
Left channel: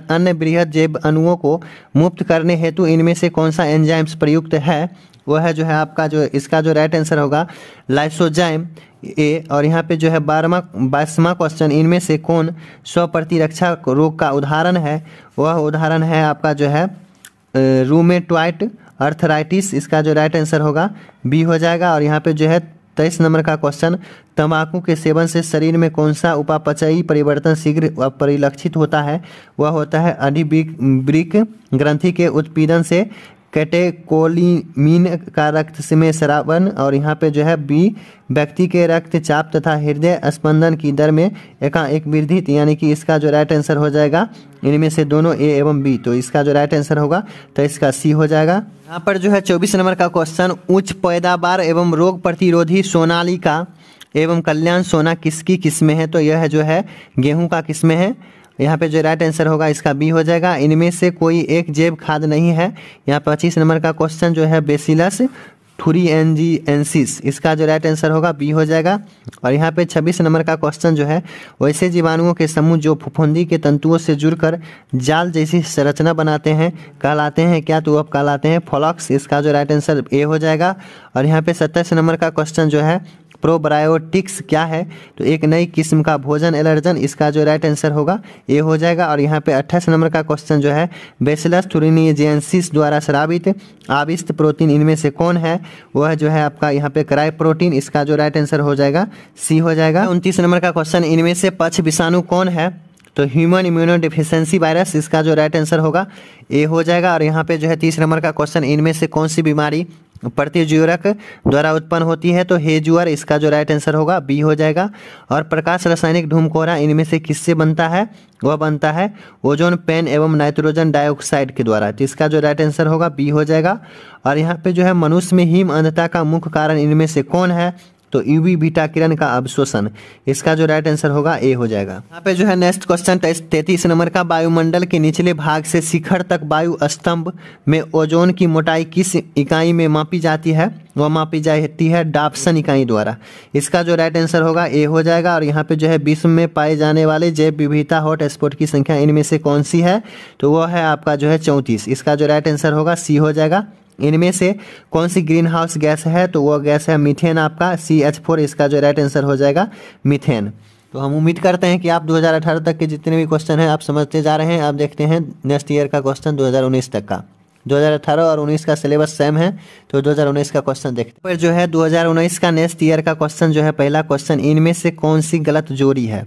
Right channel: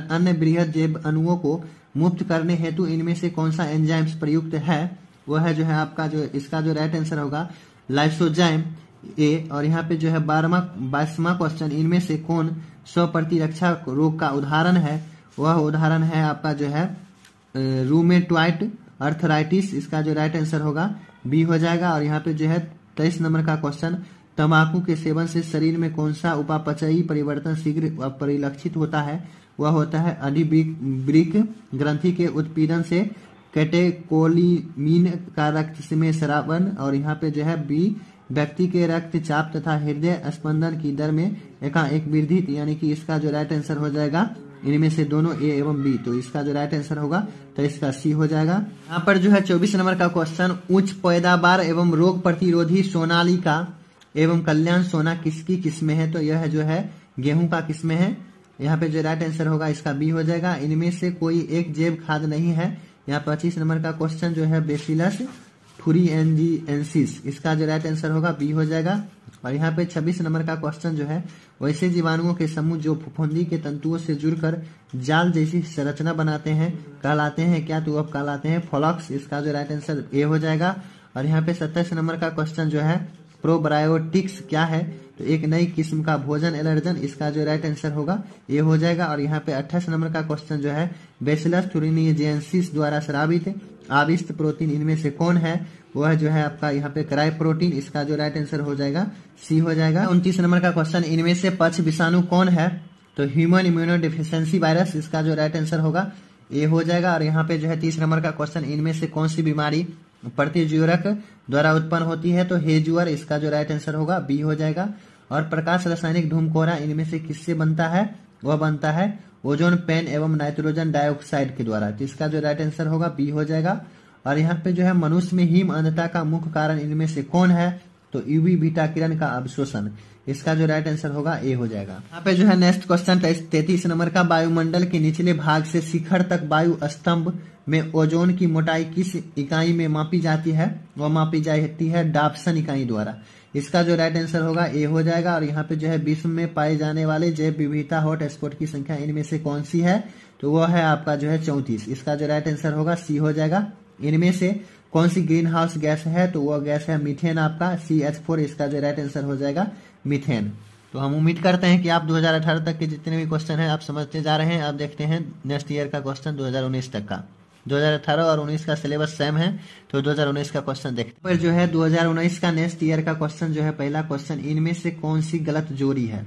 अन्य बृहद जैव अणुओं को मुक्त करने हेतु इनमें से कौन सा एंजाइम्स प्रयुक्त है? वह है जो है आपका जो, इसका जो राइट आंसर होगा लाइसोजाइम ए। और यहाँ पे जो है 22वां क्वेश्चन, इनमें से कौन स्वप्रतिरक्षा रोग का उदाहरण है? वह उदाहरण है आपका जो है रूमेटॉइड अर्थराइटिस। इसका जो राइट आंसर होगा बी हो जाएगा। और यहाँ पे जो है 23 नंबर का क्वेश्चन, तंबाकू के सेवन से शरीर में कौन सा उपापचयी परिवर्तन शीघ्र परिलक्षित होता है? वह होता है अधिवृक्क ग्रंथि के उत्पीड़न से कैटेकोलिमीन का रक्त में स्रावन। और यहाँ पे जो है बी, व्यक्ति के रक्तचाप तथा हृदय स्पंदन की दर में एकाएक वृद्धि। यानी कि इसका जो राइट आंसर हो जाएगा इनमें से दोनों ए एवं बी। तो इसका जो राइट आंसर होगा तो इसका सी हो जाएगा। यहाँ पर जो है 24 नंबर का क्वेश्चन, उच्च पैदावार एवं रोग प्रतिरोधी सोनालिका एवं कल्याण सोना किसकी किस्में हैं? तो यह जो है गेहूं का किस्में है। यहाँ पे जो राइट आंसर होगा इसका बी हो जाएगा। इनमें से कोई एक जैव खाद नहीं है। यहाँ 25 नंबर का क्वेश्चन जो है, बेसिलस थुरिएंजिएंसिस। इसका जो राइट आंसर होगा बी हो जाएगा। और यहाँ पे 26 नंबर का क्वेश्चन जो है, वैसे जीवाणुओं के समूह जो फफूंदी के तंतुओं से जुड़कर जाल जैसी संरचना बनाते हैं कहलाते हैं क्या? तो अब कहलाते हैं फ्लॉक्स। इसका जो राइट आंसर ए हो जाएगा। और यहाँ पे 27 नंबर का क्वेश्चन जो है, प्रोबायोटिक्स क्या है? तो एक नई किस्म का भोजन एलर्जन, इसका जो राइट आंसर होगा ए हो जाएगा। और यहाँ पे 28 नंबर का क्वेश्चन जो है बेसिलस thuringiensis द्वारा स्रावित आविष्ट प्रोटीन इनमें से कौन है? वह जो है आपका यहाँ पे क्राई प्रोटीन, इसका जो राइट आंसर हो जाएगा सी हो जाएगा। 29 नंबर का क्वेश्चन इनमें से पक्ष विषाणु कौन है? तो ह्यूमन इम्यूनो डिफिशियंसी वायरस, इसका जो राइट आंसर होगा ए हो जाएगा। और यहाँ पे जो है 30 नंबर का क्वेश्चन इनमें से कौन सी बीमारी प्रतिज्वरक द्वारा उत्पन्न होती है? तो हेजुअर, इसका जो राइट आंसर होगा बी हो जाएगा। और प्रकाश रासायनिक धूमकोहरा इनमें से किससे बनता है? वह बनता है ओजोन पेन एवं नाइट्रोजन डाइऑक्साइड के द्वारा, तो इसका जो राइट आंसर होगा बी हो जाएगा। और यहाँ पे जो है मनुष्य में हिम अंधता का मुख्य कारण इनमें से कौन है? तो यूवी बीटा किरण का अवशोषण, इसका जो राइट आंसर होगा ए हो जाएगा। यहाँ पे जो है नेक्स्ट क्वेश्चन 33 नंबर का, वायुमंडल के निचले भाग से शिखर तक वायु स्तंभ में ओजोन की मोटाई किस इकाई में मापी जाती है? वह मापी जाती है डाप्सन इकाई द्वारा, इसका जो राइट आंसर होगा ए हो जाएगा। और यहाँ पे जो है विश्व में पाए जाने वाले जैव विविधता हॉटस्पॉट की संख्या इनमें से कौन सी है? तो वह है आपका जो है 34, इसका जो राइट आंसर होगा सी हो जाएगा। इनमें से कौन सी ग्रीन हाउस गैस है? तो वह गैस है मीथेन, आपका CH4, इसका जो राइट आंसर हो जाएगा मीथेन। तो हम उम्मीद करते हैं कि आप 2018 तक के जितने भी क्वेश्चन हैं आप समझते जा रहे हैं। आप देखते हैं नेक्स्ट ईयर का क्वेश्चन 2019 तक का, 2018 और 19 का सिलेबस सेम है, तो 2019 का क्वेश्चन देखते हैं। फिर जो है 2019 का नेक्स्ट ईयर का क्वेश्चन जो है, पहला क्वेश्चन इनमें से कौन सी गलत जोड़ी है?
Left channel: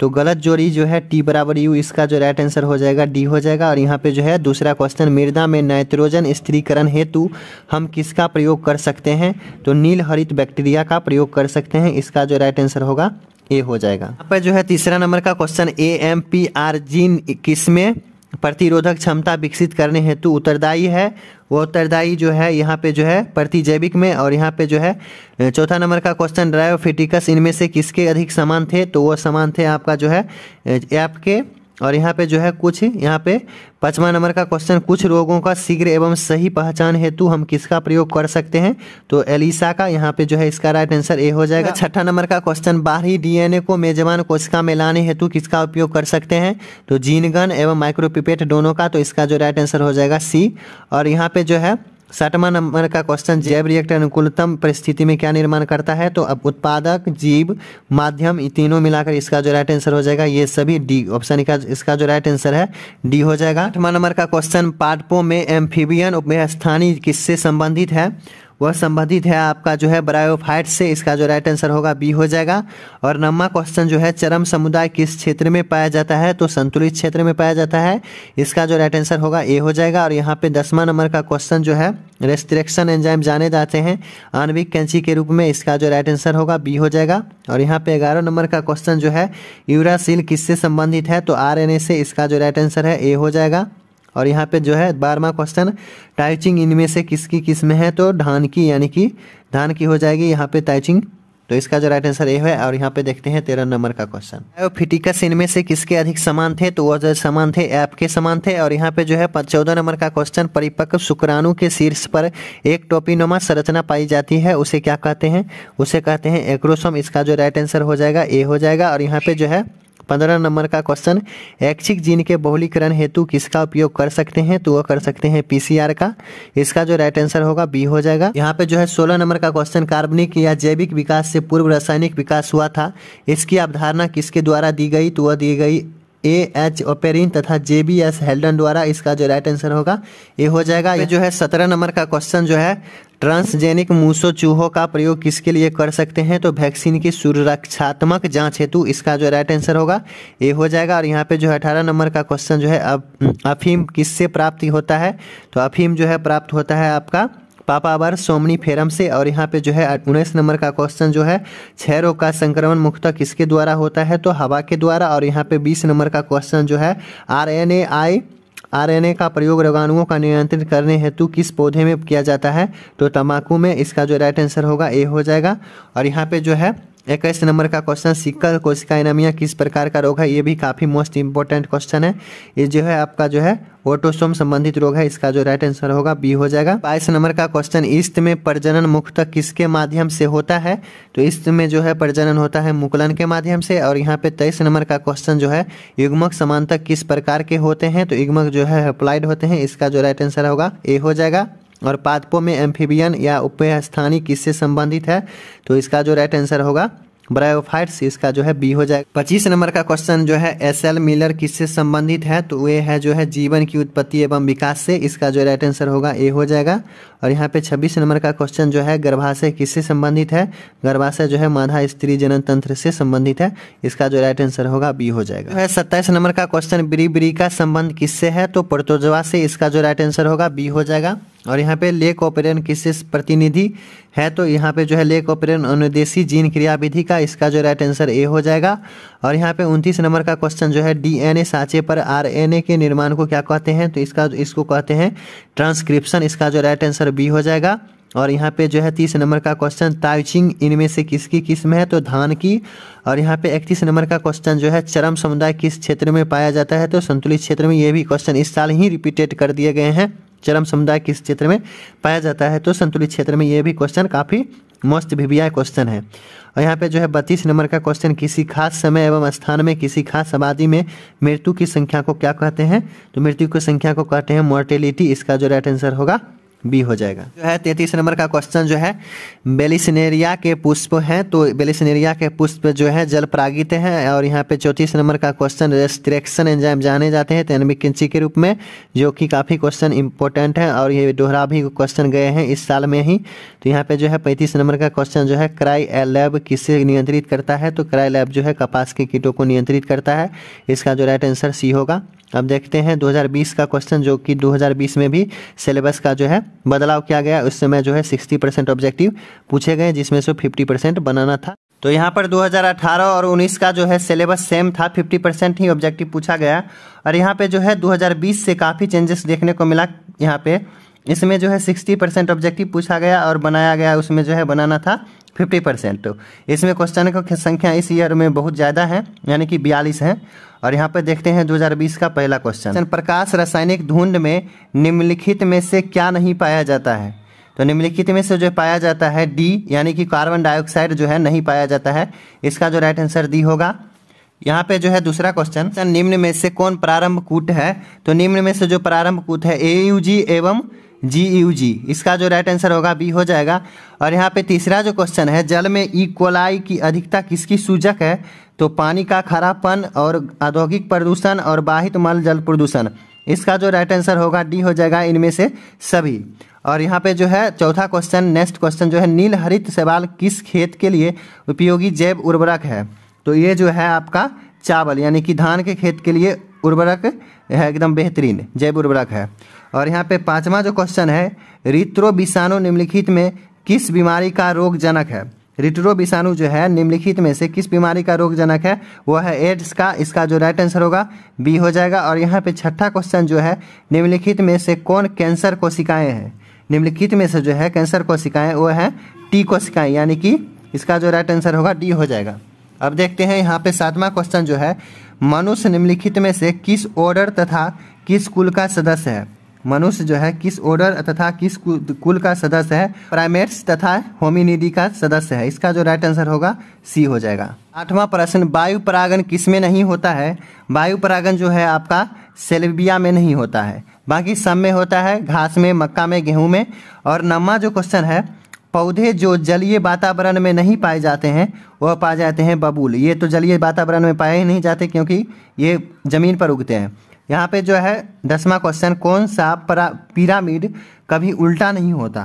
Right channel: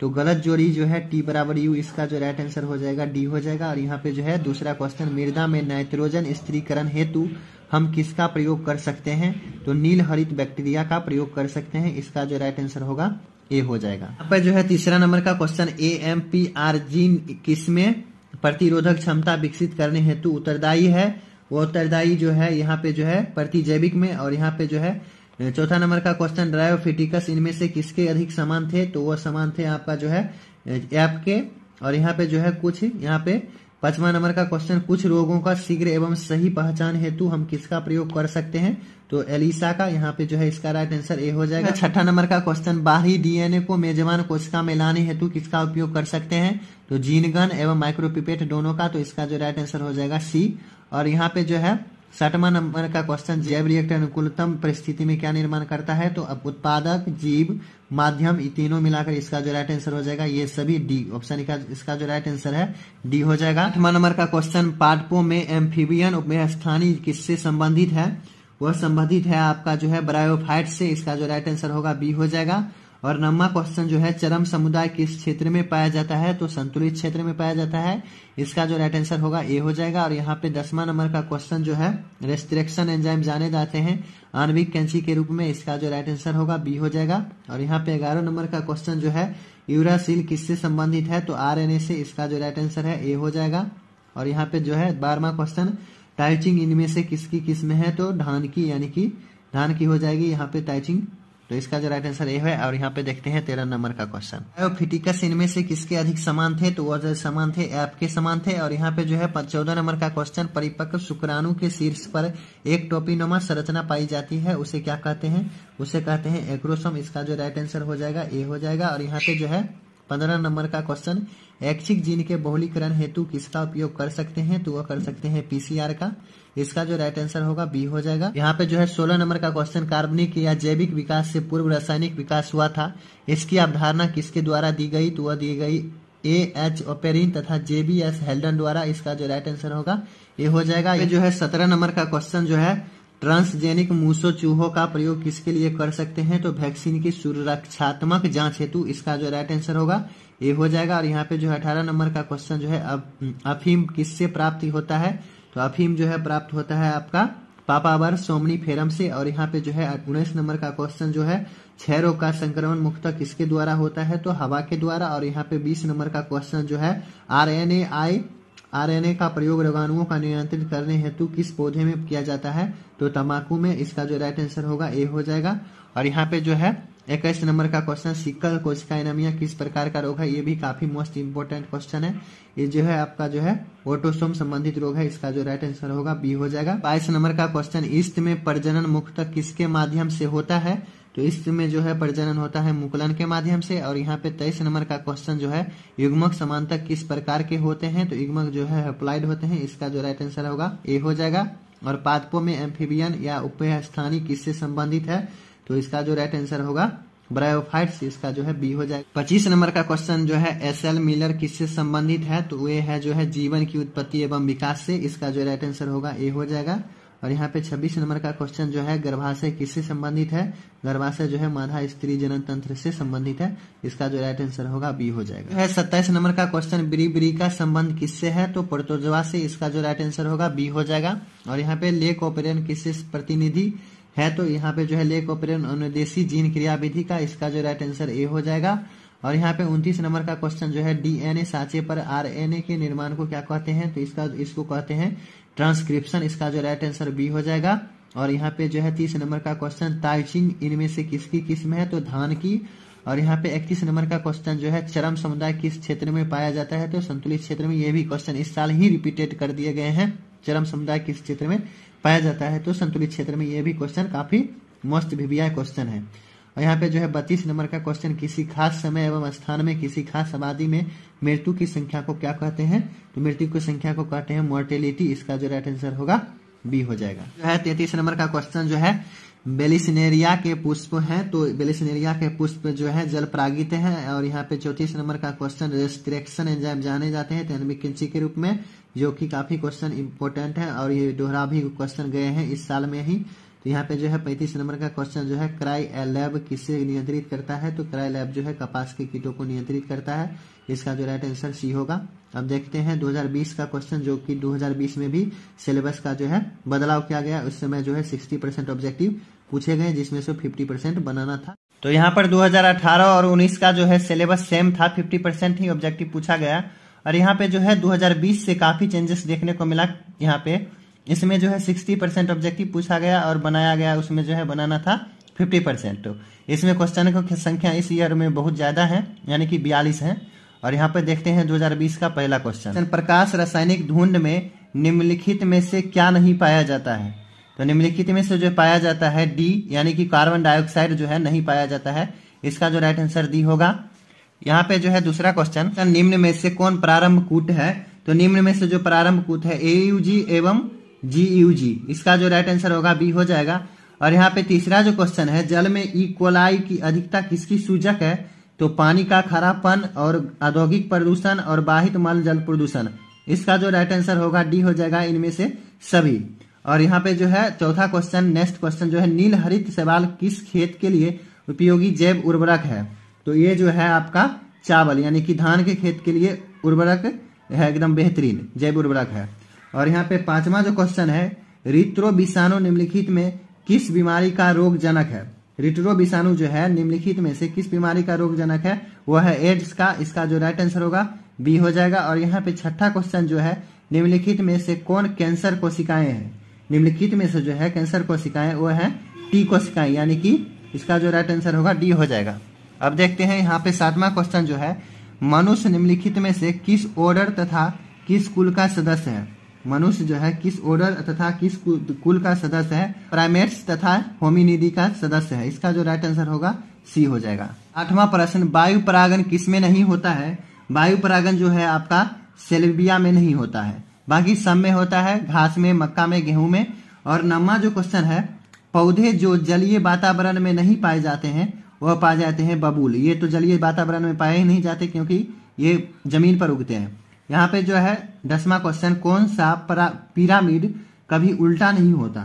तो गलत जोड़ी जो है T बराबर U, इसका जो राइट आंसर हो जाएगा डी हो जाएगा। और यहाँ पे जो है दूसरा क्वेश्चन, मृदा में नाइट्रोजन स्थिरीकरण हेतु हम किसका प्रयोग कर सकते हैं? तो नील हरित बैक्टीरिया का प्रयोग कर सकते हैं, इसका जो राइट आंसर होगा ए हो जाएगा। यहाँ पे जो है तीसरा नंबर का क्वेश्चन, AMPR जीन किसमें प्रतिरोधक क्षमता विकसित करने हेतु उत्तरदायी है? वो उत्तरदायी जो है यहाँ पे जो है प्रतिजैविक में। और यहाँ पे जो है चौथा नंबर का क्वेश्चन, ड्रायोफिटिकस इनमें से किसके अधिक समान थे? तो वो समान थे आपका जो है ऐप के। और यहाँ पे जो है कुछ, यहाँ पे 5वां नंबर का क्वेश्चन, कुछ रोगों का शीघ्र एवं सही पहचान हेतु हम किसका प्रयोग कर सकते हैं? तो एलिसा का, यहाँ पे जो है इसका राइट आंसर ए हो जाएगा। छठा नंबर का क्वेश्चन, बाहरी DNA को मेजबान कोशिका में लाने हेतु किसका उपयोग कर सकते हैं? तो जीन गन एवं माइक्रोपिपेट दोनों का, तो इसका जो राइट आंसर हो जाएगा सी। और यहाँ पे जो है 60वां नंबर का क्वेश्चन, जैव रिएक्टर अनुकूलतम परिस्थिति में क्या निर्माण करता है? तो अब उत्पादक, जीव, माध्यम, ये तीनों मिलाकर इसका जो राइट आंसर हो जाएगा ये सभी डी ऑप्शन का, इसका जो राइट आंसर है डी हो जाएगा। 8वां नंबर का क्वेश्चन, पादपों में एम्फीबियन उपस्थानी किससे संबंधित है? वह संबंधित है आपका जो है ब्रायोफाइट से, इसका जो राइट आंसर होगा बी हो जाएगा। और 9वां क्वेश्चन जो है, चरम समुदाय किस क्षेत्र में पाया जाता है? तो संतुलित क्षेत्र में पाया जाता है, इसका जो राइट आंसर होगा ए हो जाएगा। और यहाँ पे 10वां नंबर का क्वेश्चन जो है, रेस्ट्रिक्शन एंजाइम जाने जाते हैं आणविक कैंची के रूप में, इसका जो राइट आंसर होगा बी हो जाएगा। और यहाँ पे 11 नंबर का क्वेश्चन जो है, यूरासिल किससे संबंधित है? तो RNA से, इसका जो राइट आंसर है ए हो जाएगा। और यहाँ पे जो है 12वां क्वेश्चन, टाइचिंग इनमें से किसकी किस्म है? तो धान की, यानी कि धान की हो जाएगी यहाँ पे टाइचिंग, तो इसका जो राइट आंसर ए है। और यहाँ पे देखते हैं 13 नंबर का क्वेश्चन, बायोफिटिकस इनमें से किसके अधिक समान थे? तो वह जो समान थे ऐप के समान थे। और यहाँ पे जो है 14 नंबर का क्वेश्चन, परिपक्व शुक्राणु के शीर्ष पर एक टोपीनुमा संरचना पाई जाती है, उसे क्या कहते हैं? उसे कहते हैं एक्रोसोम, इसका जो राइट आंसर हो जाएगा ए हो जाएगा। और यहाँ पे जो है 15 नंबर का क्वेश्चन, ऐच्छिक जीन के बहुलीकरण हेतु किसका उपयोग कर सकते हैं? तो वह कर सकते हैं PCR का, इसका जो राइट आंसर होगा बी हो जाएगा। यहाँ पे जो है 16 नंबर का क्वेश्चन, कार्बनिक या जैविक विकास से पूर्व रासायनिक विकास हुआ था, इसकी अवधारणा किसके द्वारा दी गई? तो वह दी गई AH ओपेरिन तथा JBS हेल्डन द्वारा, इसका जो राइट आंसर होगा ए हो जाएगा। ये जो है 17 नंबर का क्वेश्चन जो है, ट्रांसजेनिक मूसो चूहों का प्रयोग किसके लिए कर सकते हैं? तो वैक्सीन की सुरक्षात्मक जांच हेतु, इसका जो राइट आंसर होगा ए हो जाएगा। और यहाँ पे जो है 18 नंबर का क्वेश्चन जो है, अफीम किससे प्राप्ति होता है? तो अफीम जो है प्राप्त होता है आपका पापावर सोमनीफेरम से। और यहाँ पे जो है 19 नंबर का क्वेश्चन जो है, क्षय रोग का संक्रमण मुख्यतः किसके द्वारा होता है? तो हवा के द्वारा। और यहाँ पे 20 नंबर का क्वेश्चन जो है, RNA का प्रयोग रोगाणुओं का नियंत्रित करने हेतु किस पौधे में किया जाता है? तो तंबाकू में, इसका जो राइट आंसर होगा ए हो जाएगा। और यहाँ पे जो है 21 नंबर का क्वेश्चन, सिकल कोशिका एनीमिया किस प्रकार का रोग है? ये भी काफी मोस्ट इंपोर्टेंट क्वेश्चन है। ये जो है आपका जो है ऑटोसोम संबंधित रोग है, इसका जो राइट आंसर होगा बी हो जाएगा। 22 नंबर का क्वेश्चन, ईस्ट में प्रजनन मुख्यतः किसके माध्यम से होता है? तो ईस्ट में जो है प्रजनन होता है मुकुलन के माध्यम से। और यहाँ पे 23 नंबर का क्वेश्चन जो है, युग्मक समानतक किस प्रकार के होते हैं? तो युग्मक जो है हैप्लॉइड होते हैं, इसका जो राइट आंसर होगा ए हो जाएगा। और पादपों में एम्फीबियन या उभयस्थानी किससे संबंधित है? तो इसका जो राइट आंसर होगा ब्रायोफाइट्स, इसका जो है बी हो जाएगा। 25 नंबर का क्वेश्चन जो है एस.एल. मिलर किससे संबंधित है? तो ये है जो है जीवन की उत्पत्ति एवं विकास से, इसका जो राइट आंसर होगा ए हो जाएगा। और यहाँ पे 26 नंबर का क्वेश्चन जो है गर्भाशय किससे संबंधित है? गर्भाशय जो है मादा स्त्री जनन तंत्र से संबंधित है, इसका जो राइट आंसर होगा बी हो जाएगा। 27 नंबर का क्वेश्चन ब्री का संबंध किससे है? तो प्रोटोजोआ से, इसका जो राइट आंसर होगा बी हो जाएगा। और यहाँ पे लेक ओपेरन किससे प्रतिनिधि है? तो यहाँ पे जो है लेक ओपेरन अनुदेशी जीन क्रियाविधि का, इसका जो राइट आंसर ए हो जाएगा। और यहाँ पे 29 नंबर का क्वेश्चन जो है डीएनए साँचे पर आरएनए के निर्माण को क्या कहते हैं? तो इसको कहते हैं ट्रांसक्रिप्शन, इसका जो राइट आंसर बी हो जाएगा। और यहाँ पे जो है 30 नंबर का क्वेश्चन ताइचिंग इनमें से किसकी किस्म है? तो धान की। और यहाँ पे 31 नंबर का क्वेश्चन जो है चरम समुदाय किस क्षेत्र में पाया जाता है? तो संतुलित क्षेत्र में। ये भी क्वेश्चन इस साल ही रिपीटेड कर दिए गए हैं। चरम समुदाय किस क्षेत्र में पाया जाता है? तो संतुलित क्षेत्र में। ये भी क्वेश्चन काफ़ी मस्त वीवीआई क्वेश्चन है। और यहाँ पे जो है 32 नंबर का क्वेश्चन किसी खास समय एवं स्थान में किसी खास आबादी में मृत्यु की संख्या को क्या कहते हैं? तो मृत्यु की संख्या को कहते हैं मोर्टेलिटी, इसका जो राइट आंसर होगा बी हो जाएगा। जो है 33 नंबर का क्वेश्चन जो है बेलिसनेरिया के पुष्प हैं, तो बेलिसनेरिया के पुष्प जो है जल परागित हैं। और यहाँ पे 34 नंबर का क्वेश्चन रेस्ट्रिक्शन एंजाइम जाने जाते हैं तैनविक किंची के रूप में, जो कि काफ़ी क्वेश्चन इंपॉर्टेंट है और ये दोहरा भी क्वेश्चन गए हैं इस साल में ही। तो यहाँ पे जो है 35 नंबर का क्वेश्चन जो है क्राई लैब किससे नियंत्रित करता है? तो क्राई लैब जो है कपास के कीटों को नियंत्रित करता है, इसका जो राइट आंसर सी होगा। अब देखते हैं 2020 का क्वेश्चन, जो कि 2020 में भी सिलेबस का जो है बदलाव किया गया। उस समय जो है 60% ऑब्जेक्टिव पूछे गए, जिसमें से 50% बनाना था। तो यहाँ पर 2018 और 19 का जो है सिलेबस सेम था, 50% ही ऑब्जेक्टिव पूछा गया। और यहाँ पे जो है 2020 से काफ़ी चेंजेस देखने को मिला। यहाँ पे इसमें जो है 60% ऑब्जेक्टिव पूछा गया और बनाया गया, उसमें जो है बनाना था 50%। तो इसमें क्वेश्चन की संख्या इस ईयर में बहुत ज़्यादा है, यानी कि 42 है। और यहाँ पे देखते हैं 2020 का पहला क्वेश्चन, प्रकाश रासायनिक धुंध में निम्नलिखित में से क्या नहीं पाया जाता है? तो निम्नलिखित में से जो पाया जाता है डी, यानी कि कार्बन डाइऑक्साइड जो है नहीं पाया जाता है, इसका जो राइट आंसर डी होगा। यहाँ पे जो है दूसरा क्वेश्चन, निम्न में से कौन प्रारंभ कूट है? तो निम्न में से जो प्रारंभ कूट है AUG एवं GUG, इसका जो राइट आंसर होगा बी हो जाएगा। और यहाँ पे तीसरा जो क्वेश्चन है, जल में ई कोलाई की अधिकता किसकी सूचक है? तो पानी का खारापन और औद्योगिक प्रदूषण और बाहित मल जल प्रदूषण, इसका जो राइट आंसर होगा डी हो जाएगा, इनमें से सभी। और यहाँ पे जो है चौथा क्वेश्चन, नेक्स्ट क्वेश्चन जो है नील हरित शैवाल किस खेत के लिए उपयोगी जैव उर्वरक है? तो ये जो है आपका चावल, यानी कि धान के खेत के लिए उर्वरक है, एकदम बेहतरीन जैव उर्वरक है। और यहाँ पे पांचवा जो क्वेश्चन है, रिट्रो विषाणु निम्नलिखित में किस बीमारी का रोग जनक है? रिट्रो विषाणु जो है निम्नलिखित में से किस बीमारी का रोग जनक है? वो है एड्स का, इसका जो राइट आंसर होगा बी हो जाएगा। और यहाँ पे छठा क्वेश्चन जो है, निम्नलिखित में से कौन कैंसर कोशिकाएं हैं? निम्नलिखित में से जो है कैंसर कोशिकाएं वो है टी कोशिकाएं, यानी कि इसका जो राइट आंसर होगा डी हो जाएगा। अब देखते हैं यहाँ पे सातवां क्वेश्चन जो है, मनुष्य निम्नलिखित में से किस ऑर्डर तथा किस कुल का सदस्य है? मनुष्य जो है किस ऑर्डर तथा किस कुल का सदस्य है? प्राइमेट्स तथा होमिनिडी का सदस्य है, इसका जो राइट आंसर होगा सी हो जाएगा। आठवां प्रश्न, वायु परागन किसमें नहीं होता है? वायु परागन जो है आपका सेल्विया में नहीं होता है, बाकी सब में होता है, घास में, मक्का में, गेहूं में। और नौवां जो क्वेश्चन है, पौधे जो जलीय वातावरण में नहीं पाए जाते हैं वह पाए जाते हैं बबूल। ये तो जलीय वातावरण में पाए ही नहीं जाते क्योंकि ये जमीन पर उगते हैं। यहाँ पे जो है 10वां क्वेश्चन, कौन सा पिरामिड कभी उल्टा नहीं होता?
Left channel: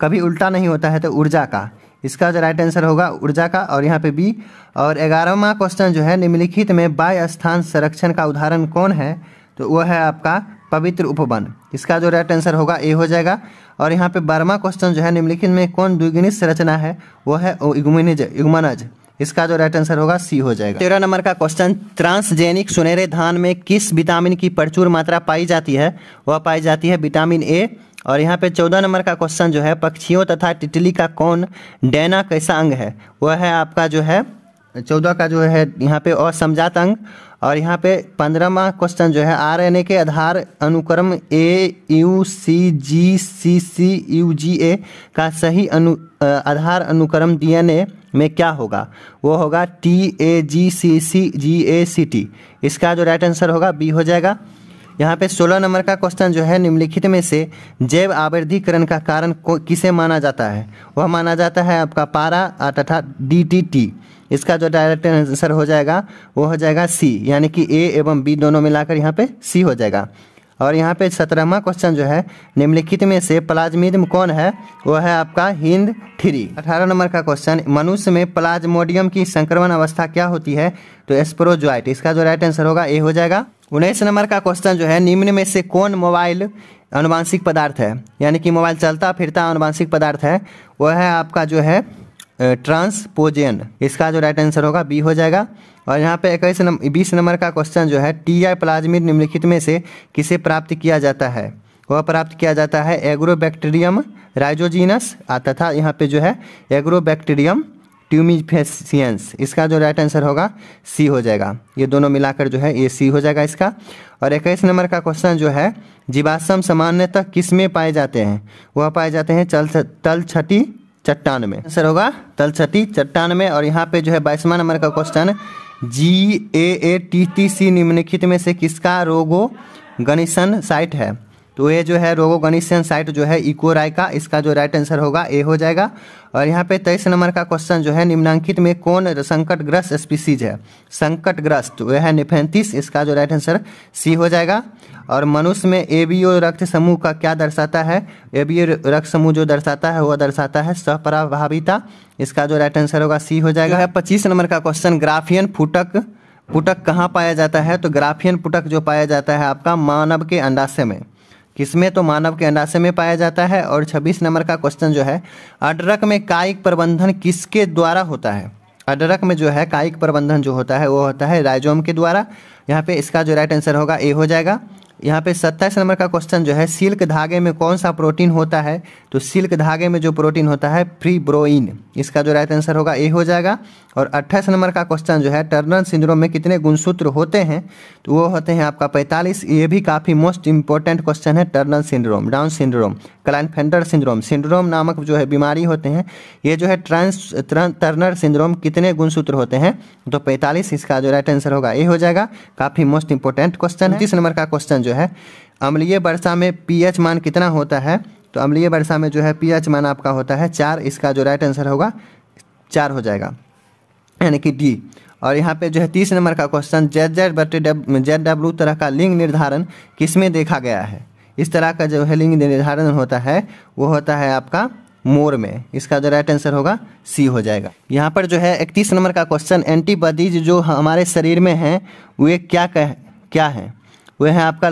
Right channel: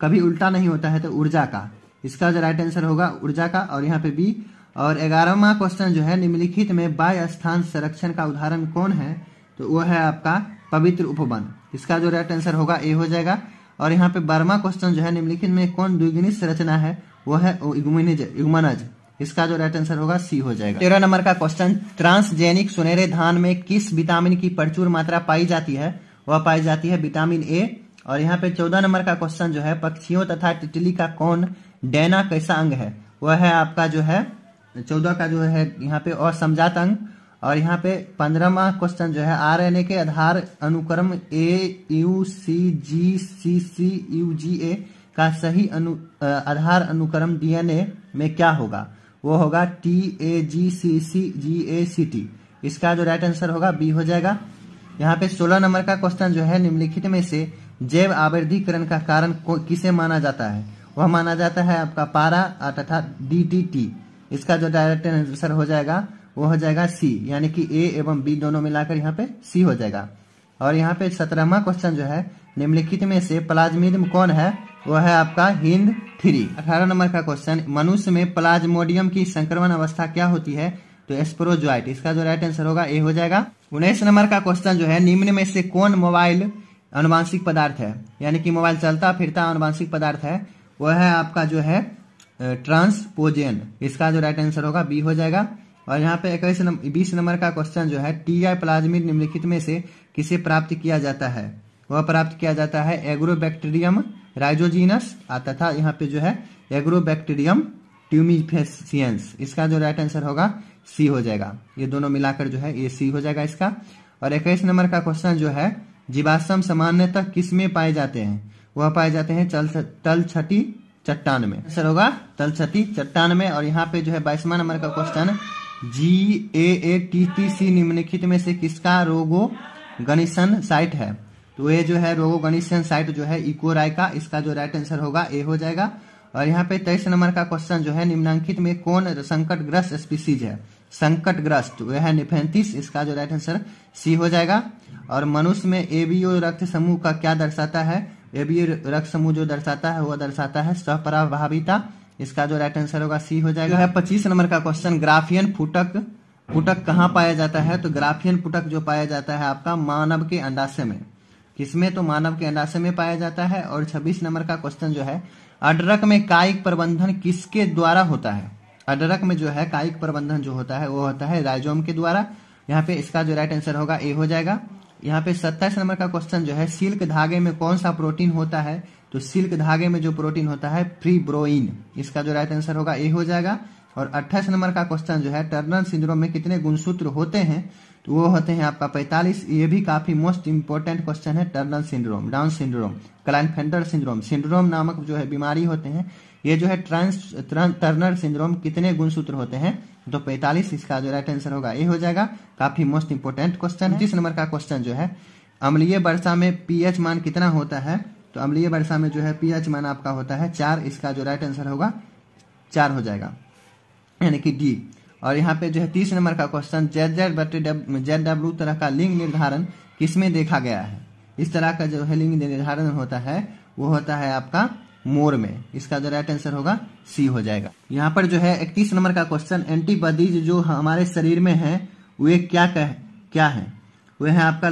कभी उल्टा नहीं होता है तो ऊर्जा का, इसका जो राइट आंसर होगा ऊर्जा का। और यहाँ पे बी। और 11वां क्वेश्चन जो है, निम्नलिखित में वायु स्थान संरक्षण का उदाहरण कौन है? तो वो है आपका पवित्र उपवन, इसका जो राइट आंसर होगा ए हो जाएगा। और यहाँ पे 12वां क्वेश्चन जो है, निम्नलिखित में कौन द्विगुणित संरचना है? वो है इग्यूमेनज, इसका जो राइट आंसर होगा सी हो जाएगा। 13 नंबर का क्वेश्चन, ट्रांसजेनिक सुनहरे धान में किस विटामिन की प्रचुर मात्रा पाई जाती है? वह पाई जाती है विटामिन ए। और यहाँ पे 14 नंबर का क्वेश्चन जो है, पक्षियों तथा तितली का कौन डैना कैसा अंग है? वह है आपका जो है 14 का जो है यहाँ पे असमजात अंग। और यहाँ पे 15वां क्वेश्चन जो है, आरएनए के आधार अनुक्रम AUCGCCUGA का सही आधार अनुक्रम DNA में क्या होगा? वो होगा TAGCCGACT, इसका जो राइट आंसर होगा बी हो जाएगा। यहाँ पे 16 नंबर का क्वेश्चन जो है, निम्नलिखित में से जैव आवर्धीकरण का कारण किसे माना जाता है? वह माना जाता है आपका पारा तथा DDT। इसका जो डायरेक्ट आंसर हो जाएगा वो हो जाएगा सी, यानी कि ए एवं बी दोनों मिलाकर यहाँ पे सी हो जाएगा। और यहाँ पे 17वां क्वेश्चन जो है, निम्नलिखित में से प्लाज्मिडियम कौन है? वह है आपका HindIII। 18 नंबर का क्वेश्चन, मनुष्य में प्लाज्मोडियम की संक्रमण अवस्था क्या होती है? तो स्पोरोजोइट। इसका जो राइट आंसर होगा ए हो जाएगा। 19 नंबर का क्वेश्चन जो है, निम्न में से कौन मोबाइल आनुवांशिक पदार्थ है? यानी कि मोबाइल चलता फिरता आनुवांशिक पदार्थ है, वह है आपका जो है ट्रांसपोजन। इसका जो राइट आंसर होगा बी हो जाएगा। और यहाँ पे 20 नंबर का क्वेश्चन जो है, TI प्लाज्मिड निम्नलिखित में से किसे प्राप्त किया जाता है? वह प्राप्त किया जाता है एग्रोबैक्टीरियम राइजोजीनस तथा यहाँ पे जो है एग्रोबैक्टीरियम ट्यूमिफेसियंस। इसका जो राइट आंसर होगा सी हो जाएगा। ये दोनों मिलाकर जो है ये सी हो जाएगा इसका। और 21 नंबर का क्वेश्चन जो है, जीवाश्म सामान्यतः किस में पाए जाते हैं? वह पाए जाते हैं तलछटी चट्टान में। आंसर होगा तलछटी चट्टान में। और यहाँ पे जो है 22वां नंबर का क्वेश्चन, GAATTC निम्नलिखित में से किसका रोगोगनिशन साइट है? तो ये जो है रोगोगनिशन साइट जो है इकोराई का। इसका जो राइट आंसर होगा ए हो जाएगा। और यहाँ पे 23 नंबर का क्वेश्चन जो है, निम्नांकित में कौन संकटग्रस्त स्पीसीज है? संकटग्रस्त वह है निफेंथिस। इसका जो राइट आंसर सी हो जाएगा। और मनुष्य में एबीओ रक्त समूह का क्या दर्शाता है? एबीओ रक्त समूह जो दर्शाता है वह दर्शाता है सहप्रभाविता। इसका जो राइट आंसर होगा सी हो जाएगा। 25 नंबर का क्वेश्चन, ग्राफियन फुटक कहाँ पाया जाता है? तो ग्राफियन फुटक जो पाया जाता है आपका मानव के अंडाशय में। किसमें? तो मानव के अंडाशय में पाया जाता है। और 26 नंबर का क्वेश्चन जो है, अडरक में कायिक प्रबंधन किसके द्वारा होता है? अडरक में जो है कायिक प्रबंधन जो होता है वो होता है राइजोम के द्वारा। यहाँ पे इसका जो राइट आंसर होगा ए हो जाएगा। यहाँ पे 27 नंबर का क्वेश्चन जो है, सिल्क धागे में कौन सा प्रोटीन होता है? तो सिल्क धागे में जो प्रोटीन होता है फिब्रोइन। इसका जो राइट आंसर होगा ए हो जाएगा। और 28 नंबर का क्वेश्चन जो है, टर्नर सिंड्रोम में कितने गुणसूत्र होते हैं? तो वो होते हैं आपका 45। ये भी काफी मोस्ट इंपॉर्टेंट क्वेश्चन है। Turner syndrome, down syndrome, Klinefelter syndrome नामक जो है बीमारी होते हैं, ये जो है टर्नर सिंड्रोम कितने गुणसूत्र होते हैं? तो 45। इसका जो राइट आंसर होगा ए हो जाएगा। काफी मोस्ट इंपॉर्टेंट क्वेश्चन है। 30 नंबर का क्वेश्चन जो है, अम्लीय वर्षा में पीएच मान कितना होता है? तो अम्लीय वर्षा में जो है पीएच मान आपका होता है 4। इसका जो राइट आंसर होगा 4 हो जाएगा, यानी कि डी। और यहाँ पे जो है 30 नंबर का क्वेश्चन, ZW तरह का लिंग निर्धारण किसमें देखा गया है? इस तरह का जो है लिंग निर्धारण होता है वो होता है आपका मोर में। इसका जो राइट आंसर होगा सी हो जाएगा। यहाँ पर जो है 31 नंबर का क्वेश्चन, एंटीबॉडीज जो हमारे शरीर में हैं वे क्या है? वह है आपका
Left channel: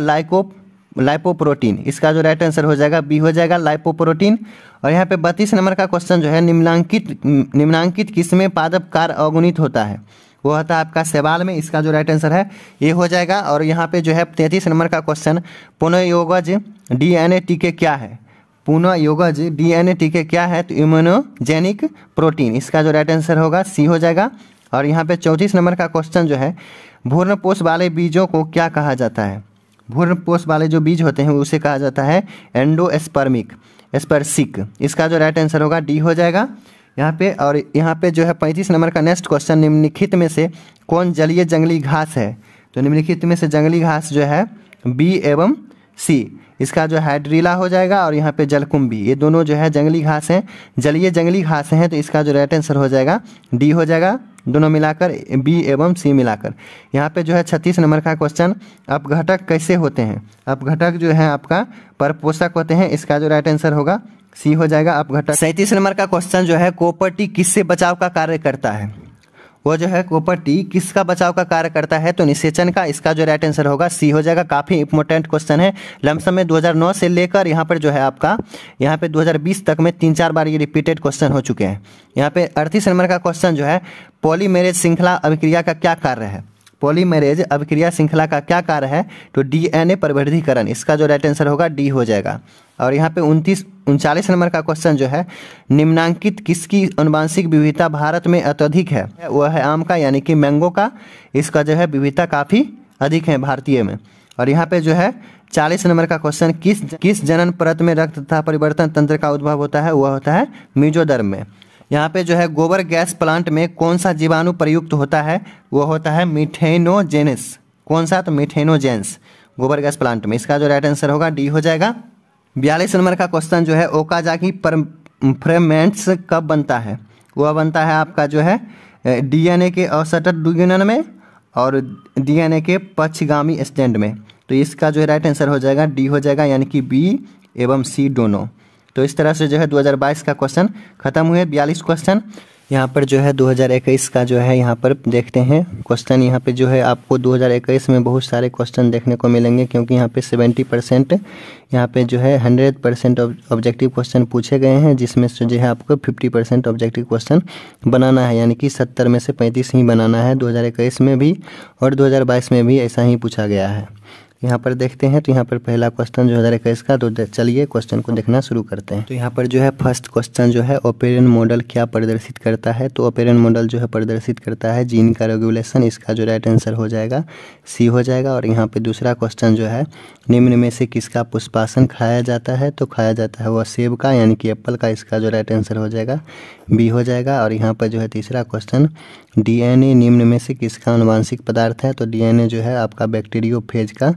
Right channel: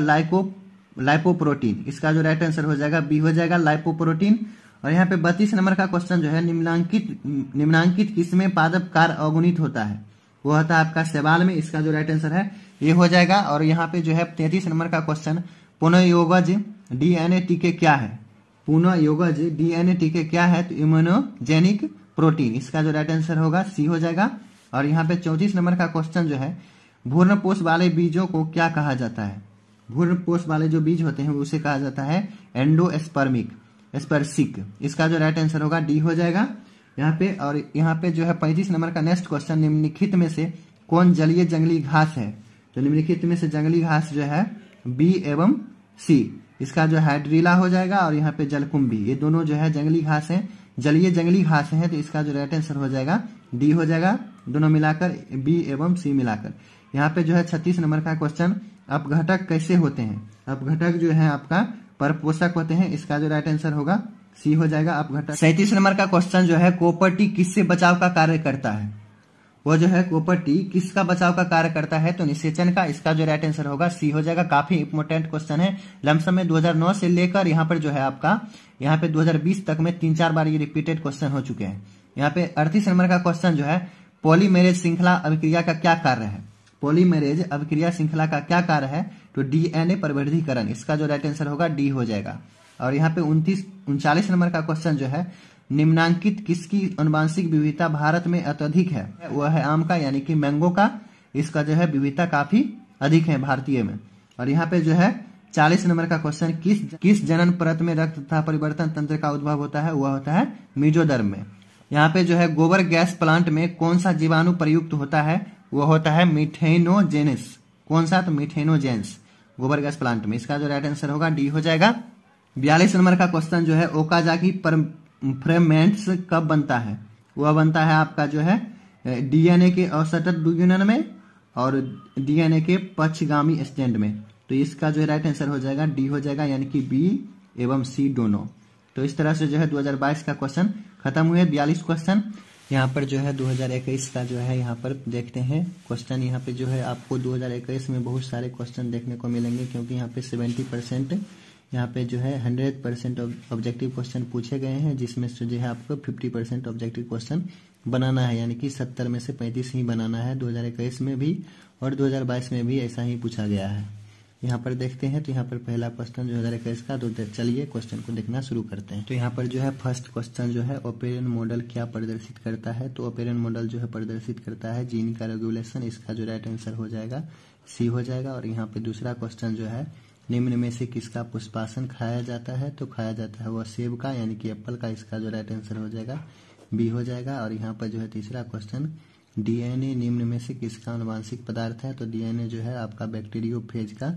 लाइपोप्रोटीन। इसका जो राइट आंसर हो जाएगा बी हो जाएगा, लाइपोप्रोटीन। और यहाँ पे 32 नंबर का क्वेश्चन जो है, निम्नांकित किसमें पादप कार्य अवगुणित होता है? वो होता है आपका शैवाल में। इसका जो राइट आंसर है ये हो जाएगा। और यहाँ पे जो है 33 नंबर का क्वेश्चन, पुनःयोगज DNA टीके क्या है? पुनःयोगज DNA टीके क्या है? तो इम्यूनोजेनिक प्रोटीन। इसका जो राइट आंसर होगा सी हो जाएगा। और यहाँ पे 34 नंबर का क्वेश्चन जो है, भ्रूणपोष वाले बीजों को क्या कहा जाता है? भ्रूणपोष वाले जो बीज होते हैं उसे कहा जाता है एंडोस्पर्मिक। इसका जो राइट आंसर होगा डी हो जाएगा यहाँ पे। और यहाँ पे जो है 35 नंबर का नेक्स्ट क्वेश्चन, निम्नलिखित में से कौन जलीय जंगली घास है? तो निम्नलिखित में से जंगली घास जो है बी एवं सी। इसका जो हाइड्रीला हो जाएगा। और यहाँ पे जलकुंभी, ये दोनों जो है जंगली घास हैं, जलीय जंगली घास हैं। तो इसका जो राइट आंसर हो जाएगा डी हो जाएगा, दोनों मिलाकर बी एवं सी मिलाकर। यहाँ पे जो है 36 नंबर का क्वेश्चन, अपघटक कैसे होते हैं? अपघटक जो है आपका परपोषक होते हैं। इसका जो राइट आंसर होगा सी हो जाएगा अपघटक। 37 नंबर का क्वेश्चन जो है, कॉपर टी किससे बचाव का कार्य करता है? वो जो है कॉपर टी किसका बचाव का कार्य करता है? तो निषेचन का। इसका जो राइट आंसर होगा सी हो जाएगा। काफी इंपॉर्टेंट क्वेश्चन है। लमसम में 2009 से लेकर यहाँ पर जो है आपका यहाँ पे 2020 तक में 3-4 बार ये रिपीटेड क्वेश्चन हो चुके हैं। यहाँ पे 38 नंबर का क्वेश्चन जो है, पॉलीमेरेज श्रृंखला अभिक्रिया का क्या कार्य है? पॉलीमेरेज अभिक्रिया श्रृंखला का क्या कार्य है? तो DNA परिवर्धीकरण। इसका जो राइट आंसर होगा डी हो जाएगा। और यहाँ पे 39 नंबर का क्वेश्चन जो है, निम्नांकित किसकी आनुवंशिक विविधता भारत में अत्यधिक है? वह है आम का, यानी कि मैंगो का। इसका जो है विविधता काफी अधिक है भारतीय में। और यहाँ पे जो है 40 नंबर का क्वेश्चन, किस जनन परत में रक्त तथा परिवर्तन तंत्र का उद्भव होता है? वह होता है मीजोदर्म में। यहाँ पे जो है गोबर गैस प्लांट में कौन सा जीवाणु प्रयुक्त होता है? वो होता है मीथेनोजेंस। कौन सा? तो मीथेनोजेंस गोबर गैस प्लांट में। इसका जो राइट आंसर होगा डी हो जाएगा। 42 नंबर का क्वेश्चन जो है ओकाजाकी फ्रेगमेंट्स कब बनता है? वह बनता है आपका जो है डीएनए के अवशटत द्विगुणन में और डीएनए के पक्षगामी स्टैंड में। तो इसका जो है राइट आंसर हो जाएगा डी हो जाएगा, यानी कि बी एवं सी दोनों। तो इस तरह से जो है 2022 का क्वेश्चन खत्म हुए 42 क्वेश्चन। यहाँ पर जो है 2021 का जो है यहाँ पर देखते हैं क्वेश्चन। यहाँ पे जो है आपको 2021 में बहुत सारे क्वेश्चन देखने को मिलेंगे, क्योंकि यहाँ पे 70% यहाँ पे जो है 100% ऑब्जेक्टिव क्वेश्चन पूछे गए हैं, जिसमें से जो है आपको 50% ऑब्जेक्टिव क्वेश्चन बनाना है, यानी कि 70 में से 35 ही बनाना है। 2021 में भी और 2022 में भी ऐसा ही पूछा गया है। यहाँ पर देखते हैं तो यहाँ पर पहला क्वेश्चन 2021 का, तो चलिए क्वेश्चन को देखना शुरू करते हैं। तो यहाँ पर जो है फर्स्ट क्वेश्चन जो है ओपेरन मॉडल क्या प्रदर्शित करता है? तो ओपेरन मॉडल जो है प्रदर्शित करता है जीन का रेगुलेशन। इसका जो राइट आंसर हो जाएगा सी हो जाएगा। और यहाँ पे दूसरा क्वेश्चन जो है निम्न में से किसका पुष्पासन खाया जाता है? तो खाया जाता है वह सेब का, यानी कि एप्पल का। इसका जो राइट आंसर हो जाएगा बी हो जाएगा। और यहाँ पर जो है तीसरा क्वेश्चन डीएनए निम्न में से किसका आनुवांशिक पदार्थ है? तो डीएनए जो है आपका बैक्टीरियोफेज का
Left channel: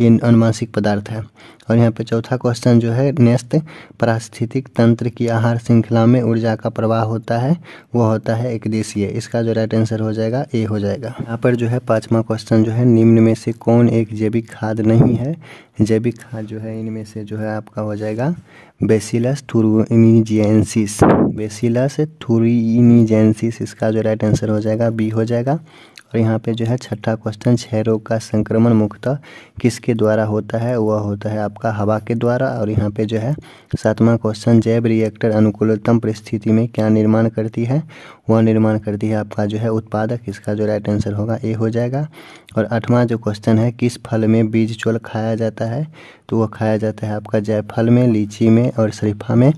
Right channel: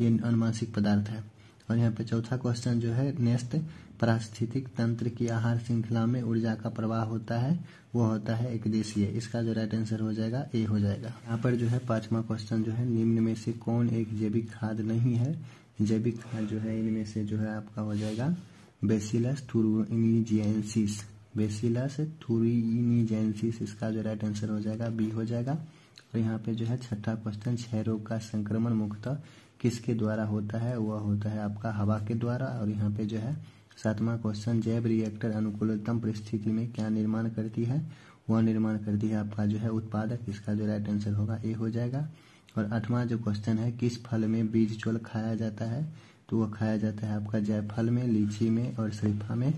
ये आनुवांशिक पदार्थ है। और यहाँ पे चौथा क्वेश्चन जो है नेक्स्ट पारिस्थितिक तंत्र की आहार श्रृंखला में ऊर्जा का प्रवाह होता है, वह होता है एकदेशीय। इसका जो राइट आंसर हो जाएगा ए हो जाएगा। यहाँ पर जो है पांचवा क्वेश्चन जो है निम्न में से कौन एक जैविक खाद नहीं है? जैविक खाद जो है इनमें से जो है आपका हो जाएगा बेसिलस थुरिनजेंसिस। बेसिलस थुरिनजेंसिस इसका जो राइट आंसर हो जाएगा बी हो जाएगा। और यहाँ पे जो है छठा क्वेश्चन क्षय रोग का संक्रमण मुख्यतः किसके द्वारा होता है? वह होता है आपका हवा के द्वारा। और यहाँ पे जो है सातवां क्वेश्चन जैव रिएक्टर अनुकूलतम परिस्थिति में क्या निर्माण करती है? वह निर्माण करती है आपका जो है उत्पादक। इसका जो राइट आंसर होगा ए हो जाएगा। और आठवां जो क्वेश्चन है किस फल में बीज चोल खाया जाता है? तो वह खाया जाता है आपका जायफल में, लीची में और शरीफा में।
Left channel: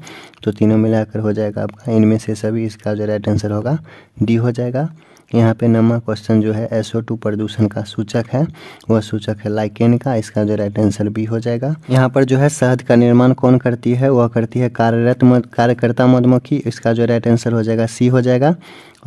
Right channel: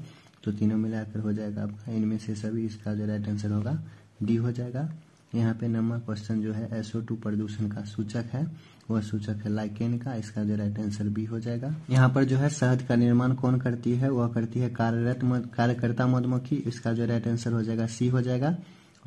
तो तीनों मिलाकर हो जाएगा आपका इनमें से सभी। इसका जो राइट आंसर होगा डी हो जाएगा। यहाँ पे 9वां क्वेश्चन जो है SO2 प्रदूषण का सूचक है, वह सूचक है लाइकेन का। इसका जो राइट आंसर बी हो जाएगा। यहाँ पर जो है शहद का निर्माण कौन करती है? वह करती है कार्यकर्ता मधुमक्खी। इसका जो राइट आंसर हो जाएगा सी हो जाएगा।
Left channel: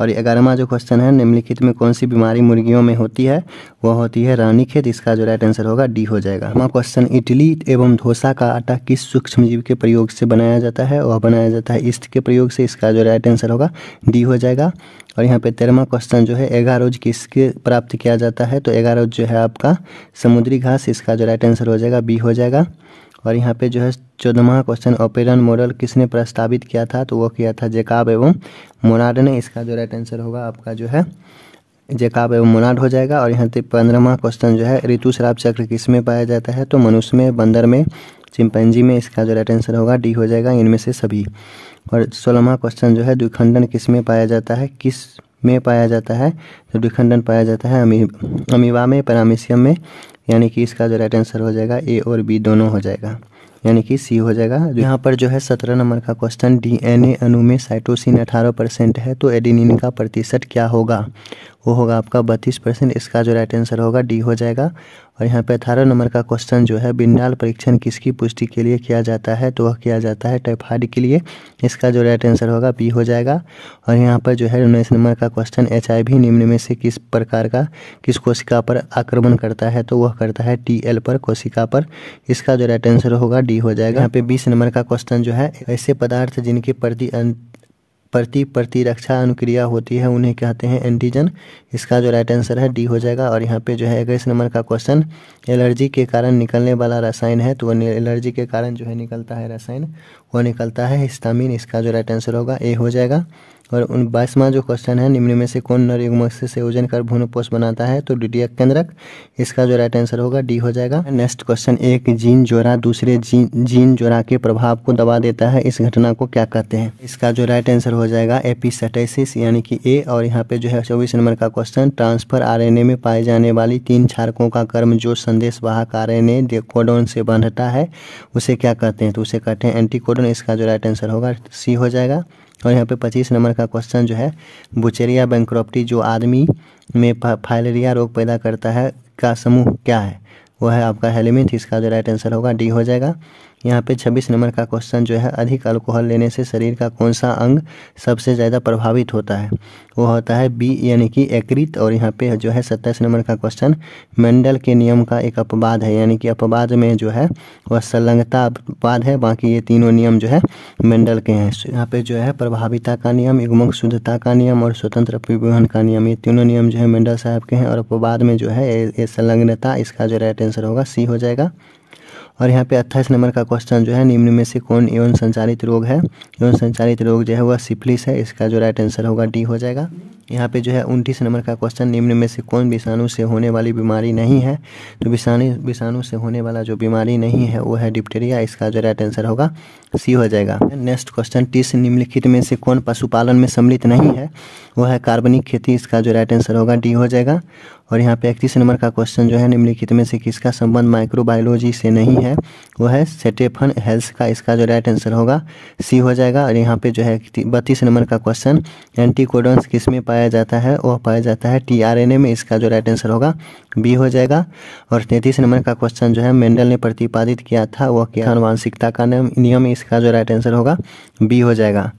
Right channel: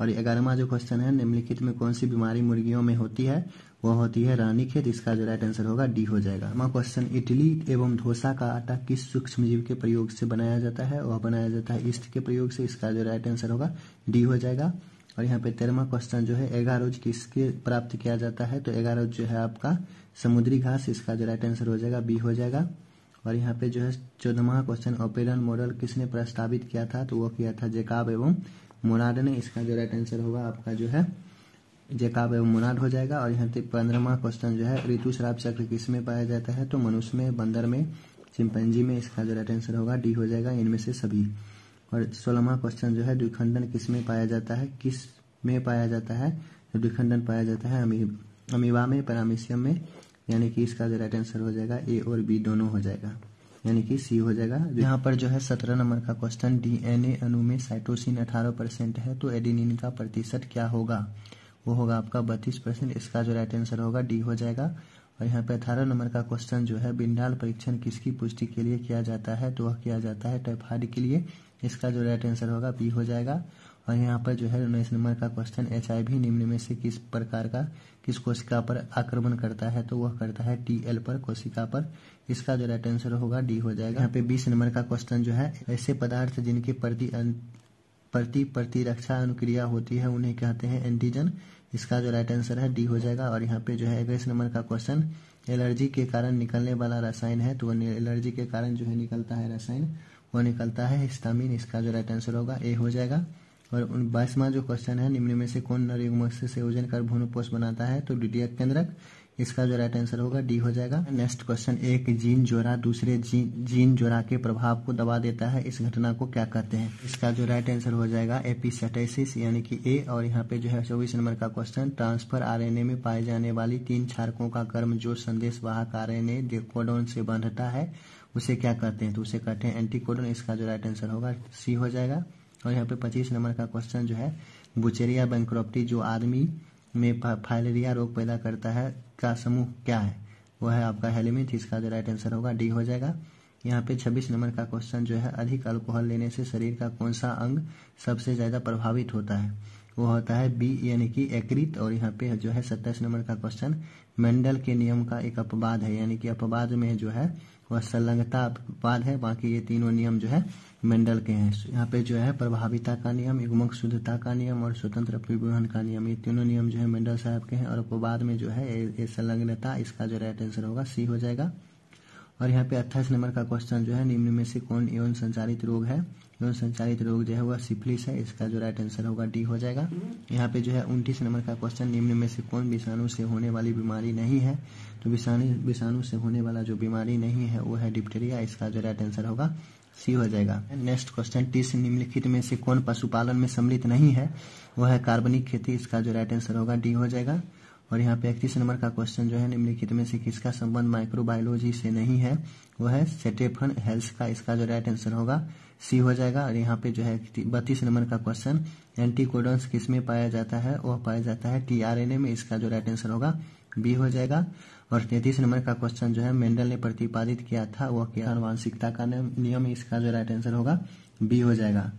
और 11वां जो क्वेश्चन है निम्नलिखित में कौन सी बीमारी मुर्गियों में होती है? वह होती है रानीखेत। इसका जो राइट आंसर होगा डी हो जाएगा। 12वां क्वेश्चन इडली एवं डोसा का आटा किस सूक्ष्मजीव के प्रयोग से बनाया जाता है? वह बनाया जाता है ईस्ट के प्रयोग से। इसका जो राइट आंसर होगा डी हो जाएगा। और यहाँ पे 13वां क्वेश्चन जो है एगारोज किसके प्राप्त किया जाता है? तो एगारोज जो है आपका समुद्री घास। इसका जो राइट आंसर हो जाएगा बी हो जाएगा। और यहाँ पे जो है 14वां क्वेश्चन ओपेरन मॉडल किसने प्रस्तावित किया था? तो वो किया था जैकब एवं मोनार्ड ने। इसका जो राइट आंसर होगा आपका जो है जैकब एवं मोनार्ड हो जाएगा। और यहाँ पे 15वां क्वेश्चन जो है ऋतुस्राव चक्र किस में पाया जाता है? तो मनुष्य में, बंदर में, चिंपैंजी में। इसका जो राइट आंसर होगा डी हो जाएगा, इनमें से सभी। और 16वां क्वेश्चन जो है द्विखंडन किस में पाया जाता है? किस में पाया जाता है? तो द्विखंडन पाया जाता है अमीबा में, पैरामीशियम में, यानी कि इसका जो राइट आंसर हो जाएगा ए और बी दोनों हो जाएगा, यानी कि सी हो जाएगा। यहाँ पर जो है 17 नंबर का क्वेश्चन डीएनए अणु में साइटोसिन 18% है, तो एडेनिन का प्रतिशत क्या होगा? वो होगा आपका 32%। इसका जो राइट आंसर होगा डी हो जाएगा। और यहाँ पे 18 नंबर का क्वेश्चन जो है बिंडाल परीक्षण किसकी पुष्टि के लिए किया जाता है? तो वह किया जाता है टाइफाइड के लिए। इसका जो राइट आंसर होगा बी हो जाएगा। और यहाँ पर जो है 19 नंबर का क्वेश्चन HIV निम्न में से किस प्रकार का किस कोशिका पर आक्रमण करता है? तो वह करता है TL पर कोशिका पर। इसका जो राइट आंसर होगा डी हो जाएगा। यहाँ पे 20 नंबर का क्वेश्चन जो है ऐसे पदार्थ जिनके प्रतिरक्षा अनुक्रिया होती है उन्हें कहते हैं एंटीजन। इसका जो राइट आंसर है डी हो जाएगा। और यहाँ पे जो है 21 नंबर का क्वेश्चन एलर्जी के कारण निकलने वाला रसायन है, तो वह एलर्जी के कारण जो है निकलता है रसायन, वह निकलता है हिस्टामिन। इसका जो राइट आंसर होगा ए हो जाएगा। और 22वां जो क्वेश्चन है निम्न में से कौन नर युग्मक से संयोजन कर भ्रूणपोष बनाता है? तो द्वितीयक केंद्रक। इसका जो राइट आंसर होगा डी हो जाएगा। नेक्स्ट क्वेश्चन एक जीन जोड़ा दूसरे जीन जोड़ा के प्रभाव को दबा देता है, इस घटना को क्या कहते हैं? इसका जो राइट आंसर हो जाएगा एपिस्टासिस, यानी कि ए। और यहाँ पे जो है 24 नंबर का क्वेश्चन ट्रांसफर RNA में पाए जाने वाली 3 क्षारकों का क्रम जो संदेशवाहक RNA कोडोन से बांधता है उसे क्या कहते हैं? तो उसे कहते हैं एंटीकोडोन। इसका जो राइट आंसर होगा सी हो जाएगा। और यहाँ पे 25 नंबर का क्वेश्चन जो है बुचेरिया बैंक्रप्टी जो आदमी में फाइलेरिया रोग पैदा करता है का समूह क्या है? वो है आपका हेलिमिंथ। इसका जो राइट आंसर होगा डी हो जाएगा। यहाँ पे 26 नंबर का क्वेश्चन जो है, अधिक अल्कोहल लेने से शरीर का कौन सा अंग सबसे ज़्यादा प्रभावित होता है? वो होता है बी यानी कि यकृत। और यहाँ पे जो है 27 नंबर का क्वेश्चन, मेंडल के नियम का एक अपवाद है, यानी कि अपवाद में जो है वह संलग्नता अपवाद है, बाकी ये तीनों नियम जो है मेंडल के हैं। यहाँ पे जो है प्रभाविता का नियम, युग्मक शुद्धता का नियम और स्वतंत्र परिवहन का नियम, ये तीनों नियम जो है मेंडल साहब के हैं। और अपवाद में जो है ये संलग्नता, इसका जो राइट आंसर होगा सी हो जाएगा। और यहाँ पे 28 नंबर का क्वेश्चन जो है, निम्न में से कौन यौन संचारित रोग है? यौन संचारित रोग जो है वह सिफिलिस है, इसका जो राइट आंसर होगा डी हो जाएगा। यहाँ पे जो है 29 नंबर का क्वेश्चन, निम्न में से कौन विषाणु से होने वाली बीमारी नहीं है? तो विषाणु से होने वाला जो बीमारी नहीं है वो है डिप्टेरिया, इसका जो राइट आंसर होगा सी हो जाएगा। नेक्स्ट क्वेश्चन, 30 निम्नलिखित में से कौन पशुपालन में सम्मिलित नहीं है? वो है कार्बनिक खेती, इसका जो राइट आंसर होगा डी हो जाएगा। और यहाँ पे 31 नंबर का क्वेश्चन जो है, निम्नलिखित में से किसका संबंध माइक्रोबायोलॉजी से नहीं है? वो है स्टेफन हेल्स का, इसका जो राइट आंसर होगा सी हो जाएगा। और यहाँ पे जो है 32 नंबर का क्वेश्चन, एंटीकोडॉन्स किस में पाया जाता है? वह पाया जाता है टीआरएनए में, इसका जो राइट आंसर होगा बी हो जाएगा। और 33 नंबर का क्वेश्चन जो है, मेंडल ने प्रतिपादित किया था वह क्या? आनुवांशिकता का नियम, इसका जो राइट आंसर होगा बी हो जाएगा।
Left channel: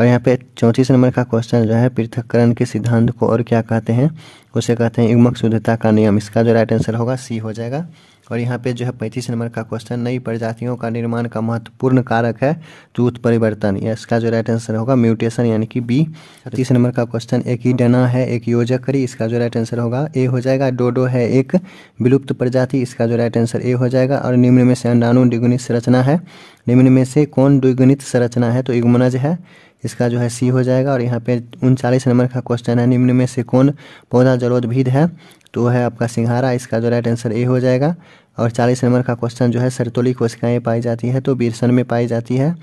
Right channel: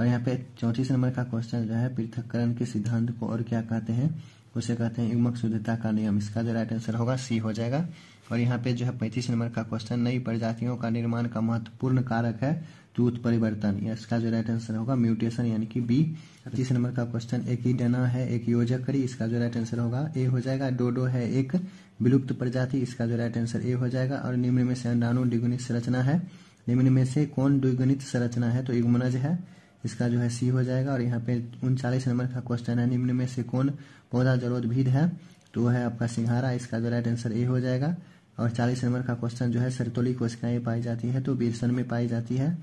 और यहाँ पे 34 नंबर का क्वेश्चन जो है, पृथक्करण के सिद्धांत को और क्या कहते हैं? उसे कहते हैं युग्मक शुद्धता का नियम, इसका जो राइट आंसर होगा सी हो जाएगा। और यहाँ पे जो है 35 नंबर का क्वेश्चन, नई प्रजातियों का निर्माण का महत्वपूर्ण कारक है तो उत्परिवर्तन, या इसका जो राइट आंसर होगा म्यूटेशन, यानी कि बी। 36 नंबर का क्वेश्चन, एक ही डना है एक योजकरी, इसका जो राइट आंसर होगा ए हो जाएगा। डोडो है एक विलुप्त प्रजाति, इसका जो राइट आंसर ए हो जाएगा। और निम्न में से अंडाणु द्विगुणित संरचना है, निम्न में से कौन द्विगुणित संरचना है? तो युग्मनज है, इसका जो है सी हो जाएगा। और यहाँ पे 39 नंबर का क्वेश्चन है, निम्न में से कौन पौधा जलोद्भिद है? तो है आपका सिंघारा, इसका जो राइट आंसर ए हो जाएगा। और 40 नंबर का क्वेश्चन जो है, सरतोली कोशिकाएं पाई जाती है तो बीरसन में पाई जाती है।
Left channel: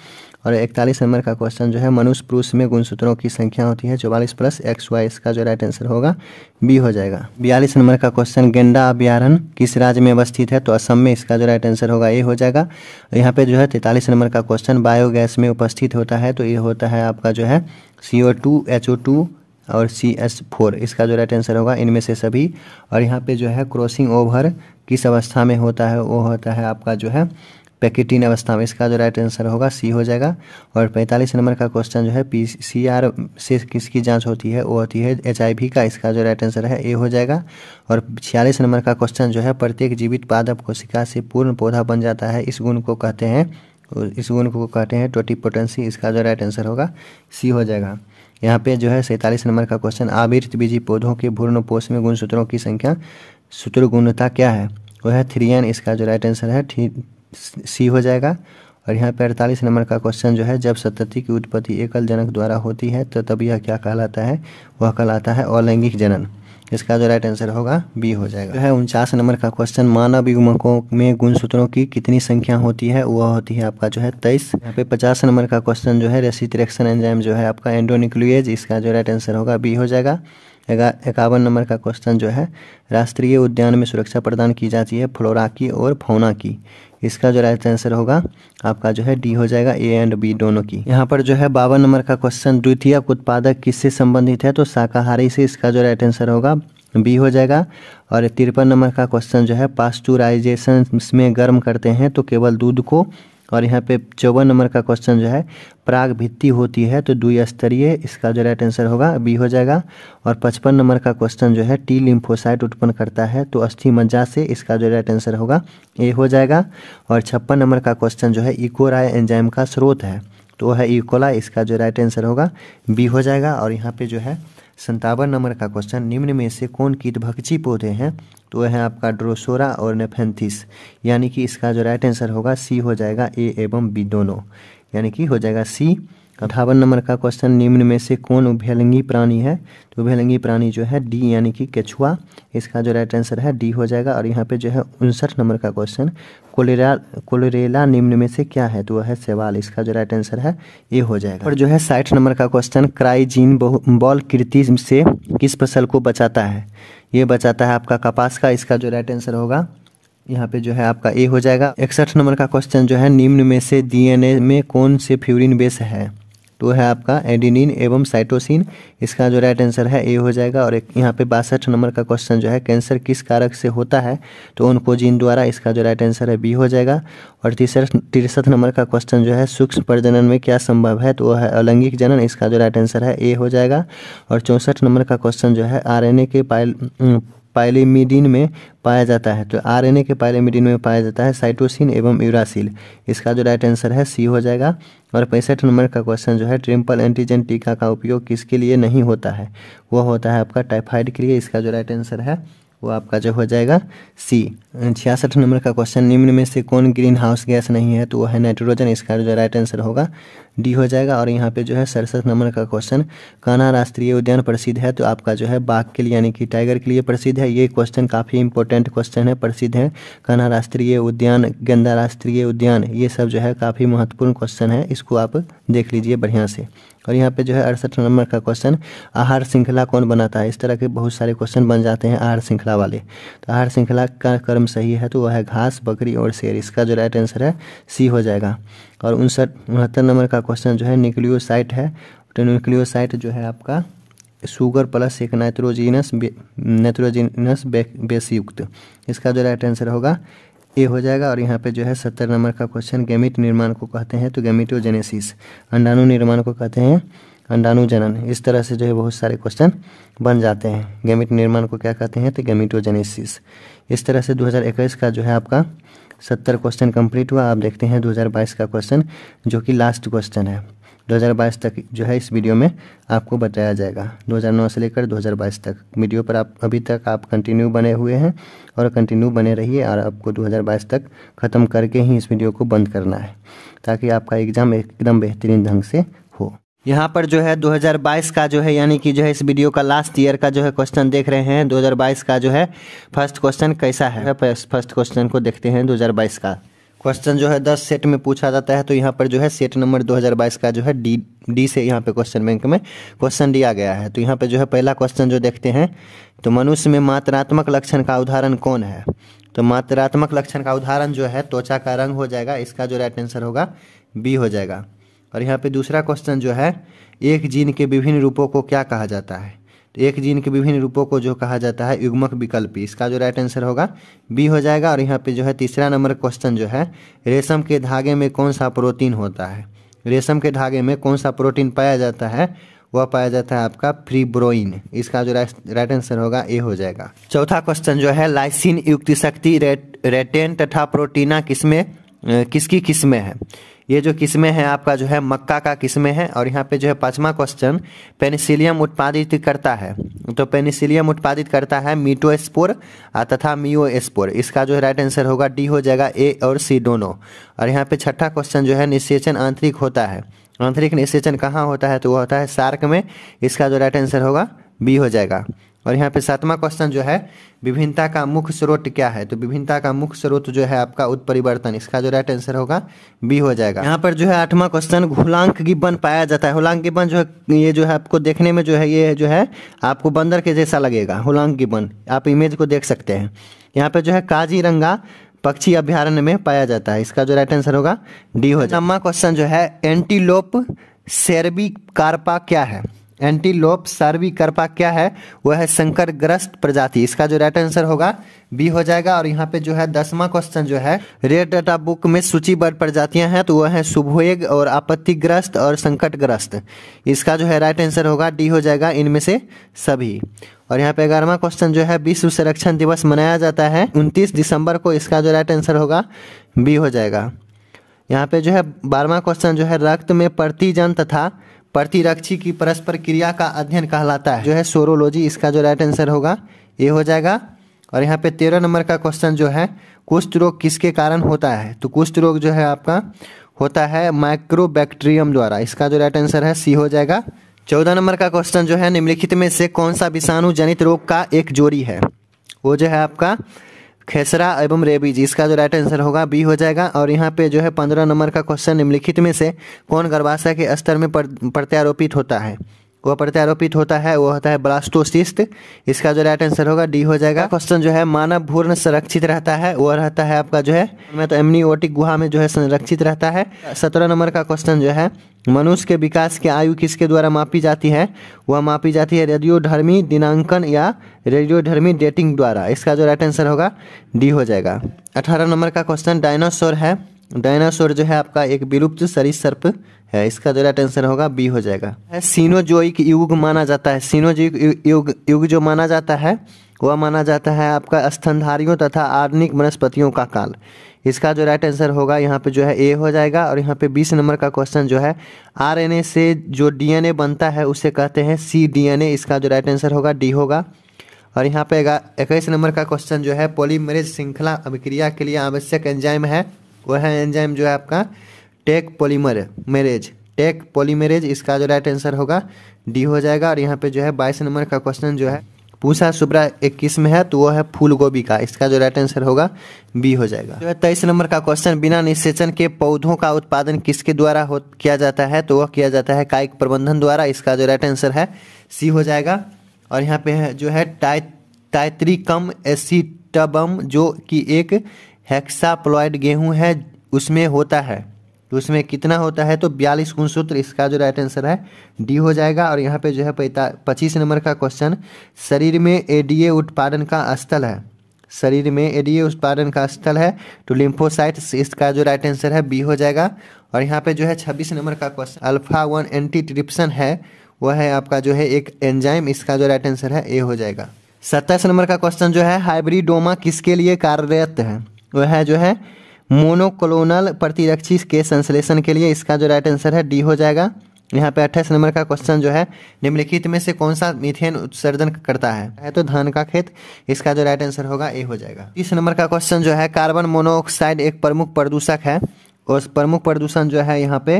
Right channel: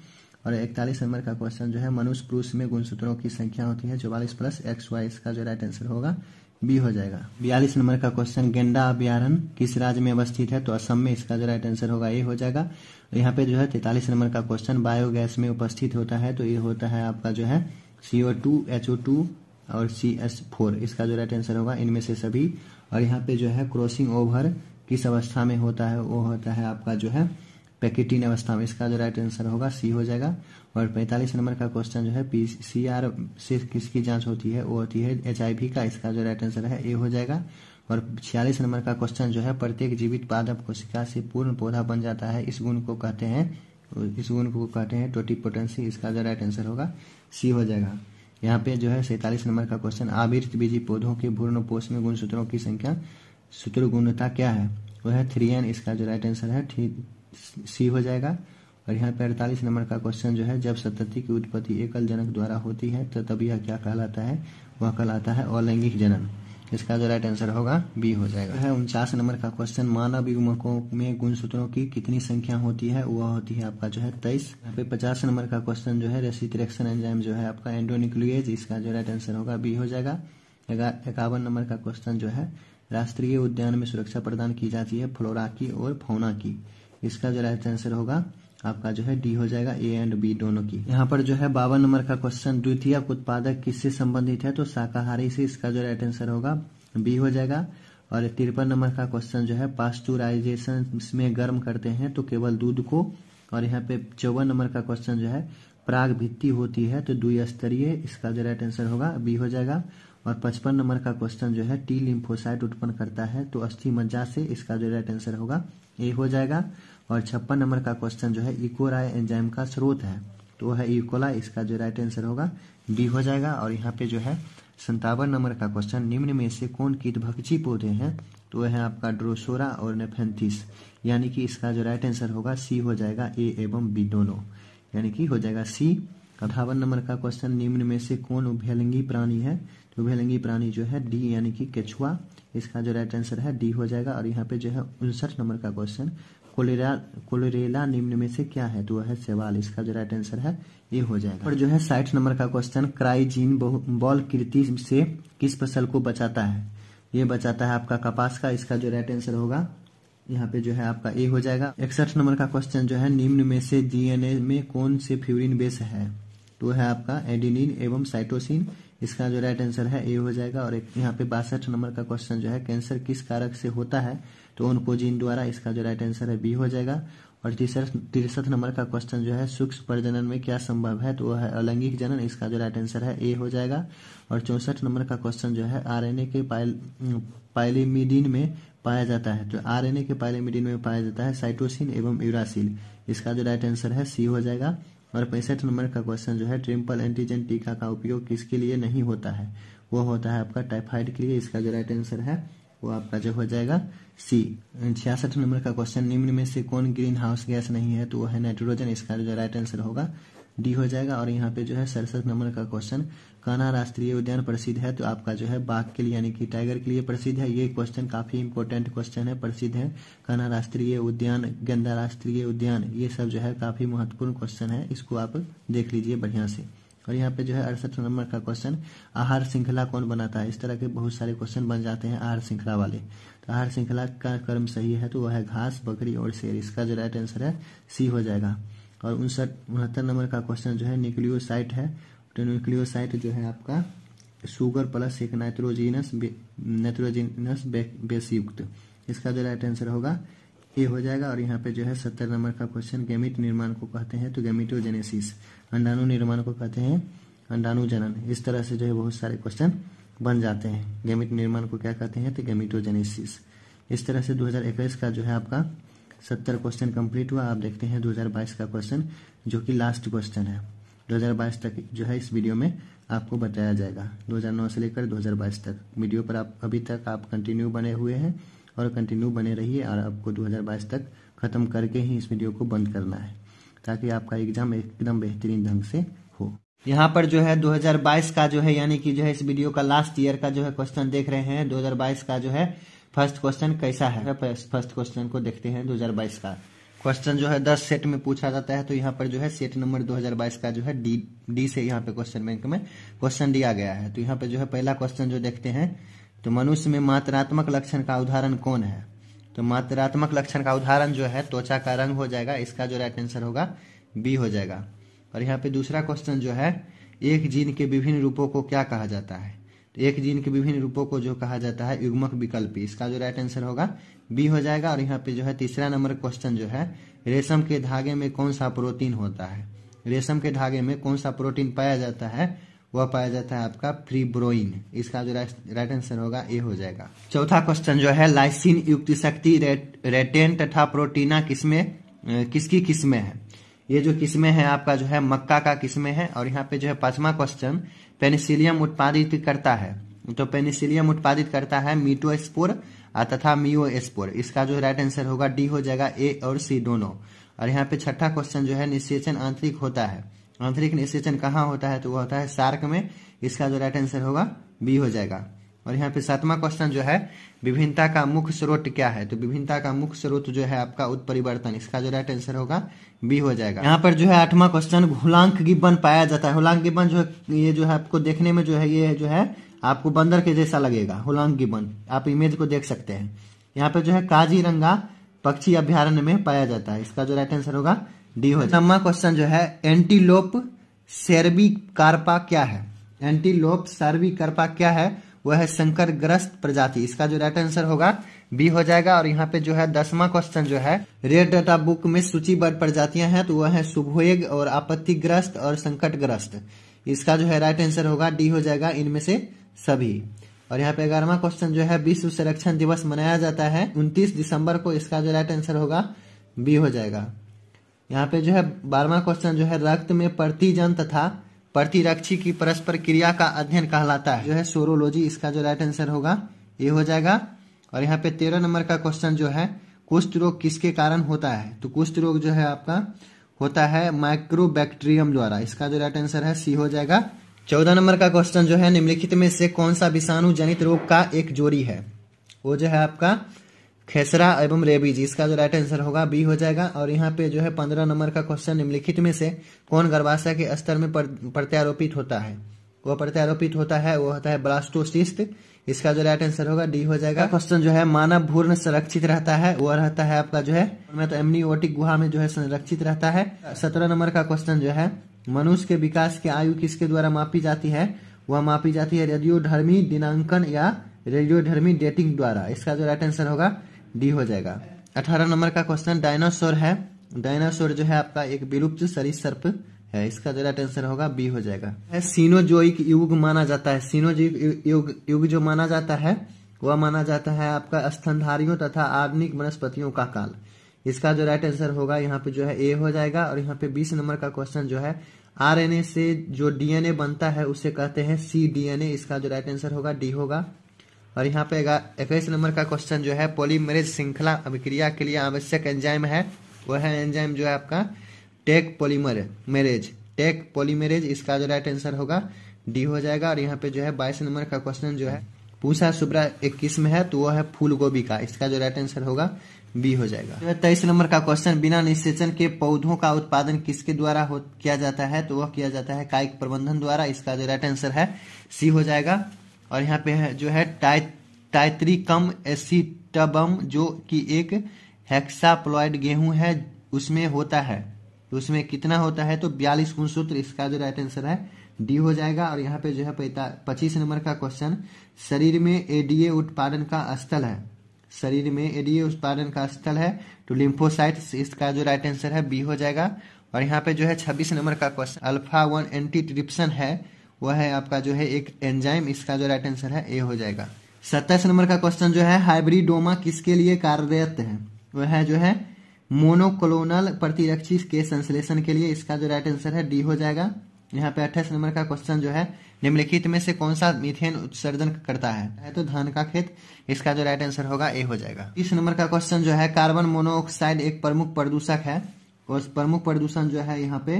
और 41 नंबर का क्वेश्चन जो है, मनुष्य पुरुष में गुणसूत्रों की संख्या होती है 44 + XY, इसका जो राइट आंसर होगा बी हो जाएगा। 42 नंबर का क्वेश्चन, गेंडा अभयारण्य किस राज्य में अवस्थित है? तो असम में, इसका जो राइट आंसर होगा ए हो जाएगा। यहाँ पे जो है 43 नंबर का क्वेश्चन, बायोगैस में उपस्थित होता है तो ये होता है आपका जो है CO2, HO2 और CS4, इसका जो राइट आंसर होगा इनमें से सभी। और यहाँ पे जो है क्रॉसिंग ओवर किस अवस्था में होता है? वो होता है आपका जो है पैकेटिन अवस्था में, इसका जो राइट आंसर होगा सी हो जाएगा। और 45 नंबर का क्वेश्चन जो है, PCR से किसकी जांच होती है? वो होती है HIV का, इसका जो राइट आंसर है ए हो जाएगा। और 46 नंबर का क्वेश्चन जो है, प्रत्येक जीवित पादप कोशिका से पूर्ण पौधा बन जाता है, इस गुण को कहते हैं टोटिपोटेंसी, इसका जो राइट आंसर होगा सी हो जाएगा। यहाँ पे जो है 47 नंबर का क्वेश्चन, आवृत बीजी पौधों के भ्रूणपोष में गुणसूत्रों की संख्या सूत्र गुणता क्या है? वो है 3n, इसका जो राइट आंसर है सी हो जाएगा। और यहाँ पे 48 नंबर का क्वेश्चन जो है, जब संतति की उत्पत्ति एकल जनक द्वारा होती है तो तब यह क्या कहलाता है? वह कहलाता है अलैंगिक जनन, इसका जो राइट आंसर होगा बी हो जाएगा। जो है 49 नंबर का क्वेश्चन, मानव युग्मकों में गुणसूत्रों की कितनी संख्या होती है? वह होती है आपका जो है 23। यहाँ पे 50 नंबर का क्वेश्चन जो है, रेसिप्रोकेशन एंजाइम जो है आपका एंडोन्यूक्लिएज, इसका जो राइट आंसर होगा बी हो जाएगा। 51 नंबर का क्वेश्चन जो है, राष्ट्रीय उद्यान में सुरक्षा प्रदान की जाती है फ्लोरा की और फौना की, इसका जो राइट आंसर होगा आपका जो है डी हो जाएगा, ए एंड बी दोनों की। यहाँ पर जो है 52 नंबर का क्वेश्चन, द्वितीयक उत्पादक किससे संबंधित है? तो शाकाहारी से, इसका जो राइट आंसर होगा बी हो जाएगा। और 53 नंबर का क्वेश्चन जो है, पास्चुराइजेशन में गर्म करते हैं तो केवल दूध को। और यहाँ पे 54 नंबर का क्वेश्चन जो है, पराग भित्ति होती है तो द्विस्तरीय, इसका जो राइट आंसर होगा बी हो जाएगा। और 55 नंबर का क्वेश्चन जो है, टी लिम्फोसाइट उत्पन्न करता है तो अस्थि मज्जा से, इसका जो राइट आंसर होगा ए हो जाएगा। और 56 नंबर का क्वेश्चन जो है, इकोराय एंजाइम का स्रोत है तो वह है इकोला, इसका जो राइट आंसर होगा बी हो जाएगा। और यहाँ पे जो है 57 नंबर का क्वेश्चन, निम्न में से कौन कीटभक्षी पौधे हैं? तो वह है आपका ड्रोसोरा और नेफेंथिस, यानी कि इसका जो राइट आंसर होगा सी हो जाएगा, ए एवं बी दोनों, यानी कि हो जाएगा सी। 58 नंबर का क्वेश्चन, निम्न में से कौन उभयलिंगी प्राणी है? तो उभयलिंगी प्राणी जो है डी, यानी कि केचुआ, इसका जो राइट आंसर है डी हो जाएगा। और यहाँ पे जो है 59 नंबर का क्वेश्चन, कोलेरेला निम्न में से क्या है? तो वह है शैवाल, इसका जो राइट आंसर है ये हो जाएगा। और जो है 60 नंबर का क्वेश्चन, क्राइजीन बॉल कृति से किस फसल को बचाता है? ये बचाता है आपका कपास का, इसका जो राइट आंसर होगा यहाँ पे जो है आपका ए हो जाएगा। 61 नंबर का क्वेश्चन जो है, निम्न में से DNA में कौन से फ्यूरिन बेस है? तो है आपका एडिनिन एवं साइटोसिन। इसका जो राइट आंसर है ए हो जाएगा। और एक यहाँ पे 62 नंबर का क्वेश्चन जो है कैंसर किस कारक से होता है, तो ओन्कोजीन द्वारा। इसका जो राइट आंसर है बी हो जाएगा। और 63 नंबर का क्वेश्चन जो है सूक्ष्म प्रजनन में क्या संभव है, तो वह है अलैंगिक जनन। इसका जो राइट आंसर है ए हो जाएगा। और 64 नंबर का क्वेश्चन जो है आरएनए के पाइलिमिडीन में पाया जाता है, तो आरएनए के पाइलिमिडीन में पाया जाता है साइटोसिन एवं यूरासिल। इसका जो राइट आंसर है सी हो जाएगा। और 65 नंबर का क्वेश्चन जो है ट्रिपल एंटीजन टीका का उपयोग किसके लिए नहीं होता है, वह होता है आपका टाइफाइड के लिए। इसका जो राइट आंसर है वो आपका जो हो जाएगा सी। 66 नंबर का क्वेश्चन निम्न में से कौन ग्रीन हाउस गैस नहीं है, तो वह है नाइट्रोजन। इसका जो राइट आंसर होगा डी हो जाएगा। और यहाँ पे जो है 67 नंबर का क्वेश्चन कान्हा राष्ट्रीय उद्यान प्रसिद्ध है, तो आपका जो है बाघ के लिए यानी कि टाइगर के लिए प्रसिद्ध है। ये क्वेश्चन काफ़ी इंपॉर्टेंट क्वेश्चन है, प्रसिद्ध है कान्हा राष्ट्रीय उद्यान, गंदा राष्ट्रीय उद्यान, ये सब जो है काफ़ी महत्वपूर्ण क्वेश्चन है, इसको आप देख लीजिए बढ़िया से। और यहाँ पे जो है 68 नंबर का क्वेश्चन आहार श्रृंखला कौन बनाता है। इस तरह के बहुत सारे क्वेश्चन बन जाते हैं आहार श्रृंखला वाले। तो आहार श्रृंखला का क्रम सही है, तो वह है घास, बकरी और शेर। इसका जो राइट आंसर है सी हो जाएगा। और 69 नंबर का क्वेश्चन जो है न्यूक्लियोसाइट है, तो न्यूक्लियोसाइट जो है आपका शुगर प्लस एक नाइट्रोजिनस बेस युक्त। इसका जो राइट आंसर होगा ए हो जाएगा। और यहाँ पे जो है 70 नंबर का क्वेश्चन गैमीट निर्माण को कहते हैं, तो गैमीटोजेनेसिस। अंडाणु निर्माण को कहते हैं अंडाणु जनन। इस तरह से जो है बहुत सारे क्वेश्चन बन जाते हैं। गैमीट निर्माण को क्या कहते हैं, तो गैमीटोजेनेसिस। इस तरह से 2021 का जो है आपका 70 क्वेश्चन कंप्लीट हुआ। आप देखते हैं 2022 का क्वेश्चन जो कि लास्ट क्वेश्चन है। 2022 तक जो है इस वीडियो में आपको बताया जाएगा। 2009 से लेकर 2022 तक वीडियो पर आप अभी तक आप कंटिन्यू बने हुए हैं और कंटिन्यू बने रहिए। और आपको 2022 तक ख़त्म करके ही इस वीडियो को बंद करना है, ताकि आपका एग्ज़ाम एकदम बेहतरीन ढंग से हो। यहाँ पर जो है 2022 का जो है यानी कि जो है इस वीडियो का लास्ट ईयर का जो है क्वेश्चन देख रहे हैं। 2022 का जो है फर्स्ट क्वेश्चन कैसा है, फर्स्ट क्वेश्चन को देखते हैं। 2022 का क्वेश्चन जो है 10 सेट में पूछा जाता है, तो यहाँ पर जो है सेट नंबर 2022 का जो है डी से यहाँ पे क्वेश्चन बैंक में क्वेश्चन दिया गया है। तो यहाँ पे जो है पहला क्वेश्चन जो देखते हैं, तो मनुष्य में मात्रात्मक लक्षण का उदाहरण कौन है। तो मात्रात्मक लक्षण का उदाहरण जो है त्वचा का रंग हो जाएगा। इसका जो राइट आंसर होगा बी हो जाएगा। और यहाँ पे दूसरा क्वेश्चन जो है एक जीन के विभिन्न रूपों को क्या कहा जाता है। तो एक जीन के विभिन्न रूपों को जो कहा जाता है युग्मक विकल्पी। इसका जो राइट आंसर होगा बी हो जाएगा। और यहाँ पे जो है तीसरा नंबर क्वेश्चन जो है रेशम के धागे में कौन सा प्रोटीन होता है। रेशम के धागे में कौन सा प्रोटीन पाया जाता है, वह पाया जाता है आपका फ्रीब्रोइन। इसका जो राइट आंसर होगा ए हो जाएगा। चौथा क्वेश्चन जो है लाइसिन युक्त शक्ति रेटेन तथा प्रोटीना किसकी किस्में है। ये जो किस्में हैं आपका जो है मक्का का किस्में है। और यहाँ पे जो है पांचवा क्वेश्चन पेनिसिलियम उत्पादित करता है। तो पेनिसिलियम उत्पादित करता है मीटोस्पोर तथा मियोस्पोर। इसका जो है राइट आंसर होगा डी हो जाएगा, ए और सी दोनों। और यहाँ पे छठा क्वेश्चन जो है निषेचन आंतरिक होता है। आंतरिक निषेचन कहाँ होता है, तो वो होता है शार्क में। इसका जो राइट आंसर होगा बी हो जाएगा। और यहाँ पे सातवां क्वेश्चन जो है विभिन्नता का मुख्य स्रोत क्या है। तो विभिन्नता का मुख्य स्रोत जो है आपका उत्परिवर्तन। इसका जो राइट आंसर होगा बी हो जाएगा। यहाँ पर जो है आठवां क्वेश्चन हुलांक गिब्बन पाया जाता है। हुलांक गिब्बन जो है ये जो है आपको देखने में जो है ये जो है आपको बंदर के जैसा लगेगा। हुलांक गिब्बन आप इमेज को देख सकते हैं। यहाँ पे जो है काजीरंगा पक्षी अभ्यारण्य में पाया जाता है। इसका जो राइट आंसर होगा डी हो जाएगा। नौवां क्वेश्चन जो है एंटीलोप सेर्विकार्पा क्या है। एंटीलोप सर्विकर्पा क्या है, वह है संकरग्रस्त प्रजाति। इसका जो राइट आंसर होगा बी हो जाएगा। और यहाँ पे जो है 10वां क्वेश्चन जो है रेड डाटा बुक में सूचीबद्ध प्रजातियां हैं, तो वह है शुभोएग और आपत्तिग्रस्त और संकटग्रस्त। इसका जो है राइट आंसर होगा डी हो जाएगा, इनमें से सभी। और यहाँ पे 11वां क्वेश्चन जो है विश्व संरक्षण दिवस मनाया जाता है 29 दिसंबर को। इसका जो राइट आंसर होगा बी हो जाएगा। यहाँ पे जो है 12वां क्वेश्चन जो है रक्त में प्रतिजन तथा प्रतिरक्षी की परस्पर क्रिया का अध्ययन कहलाता है, जो है सोरोलॉजी। इसका जो राइट आंसर होगा ए हो जाएगा। और यहाँ पे 13 नंबर का क्वेश्चन जो है कुष्ठ रोग किसके कारण होता है। तो कुष्ठ रोग जो है आपका होता है माइक्रोबैक्टीरियम द्वारा। इसका जो राइट आंसर है सी हो जाएगा। 14 नंबर का क्वेश्चन जो है निम्नलिखित में से कौन सा विषाणु जनित रोग का एक जोड़ी है। वो जो है आपका खेसरा एवं रेबीज। इसका जो राइट आंसर होगा बी हो जाएगा। और यहाँ पे जो है 15 नंबर का क्वेश्चन निम्नलिखित में से कौन गर्भाशय के स्तर में प्रत्यारोपित होता है। वह प्रत्यारोपित होता है वो होता है ब्लास्टोसिस्ट। इसका जो राइट आंसर होगा डी हो जाएगा। क्वेश्चन जो है मानव भ्रूण संरक्षित रहता है, वो रहता है आपका जो है मैं तो एमनियोटिक गुहा में जो है संरक्षित रहता है। 17 नंबर का क्वेश्चन जो है मनुष्य के विकास की आयु किसके द्वारा मापी जाती है? वह मापी जाती है रेडियोधर्मी दिनांकन या रेडियोधर्मी डेटिंग द्वारा। इसका जो राइट आंसर होगा डी हो जाएगा। 18 नंबर का क्वेश्चन डायनासोर है। डायनासोर जो है आपका एक विलुप्त सरीसृप है। इसका जो राइट आंसर होगा बी हो जाएगा। सीनोजोइक युग माना जाता है। सीनोजोइक युग जो माना जाता है वह माना जाता है आपका स्तनधारियों तथा आर्निक वनस्पतियों का काल। इसका जो राइट आंसर होगा यहाँ पे जो है ए हो जाएगा। और यहाँ पे 20 नंबर का क्वेश्चन जो है आरएनए से जो डीएनए बनता है उसे कहते हैं cDNA। इसका जो राइट आंसर होगा डी होगा। और यहाँ पे 21 नंबर का क्वेश्चन जो है पॉलीमरेज श्रृंखला अभिक्रिया के लिए आवश्यक एंजाइम है, वह है एंजाइम जो है आपका टेक पॉलीमरेज। इसका जो राइट आंसर होगा डी हो जाएगा। और यहाँ पे जो है 22 नंबर का क्वेश्चन जो है पूसा सुब्रा एक किस्म है तो वो है फूल गोभी का। इसका जो राइट आंसर होगा बी हो जाएगा। जो है 23 नंबर का क्वेश्चन बिना निषेचन के पौधों का उत्पादन किसके द्वारा किया जाता है? तो वह किया जाता है कायिक प्रबंधन द्वारा। इसका जो राइट आंसर है सी हो जाएगा। और यहाँ पे जो है टाइट्रिकम एसिटबम जो कि एक हेक्साप्लॉइड गेहूं है उसमें होता है, तो उसमें कितना होता है? तो 42 गुणसूत्र। इसका जो राइट आंसर है डी हो जाएगा। और यहाँ पे जो है 25 नंबर का क्वेश्चन शरीर में एडीए उत्पादन का स्थल है। शरीर में एडीए उत्पादन का स्थल है तो लिम्फोसाइट्स। इसका जो राइट आंसर है बी हो जाएगा। और यहाँ पे जो है 26 नंबर का क्वेश्चन अल्फा 1 एंटीट्रिप्सन है, वह है आपका जो है एक एंजाइम। इसका जो राइट आंसर है ए हो जाएगा। 27 नंबर का क्वेश्चन जो है हाइब्रिडोमा किसके लिए कार्यरत है? वह है जो है मोनोक्लोनल प्रतिरक्षी के संश्लेषण के लिए। इसका जो राइट आंसर है डी हो जाएगा। यहाँ पे 28 नंबर का क्वेश्चन जो है निम्नलिखित में से कौन सा मीथेन उत्सर्जन करता है? तो धान का खेत। इसका जो राइट आंसर होगा ए हो जाएगा। 30 नंबर का क्वेश्चन जो है कार्बन मोनोऑक्साइड एक प्रमुख प्रदूषक है और प्रमुख प्रदूषण जो है यहाँ पे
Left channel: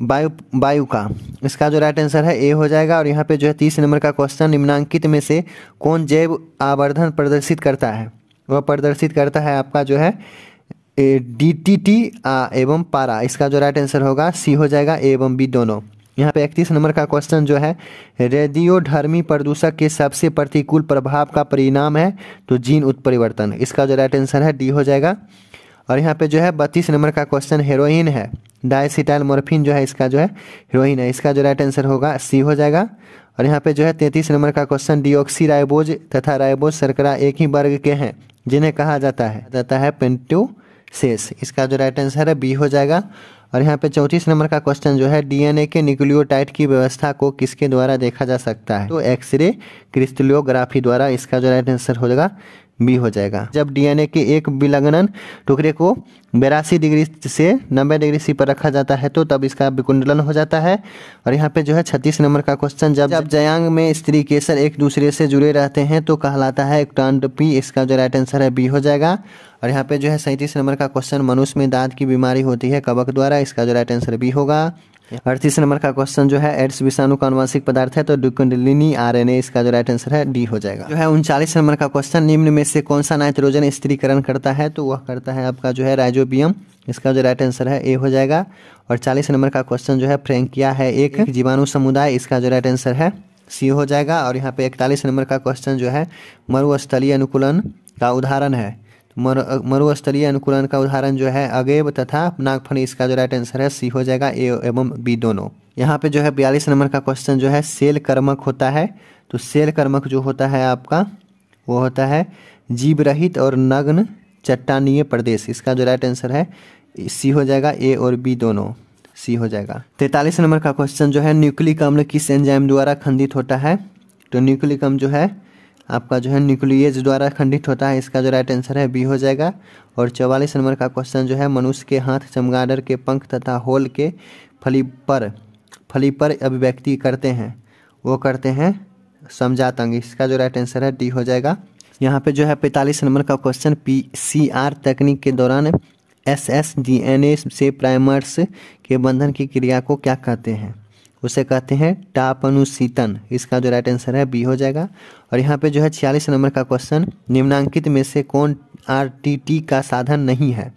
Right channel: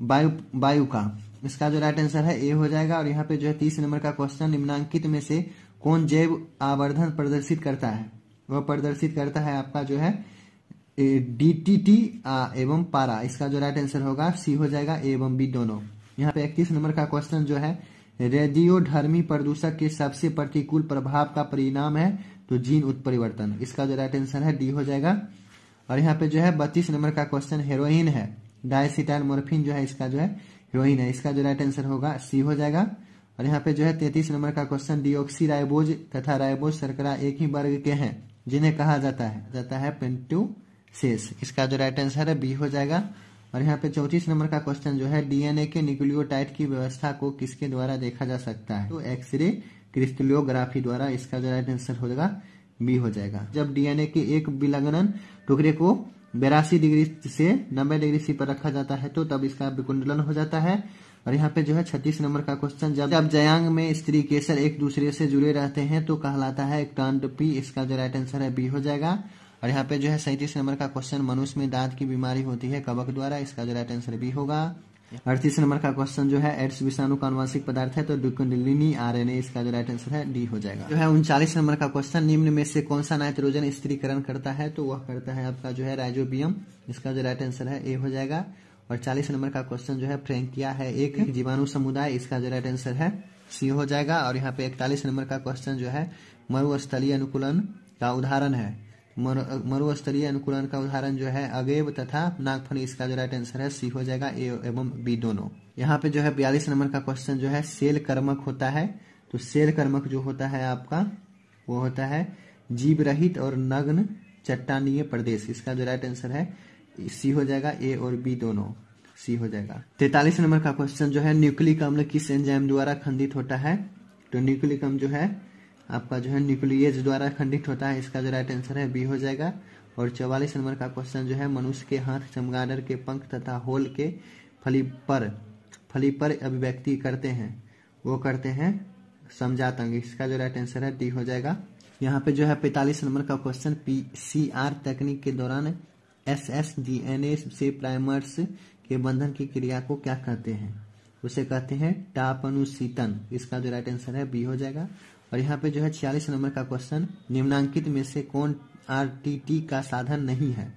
वायु का। इसका जो राइट आंसर है ए हो जाएगा। और यहाँ पे जो है 30 नंबर का क्वेश्चन निम्नांकित में से कौन जैव आवर्धन प्रदर्शित करता है? वह प्रदर्शित करता है आपका जो है DDT एवं पारा। इसका जो राइट आंसर होगा सी हो जाएगा, ए एवं बी दोनों। यहाँ पे 31 नंबर का क्वेश्चन जो है रेडियोधर्मी प्रदूषक के सबसे प्रतिकूल प्रभाव का परिणाम है तो जीन उत्परिवर्तन। इसका जो राइट आंसर है डी हो जाएगा। और यहाँ पे जो है 32 नंबर का क्वेश्चन हेरोइन है। डायसिटाइल मोर्फिन जो है इसका जो है हेरोइन है। इसका जो राइट आंसर होगा सी हो जाएगा। और यहाँ पे जो है 33 नंबर का क्वेश्चन डीऑक्सी राइबोज तथा राइबोज शर्करा एक ही वर्ग के हैं जिन्हें कहा जाता है पेंटोसेस। इसका जो राइट आंसर है बी हो जाएगा। और यहाँ पे 34 नंबर का क्वेश्चन जो है डीएनए के न्यूक्लियोटाइड की व्यवस्था को किसके द्वारा देखा जा सकता है? तो एक्सरे क्रिस्टलोग्राफी द्वारा। इसका जो राइट आंसर हो जाएगा बी हो जाएगा। जब डीएनए के एक विलग्नन टुकड़े को 82 डिग्री से 90 डिग्री सी पर रखा जाता है तो तब इसका विकुंडलन हो जाता है। और यहाँ पे जो है 36 नंबर का क्वेश्चन जब जयांग में स्त्री केसर एक दूसरे से जुड़े रहते हैं तो कहलाता है एक्टांडपी। इसका जो राइट आंसर है बी हो जाएगा। और यहाँ पे जो है 37 नंबर का क्वेश्चन मनुष्य में दांत की बीमारी होती है कवक द्वारा। इसका जो राइट आंसर बी होगा। 38 नंबर का क्वेश्चन जो है एड्स विषाणु का आनुवंशिक पदार्थ है तो डुकुंडलिनी आरएनए। इसका जो राइट आंसर है डी हो जाएगा। जो है 39 नंबर का क्वेश्चन निम्न में से कौन सा नाइट्रोजन स्थिरीकरण करता है? तो वह करता है आपका जो है राइजोबियम। इसका जो राइट आंसर है ए हो जाएगा। और 40 नंबर का क्वेश्चन जो है फ्रैंकिया है एक जीवाणु समुदाय। इसका जो राइट आंसर है सी हो जाएगा। और यहाँ पे 41 नंबर का क्वेश्चन जो है मरुस्थलीय अनुकूलन का उदाहरण है। मरुस्थलीय अनुकूलन का उदाहरण जो है अगेव तथा नागफनी। इसका जो राइट आंसर है सी हो जाएगा, ए एवं बी दोनों। यहाँ पे जो है 42 नंबर का क्वेश्चन जो है सेल कर्मक होता है। तो सेल कर्मक जो होता है आपका वो होता है जीव रहित और नग्न चट्टानीय प्रदेश। इसका जो राइट आंसर है सी हो जाएगा, ए और बी दोनों सी हो जाएगा। 43 नंबर का क्वेश्चन जो है न्यूक्लिक अम्ल किस एंजाइम द्वारा खंडित होता है? तो न्यूक्लिक अम्ल जो है आपका जो है न्यूक्लियेज द्वारा खंडित होता है। इसका जो राइट आंसर है बी हो जाएगा। और 44 नंबर का क्वेश्चन जो है मनुष्य के हाथ चमगादड़ के पंख तथा होल के फली पर अभिव्यक्ति करते हैं, वो करते हैं समझात अंग। इसका जो राइट आंसर है डी हो जाएगा। यहाँ पे जो है 45 नंबर का क्वेश्चन PCR तकनीक के दौरान SSDNA से प्राइमर्स के बंधन की क्रिया को क्या कहते हैं? उसे कहते हैं टापनुशीतन। इसका जो राइट आंसर है बी हो जाएगा। और यहाँ पे जो है 46 नंबर का क्वेश्चन निम्नांकित में से कौन RTT का साधन नहीं है?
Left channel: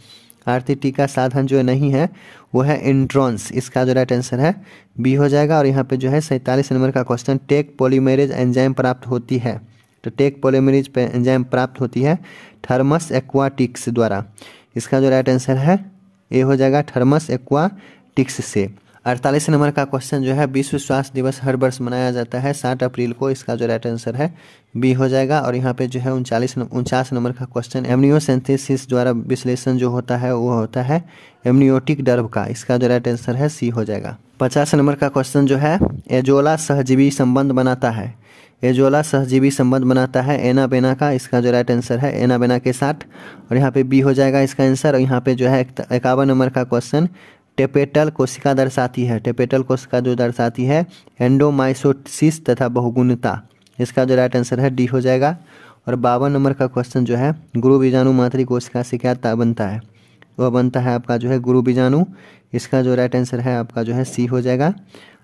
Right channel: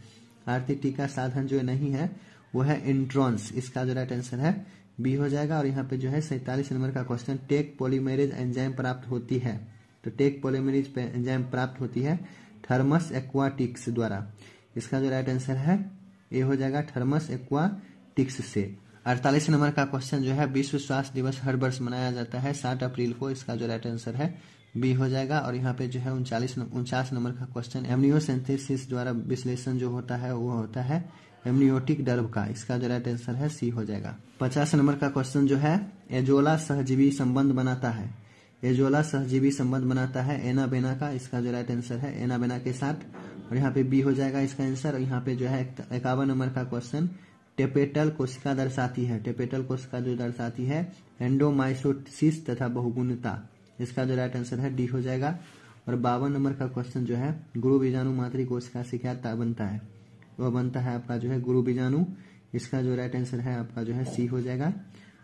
RTT का साधन जो नहीं है वो है इंट्रॉन्स। इसका जो राइट आंसर है बी हो जाएगा। और यहाँ पे जो है 47 नंबर का क्वेश्चन, टेक पॉलीमरेज एंजाइम प्राप्त होती है। तो टेक पॉलीमरेज एंजाइम प्राप्त होती है थर्मस एक्वाटिक्स द्वारा। इसका जो राइट आंसर है ए हो जाएगा थर्मस एक्वाटिक्स से। 48 नंबर का क्वेश्चन जो है, विश्व स्वास्थ्य दिवस हर वर्ष मनाया जाता है 7 अप्रैल को। इसका जो राइट आंसर है बी हो जाएगा। और यहाँ पे जो है 49 नंबर का क्वेश्चन, एमनियोसेंथेसिस द्वारा विश्लेषण जो होता है वो होता है एमनियोटिक द्रव का। इसका जो राइट आंसर है सी हो जाएगा। 50 नंबर का क्वेश्चन जो है, एजोला सहजीवी संबंध बनाता है। एजोला सहजीवी संबंध बनाता है एनाबेना का। इसका जो राइट आंसर है एनाबेना के साथ। और यहाँ पे बी हो जाएगा इसका आंसर। और यहाँ पे जो है 51 नंबर का क्वेश्चन, टेपेटल कोशिका दर्शाती है। टेपेटल कोशिका जो दर्शाती है एंडोमाइटोसिस तथा बहुगुणता। इसका जो राइट आंसर है डी हो जाएगा। और 52 नंबर का क्वेश्चन जो है, गुरु बीजाणु मातृ कोशिका से क्या बनता है? वह बनता है आपका जो है गुरु बीजाणु। इसका जो राइट आंसर है आपका जो है सी हो जाएगा।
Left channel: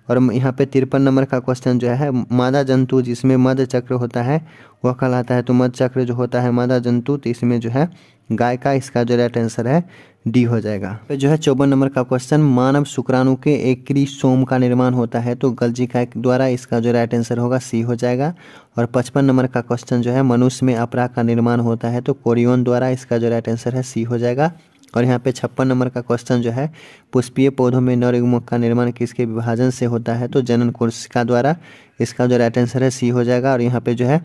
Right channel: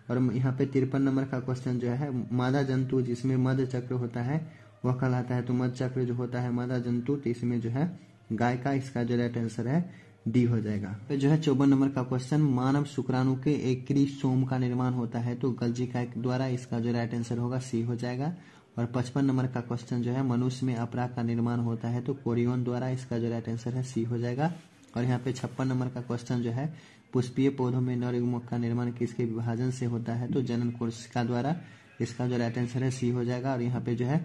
और यहाँ पे 53 नंबर का क्वेश्चन जो है, मादा जंतु जिसमें मध्य चक्र होता है वह कहलाता है। तो मध्य चक्र जो होता है मादा जंतु, तो इसमें जो है गाय का। इसका जो राइट आंसर है डी हो जाएगा। फिर जो है 54 नंबर का क्वेश्चन, मानव शुक्राणु के एक्रीसोम का निर्माण होता है तो गल्जिका द्वारा। इसका जो राइट आंसर होगा सी हो जाएगा। और 55 नंबर का क्वेश्चन जो है, मनुष्य में अपरा का निर्माण होता है तो कोरियन द्वारा। इसका जो राइट आंसर है सी हो जाएगा। और यहाँ पे 56 नंबर का क्वेश्चन जो है, पुष्पीय पौधों में नरयुग्मक का निर्माण किसके विभाजन से होता है तो जनन कोशिका द्वारा। इसका जो राइट आंसर है सी हो जाएगा। और यहाँ पे जो है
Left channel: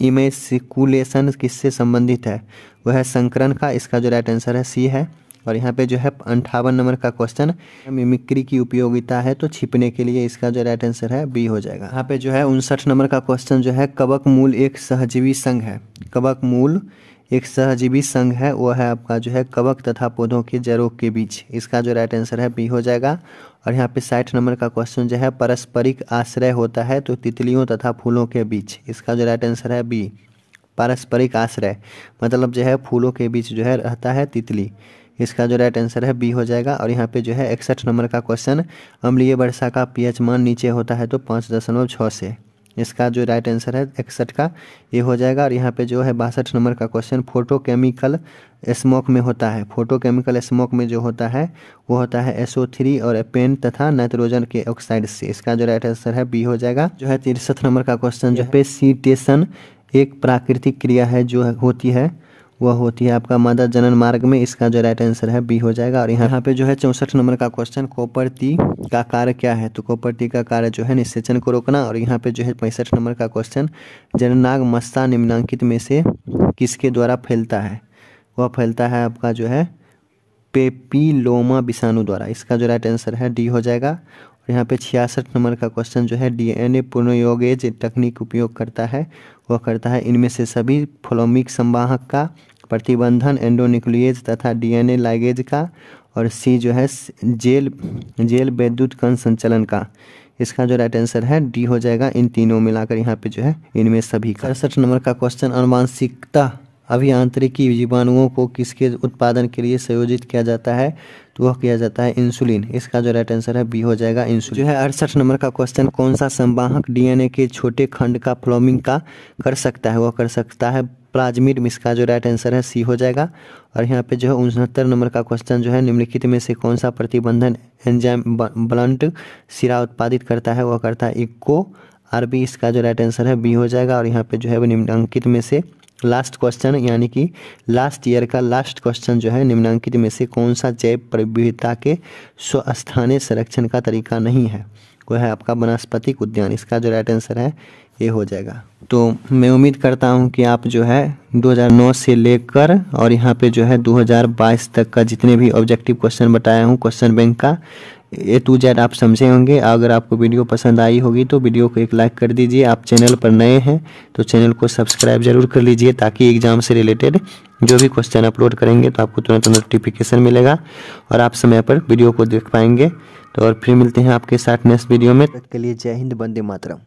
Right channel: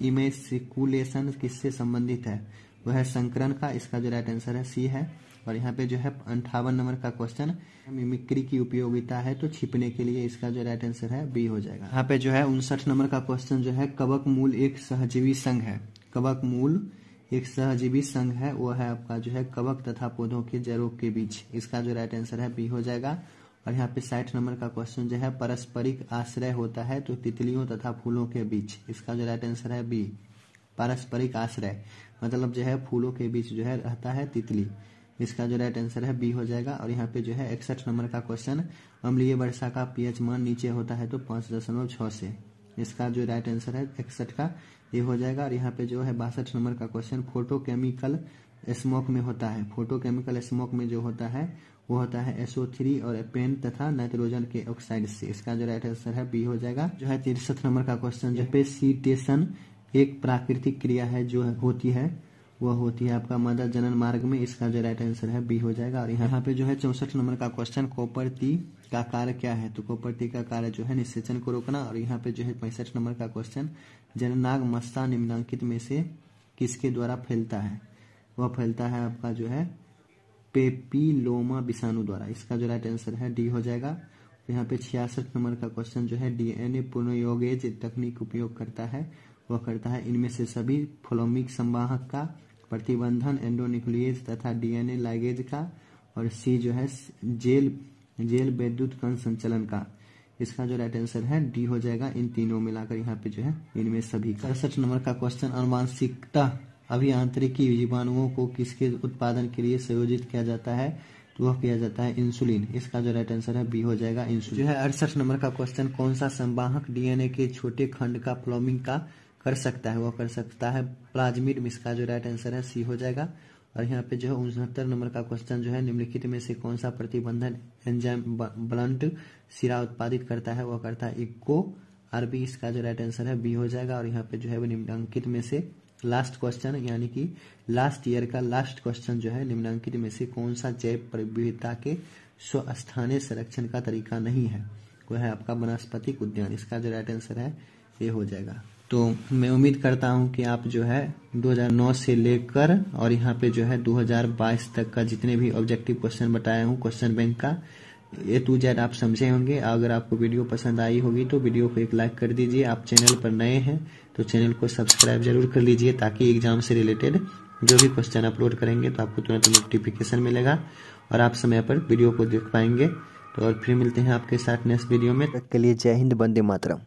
इमेसिकुलेशन किससे संबंधित है? वह है संकरण का। इसका जो राइट आंसर है सी है। और यहाँ पे जो है 58 नंबर का क्वेश्चन, मिमिक्री की उपयोगिता है तो छिपने के लिए। इसका जो राइट आंसर है बी हो जाएगा। यहाँ पे जो है 59 नंबर का क्वेश्चन जो है, कवक मूल एक सहजीवी संघ है। कवक मूल एक सहजीवी संघ है, वह है आपका जो है कवक तथा पौधों के जड़ों के बीच। इसका जो राइट आंसर है बी हो जाएगा। और यहाँ पे 60 नंबर का क्वेश्चन जो है, पारस्परिक आश्रय होता है तो तितलियों तथा फूलों के बीच। इसका जो राइट आंसर है बी, पारस्परिक आश्रय मतलब जो है फूलों के बीच जो है रहता है तितली। इसका जो राइट आंसर है बी हो जाएगा। और यहाँ पे जो है 61 नंबर का क्वेश्चन, अम्लीय वर्षा का पीएच मान नीचे होता है तो 5.6 से। इसका जो राइट आंसर है 61 का ये हो जाएगा। और यहाँ पे जो है 62 नंबर का क्वेश्चन, फोटोकेमिकल स्मोक में होता है। फोटोकेमिकल स्मोक में जो होता है वो होता है SO3 और पेन तथा नाइट्रोजन के ऑक्साइड से। इसका जो राइट आंसर है बी हो जाएगा। जो है 63 नंबर का क्वेश्चन जो है, सीटेशन एक प्राकृतिक क्रिया है जो होती है वह होती है आपका मादा जनन मार्ग में। इसका जो राइट आंसर है बी हो जाएगा। और यहाँ पे जो है 64 नंबर का क्वेश्चन, कोपरती का कार्य क्या है? तो कोपरती का कार्य जो है निषेचन को रोकना। और यहाँ पे जो है 65 नंबर का क्वेश्चन, जननांग मस्ता निम्नांकित में से किसके द्वारा फैलता है? वह फैलता है आपका जो है पेपिलोमा विषाणु द्वारा। इसका जो राइट आंसर है डी हो जाएगा। और यहाँ पे 66 नंबर का क्वेश्चन जो है, DNA पुनर्योगेज तकनीक उपयोग करता है, वह करता है इनमें से सभी फ्लोमिक संवाहक का, प्रतिबंधन एंडोन्यूक्लिएज तथा DNA लाइगेज का। और सी जो है जेल विद्युत कण संचलन का। इसका जो राइट आंसर है डी हो जाएगा। इन तीनों मिलाकर यहाँ पे जो है इनमें सभी का। 67 नंबर का क्वेश्चन, आनुवांशिकता अभियांत्रिकी जीवाणुओं को किसके उत्पादन के लिए संयोजित किया जाता है? तो वह किया जाता है इंसुलिन। इसका जो राइट आंसर है बी हो जाएगा इंसुलिन। जो है 68 नंबर का क्वेश्चन, कौन सा संवाहक DNA के छोटे खंड का फ्लोमिंग का कर सकता है? वह कर सकता है प्लाज्मिड। इसका जो राइट आंसर है सी हो जाएगा। और यहाँ पे जो है 69 नंबर का क्वेश्चन जो है, निम्नलिखित में से कौन सा प्रतिबंधन एंजाइम ब्लंट सिरा उत्पादित करता है? वह करता है इको RB। इसका जो राइट आंसर है बी हो जाएगा। और यहाँ पे जो है निम्नांकित में से लास्ट क्वेश्चन यानी कि लास्ट ईयर का लास्ट क्वेश्चन जो है, निम्नांकित में से कौन सा जैव विविधता के स्वस्थानीय संरक्षण का तरीका नहीं है? वह है आपका वनस्पतिक उद्यान। इसका जो राइट आंसर है ये हो जाएगा। तो मैं उम्मीद करता हूं कि आप जो है 2009 से लेकर और यहाँ पे जो है 2022 तक का जितने भी ऑब्जेक्टिव क्वेश्चन बताया हूँ क्वेश्चन बैंक का A to Z आप समझे होंगे। अगर आपको वीडियो पसंद आई होगी तो वीडियो को एक लाइक कर दीजिए। आप चैनल पर नए हैं तो चैनल को सब्सक्राइब जरूर कर लीजिए, ताकि एग्जाम से रिलेटेड जो भी क्वेश्चन अपलोड करेंगे तो आपको तुरंत नोटिफिकेशन मिलेगा और आप समय पर वीडियो को देख पाएंगे। तो और फिर मिलते हैं आपके साथ नेक्स्ट वीडियो में। तक के लिए जय हिंद, वंदे मातरम।